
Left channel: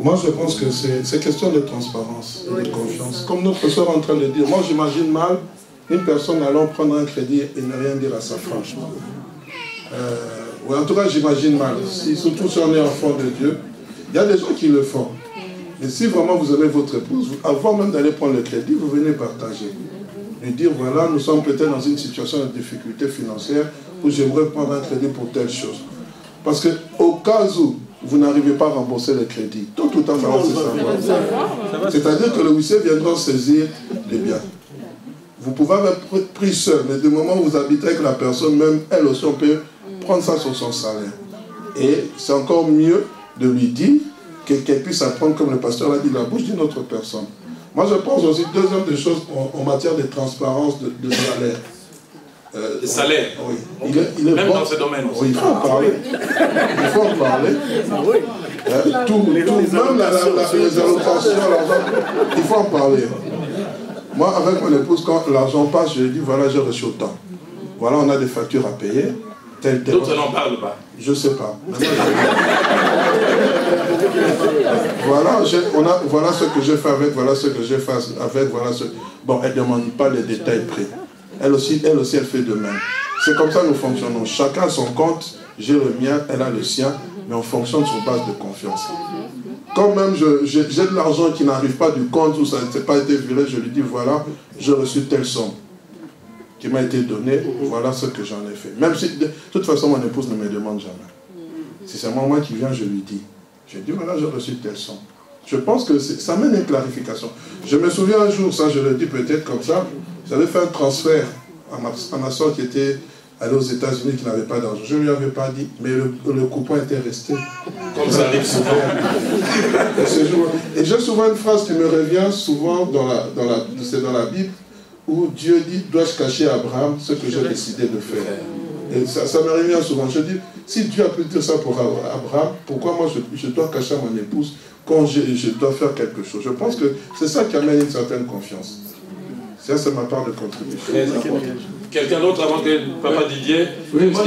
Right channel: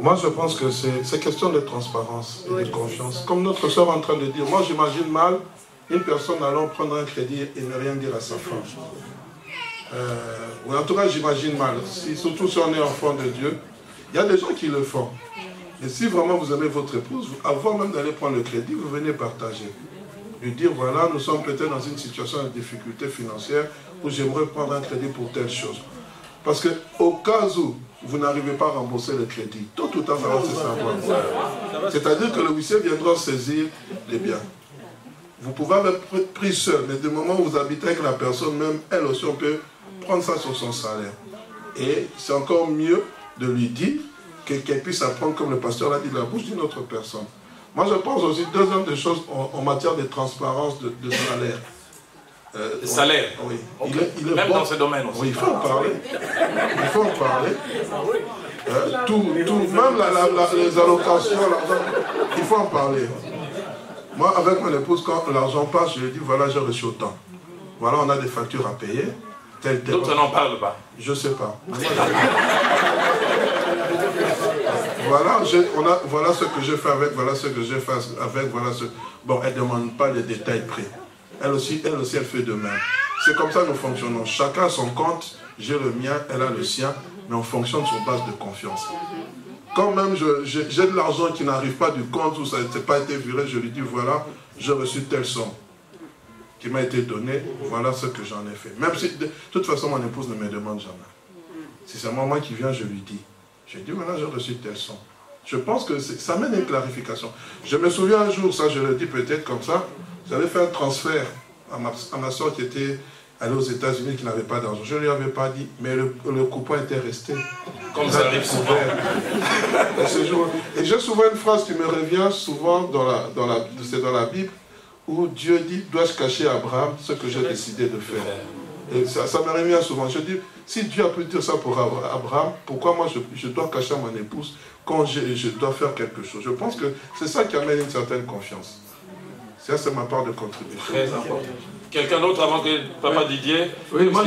Moi, je pense que c'est question de transparence et de confiance. Comme notre soeur est en train de dire, moi, j'imagine mal une personne allant prendre un crédit et ne rien dire à sa femme. Ou en tout cas, j'imagine mal. Surtout si on est enfant de Dieu. Il y a des gens qui le font. Mais si vraiment vous aimez votre épouse, avant même d'aller prendre le crédit, vous venez partager. Lui dire, voilà, nous sommes peut-être dans une situation de difficulté financière où j'aimerais prendre un crédit pour telle chose. Parce qu'au cas où vous n'arrivez pas à rembourser le crédit, tôt ou tard, ça va se savoir. C'est-à-dire que le huissier viendra saisir les biens. Vous pouvez être pris seul, mais du moment où vous habitez avec la personne, même elle aussi, on peut prendre ça sur son salaire. Et c'est encore mieux de lui dire qu'elle puisse apprendre, comme le pasteur l'a dit, de la bouche d'une autre personne. Moi, je pense aussi, deuxième des choses, en matière de transparence de salaire. Le salaire. Oui. Okay. Il est même bon. Dans ce domaine aussi. Oui, il faut en parler. Il faut en parler. Même les allocations, il faut en parler. Moi, avec mon épouse, quand l'argent passe, je lui dis, voilà, j'ai reçu autant. Voilà, on a des factures à payer. D'autres n'en parlent pas. Je ne sais pas. Voilà ce que je fais avec, voilà ce que je fais avec, voilà ce... Bon, elle ne demande pas les détails près. Elle aussi, elle fait de même. C'est comme ça que nous fonctionnons. Chacun a son compte, j'ai le mien, elle a le sien, mais on fonctionne sur base de confiance. Quand même j'ai de l'argent qui n'arrive pas du compte où ça n'a pas été viré, je lui dis, voilà, j'ai reçu telle somme qui m'a été donnée, voilà ce que j'en ai fait. Même si, de toute façon, mon épouse ne me demande jamais. Si c'est moi qui viens, je lui dis. Je lui dis, voilà, j'ai reçu telle somme. Je pense que ça mène une clarification. Je me souviens un jour, ça je le dis peut-être comme ça, j'avais fait un transfert à ma soeur qui était allée aux États-Unis, qui n'avait pas d'argent. Je ne lui avais pas dit, mais le coupon était resté. Comme ça arrive souvent. Et j'ai souvent une phrase qui me revient souvent c'est dans la Bible, où Dieu dit, dois-je cacher à Abraham ce que j'ai décidé de faire. Et ça me revient souvent. Je dis, si Dieu a plutôt ça pour Abraham, pourquoi moi je dois cacher à mon épouse quand je dois faire quelque chose? Je pense que c'est ça qui amène une certaine confiance. Ça, c'est ma part de contribution. Très important. Quelqu'un d'autre avant que Papa Didier? Oui, moi,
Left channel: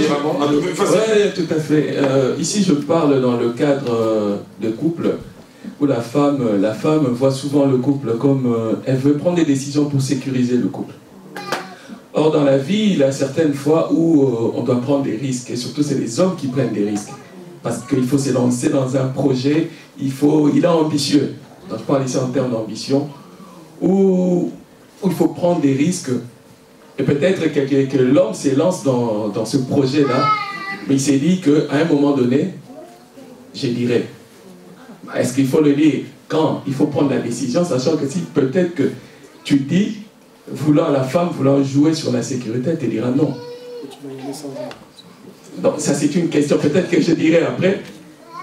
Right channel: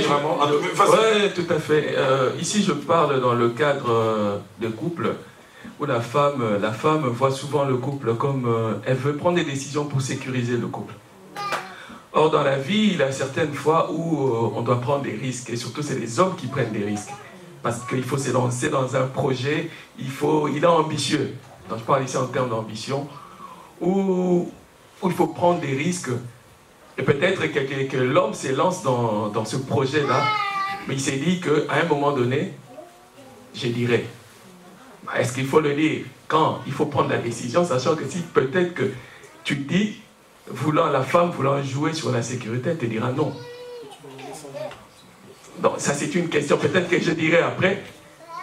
tout à fait. Ici, je parle dans le cadre de couple où la femme voit souvent le couple comme elle veut prendre des décisions pour sécuriser le couple. Or, dans la vie, il y a certaines fois où on doit prendre des risques. Et surtout, c'est les hommes qui prennent des risques. Parce qu'il faut se lancer dans un projet, il est ambitieux. Donc, je parle ici en termes d'ambition, où il faut prendre des risques. Et peut-être que l'homme se lance dans ce projet-là, mais il s'est dit qu'à un moment donné, je dirais, est-ce qu'il faut le dire quand il faut prendre la décision, sachant que si peut-être que tu dis, la femme voulant jouer sur la sécurité, elle te dira non. Donc ça c'est une question, peut-être que je dirai après,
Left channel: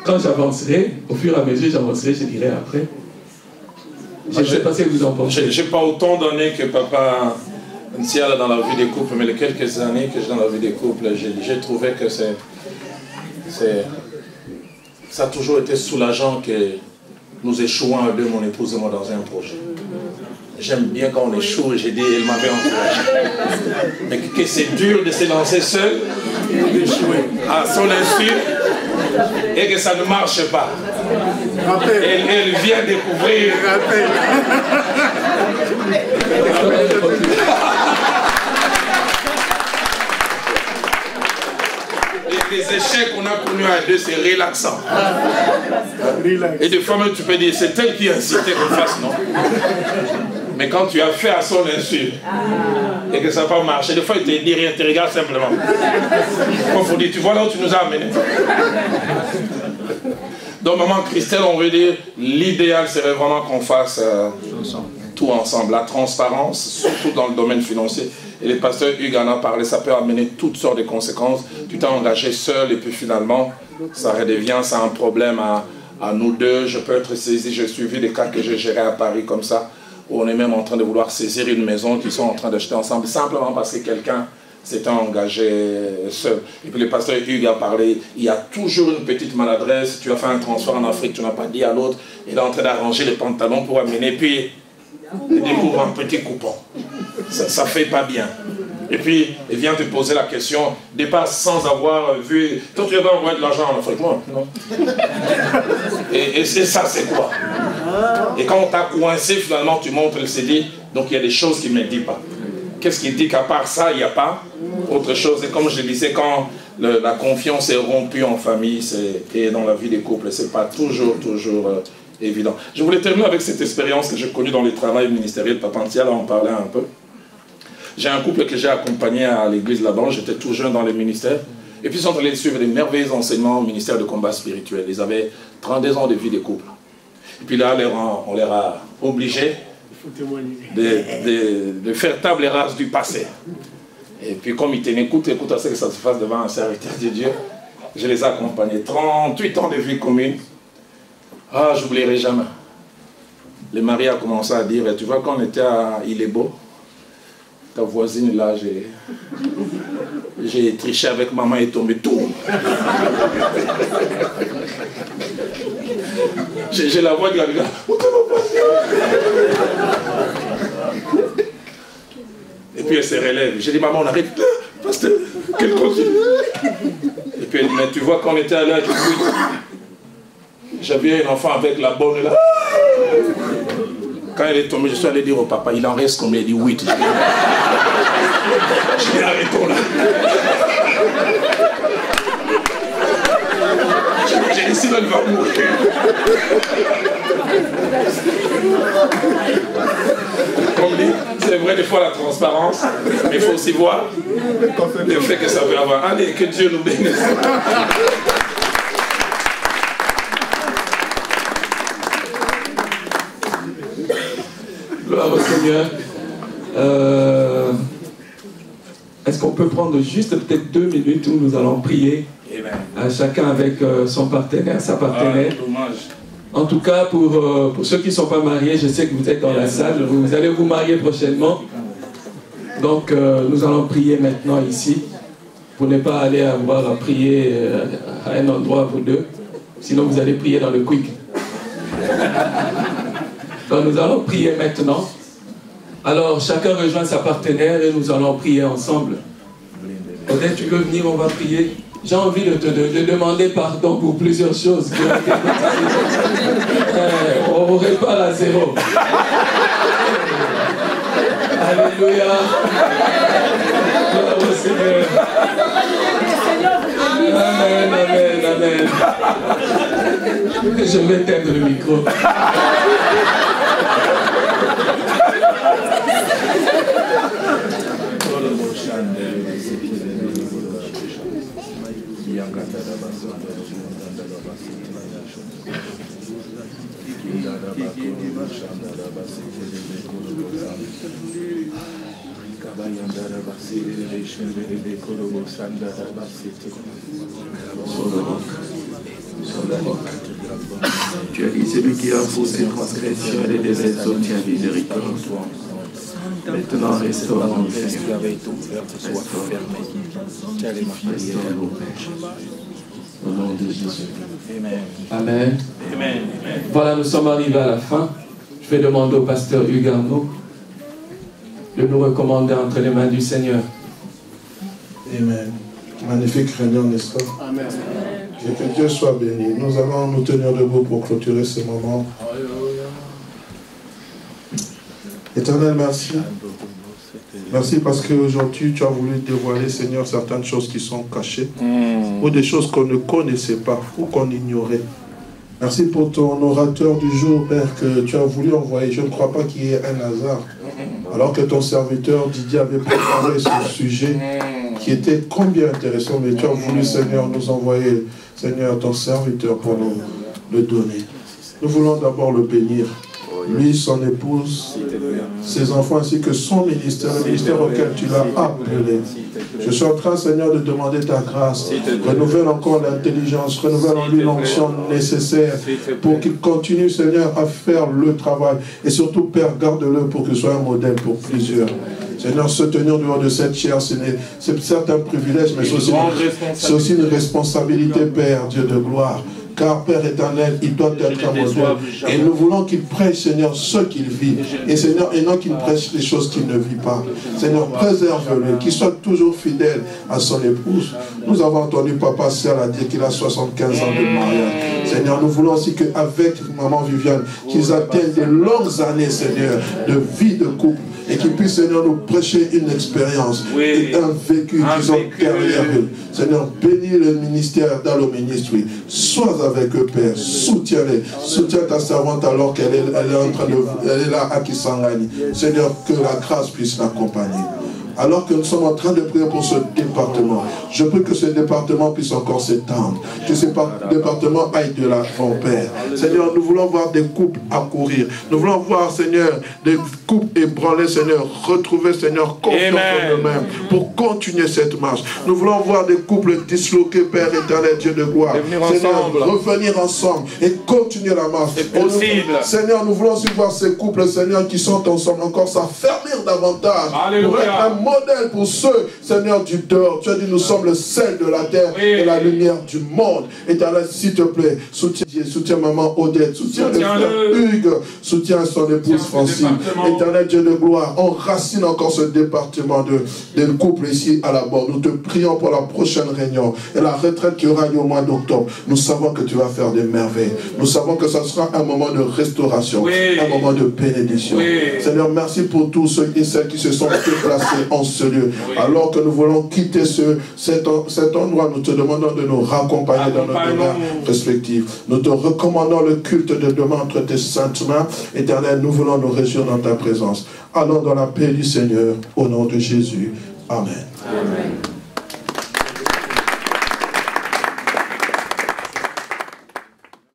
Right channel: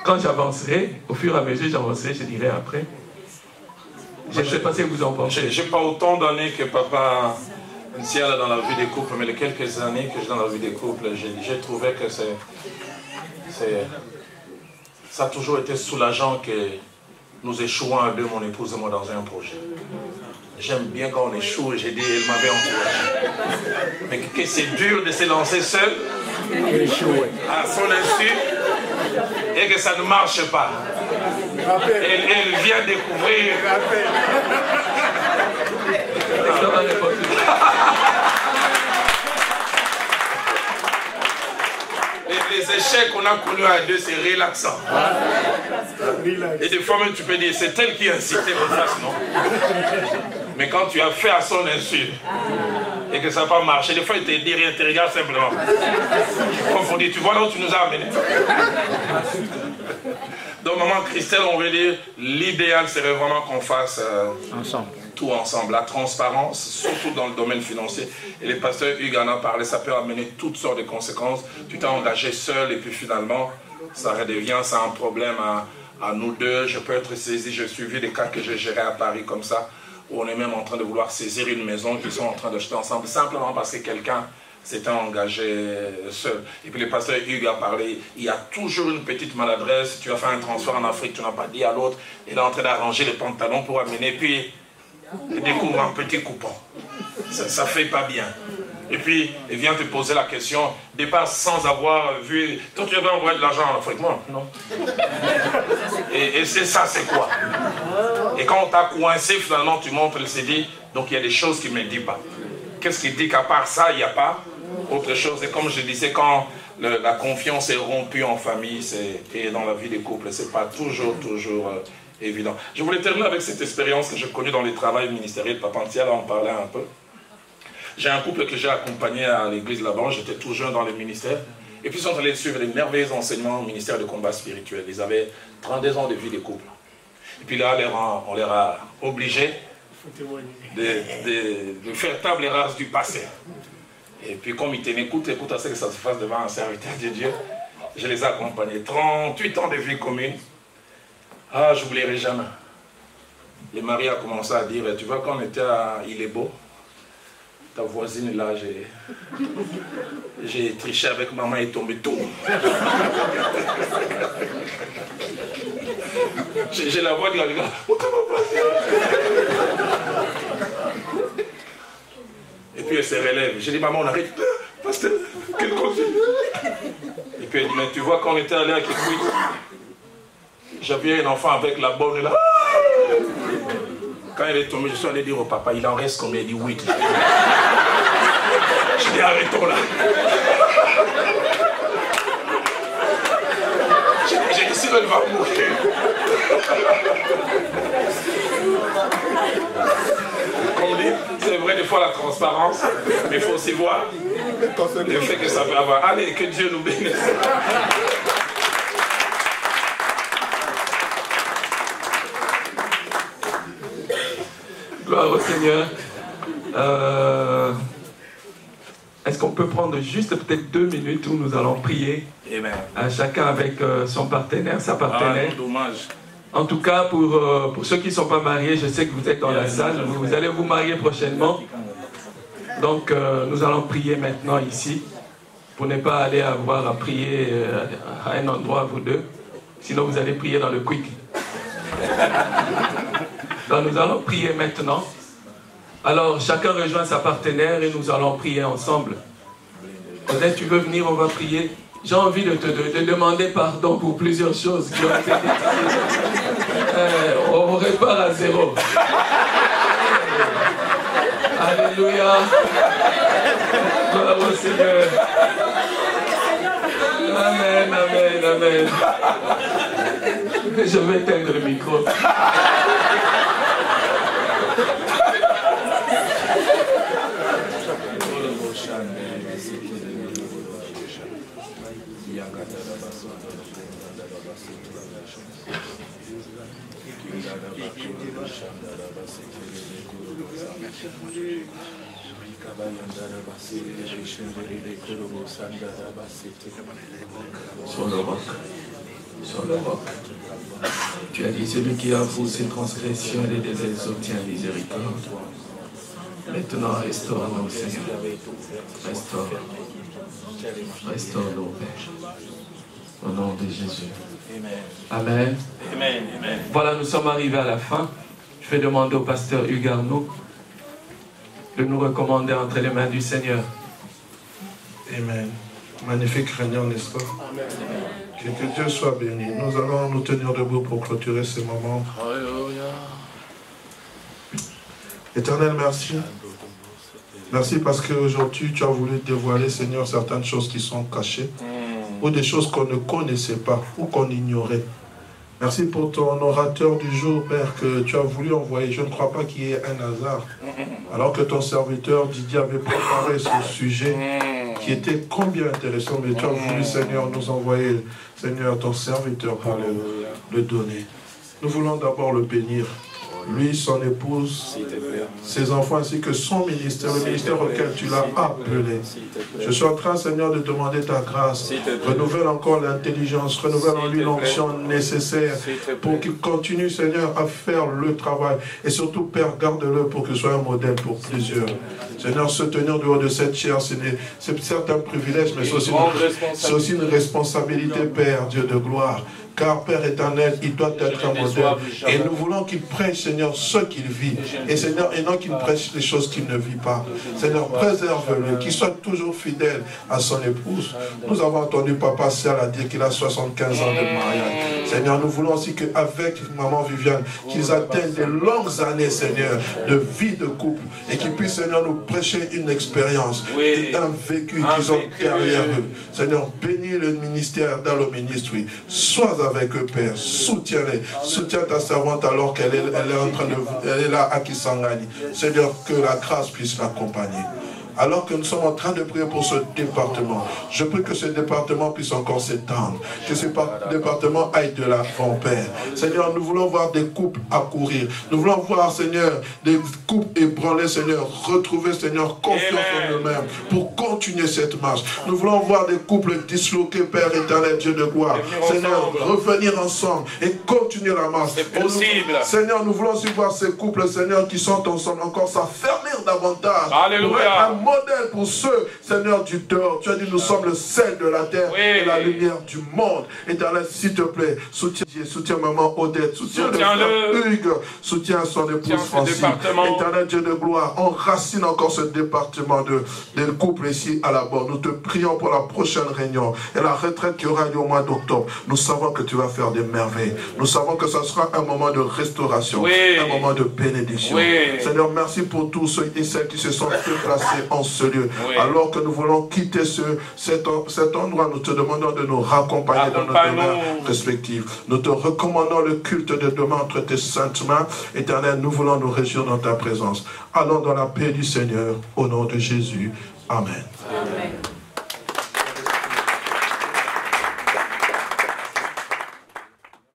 quand j'avancerai, au fur et à mesure j'avancerai, je dirai après. Je ne sais pas ce que vous en pensez. Je n'ai pas autant d'années que Papa Ntiala dans la vie des couples, mais les quelques années que j'ai dans la vie des couples, j'ai trouvé que ça a toujours été soulageant que nous échouons à deux, mon épouse et moi, dans un projet. J'aime bien quand on échoue, j'ai dit, il m'avait encouragé. Mais que c'est dur de se lancer seul, à son insu, et que ça ne marche pas. Et elle vient découvrir. Les échecs qu'on a connus à deux, c'est relaxant. Et des fois même tu peux dire, c'est elle qui a incité qu'on fasse, non? Mais quand tu as fait à son insu et que ça n'a pas marché, des fois il te dit rien, tu regardes simplement. Quand il faut dire, tu vois là où tu nous as amenés. Donc, maman Christelle, on veut dire, l'idéal serait vraiment qu'on fasse tout ensemble. La transparence, surtout dans le domaine financier. Et le pasteur Hugues en a parlé, ça peut amener toutes sortes de conséquences. Tu t'es engagé seul et puis finalement, ça redevient, c'est un problème à nous deux. Je peux être saisi, j'ai suivi des cas que j'ai gérés à Paris comme ça, où on est même en train de vouloir saisir une maison qu'ils sont en train d'acheter ensemble, simplement parce que quelqu'un s'était engagé seul. Et puis le pasteur Hugues a parlé, il y a toujours une petite maladresse. Tu as fait un transfert en Afrique, tu n'as pas dit à l'autre, il est en train d'arranger les pantalons pour amener, puis il découvre un petit coupon. Ça fait pas bien. Et puis, il vient te poser la question, départ sans avoir vu... Toi, tu avais envoyé de l'argent en Afrique, moi? Non. Et ça, c'est quoi? Et quand on t'a coincé, finalement, tu montres le CD, donc il y a des choses qu'il ne me dit pas. Qu'est-ce qu'il dit qu'à part ça, il n'y a pas autre chose? Et comme je disais, quand la confiance est rompue en famille et dans la vie des couples, ce n'est pas toujours évident. Je voulais terminer avec cette expérience que j'ai connue dans les travails ministériels. Papantia, là, on parlait un peu. J'ai un couple que j'ai accompagné à l'église là-bas, j'étais tout jeune dans les ministères. Et puis ils sont allés suivre les merveilleux enseignements au ministère de combat spirituel. Ils avaient 32 ans de vie de couple. Et puis là, on leur a obligés de faire table rase du passé. Et puis comme ils tenaient écoute à ce que ça se fasse devant un serviteur de Dieu, je les ai accompagnés. 38 ans de vie commune. Ah, j'oublierai jamais. Le mari a commencé à dire, tu vois, quand on était à Ilebo, ta voisine là, j'ai triché avec maman et tombé tout. J'ai la voix de la gars. Et puis elle se relève. J'ai dit, maman, on arrête. Pasteur, qu'elle continue. Et puis elle dit, mais tu vois, quand on était allé à Kikuit, j'avais un enfant avec la bonne là. Quand elle est tombée, je suis allé dire au papa, il en reste combien? Il dit 8. Je dis, arrêtons là. J'ai dit, sinon il va mourir. C'est vrai des fois la transparence, mais il faut aussi voir le fait que ça veut avoir. Allez, que Dieu nous bénisse. Gloire au Seigneur. Est-ce qu'on peut prendre juste peut-être 2 minutes où nous allons prier chacun avec son partenaire, sa partenaire. En tout cas, pour ceux qui ne sont pas mariés, je sais que vous êtes dans la salle, vous allez vous marier prochainement. Donc nous allons prier maintenant ici, pour ne pas aller avoir à prier à un endroit vous deux, sinon vous allez prier dans le quick. Donc nous allons prier maintenant. Alors chacun rejoint sa partenaire et nous allons prier ensemble. Peut-être tu veux venir, on va prier. J'ai envie de te demander pardon pour plusieurs choses. On répare à 0. Alléluia. Gloire au Seigneur. Amen, amen, amen. Je vais éteindre le micro. Tu as dit, celui qui avoue ses transgressions et les exauce tient miséricorde. Maintenant, restaure-nous, Seigneur. Restaure-nous, Père. Au nom de Jésus. Amen. Amen. Voilà, nous sommes arrivés à la fin. Je vais demander au pasteur Hugues Arnaud de nous recommander entre les mains du Seigneur. Amen. Magnifique réunion, n'est-ce pas? Amen. Que Dieu soit béni. Nous allons nous tenir debout pour clôturer ce moment. Alléluia. Éternel, merci. Merci parce qu'aujourd'hui, tu as voulu dévoiler, Seigneur, certaines choses qui sont cachées, ou des choses qu'on ne connaissait pas, ou qu'on ignorait. Merci pour ton orateur du jour, Père, que tu as voulu envoyer. Je ne crois pas qu'il y ait un hasard. Alors que ton serviteur Didier avait préparé ce sujet, qui était combien intéressant, mais tu as voulu, Seigneur, nous envoyer, Seigneur, ton serviteur pour le donner. Nous voulons d'abord le bénir. Lui, son épouse, ses enfants, ainsi que son ministère, le ministère auquel tu l'as appelé. Je suis en train, Seigneur, de demander ta grâce. Renouvelle encore l'intelligence, renouvelle en lui l'onction nécessaire pour qu'il continue, Seigneur, à faire le travail. Et surtout, Père, garde-le pour qu'il soit un modèle pour plusieurs. Seigneur, se tenir dehors de cette chair, c'est certes un privilège, mais c'est aussi une responsabilité, Père, Dieu de gloire. Car, Père éternel, il doit être un modèle. Et nous voulons qu'il prêche, Seigneur, ce qu'il vit. Et Seigneur, et non qu'il prêche les choses qu'il ne vit pas. Seigneur, préserve-le, qu'il soit toujours fidèle à son épouse. Nous avons entendu Papa Sial dire qu'il a 75 ans de mariage. Seigneur, nous voulons aussi qu'avec Maman Viviane, qu'ils atteignent de longues années, Seigneur, de vie de couple. Et qu'ils puissent, Seigneur, nous prêcher une expérience et un vécu qu'ils ont derrière eux. Seigneur, bénis le ministère dans le ministère. Sois avec eux, Père. Soutiens-les. Soutiens ta servante alors qu'elle est en train de... Elle est là à Kisangani. Seigneur, que la grâce puisse l'accompagner. Alors que nous sommes en train de prier pour ce département, je prie que ce département puisse encore s'étendre, que ce département aille de l'avant, Père. Seigneur, nous voulons voir des couples accourir. Nous voulons voir, Seigneur, des couples ébranlés, Seigneur, retrouver, Seigneur, confiance en eux-mêmes pour continuer cette marche. Nous voulons voir des couples disloqués, Père éternel, Dieu de gloire. Seigneur, revenir ensemble et continuer la marche. C'est possible. Seigneur, nous voulons aussi voir ces couples, Seigneur, qui sont ensemble encore s'affermir davantage. Alléluia. Modèle pour ceux, Seigneur, du dehors. Tu as dit, nous sommes le sel de la terre et la lumière du monde. Éternel, s'il te plaît, soutiens maman Odette, soutiens le frère Hugues, soutiens son épouse Francine. Éternel Dieu de gloire, enracine encore ce département de couple ici à la bord. Nous te prions pour la prochaine réunion et la retraite qui aura lieu au mois d'octobre. Nous savons que tu vas faire des merveilles. Nous savons que ce sera un moment de restauration, un moment de bénédiction. Seigneur, merci pour tous ceux et celles qui se sont déplacés en ce lieu. Alors que nous voulons quitter cet endroit, nous te demandons de nous raccompagner dans nos domaines respectifs. Nous te recommandons le culte de demain entre tes saintes mains. Éternel, nous voulons nous réjouir dans ta présence. Allons dans la paix du Seigneur, au nom de Jésus. Amen. Amen.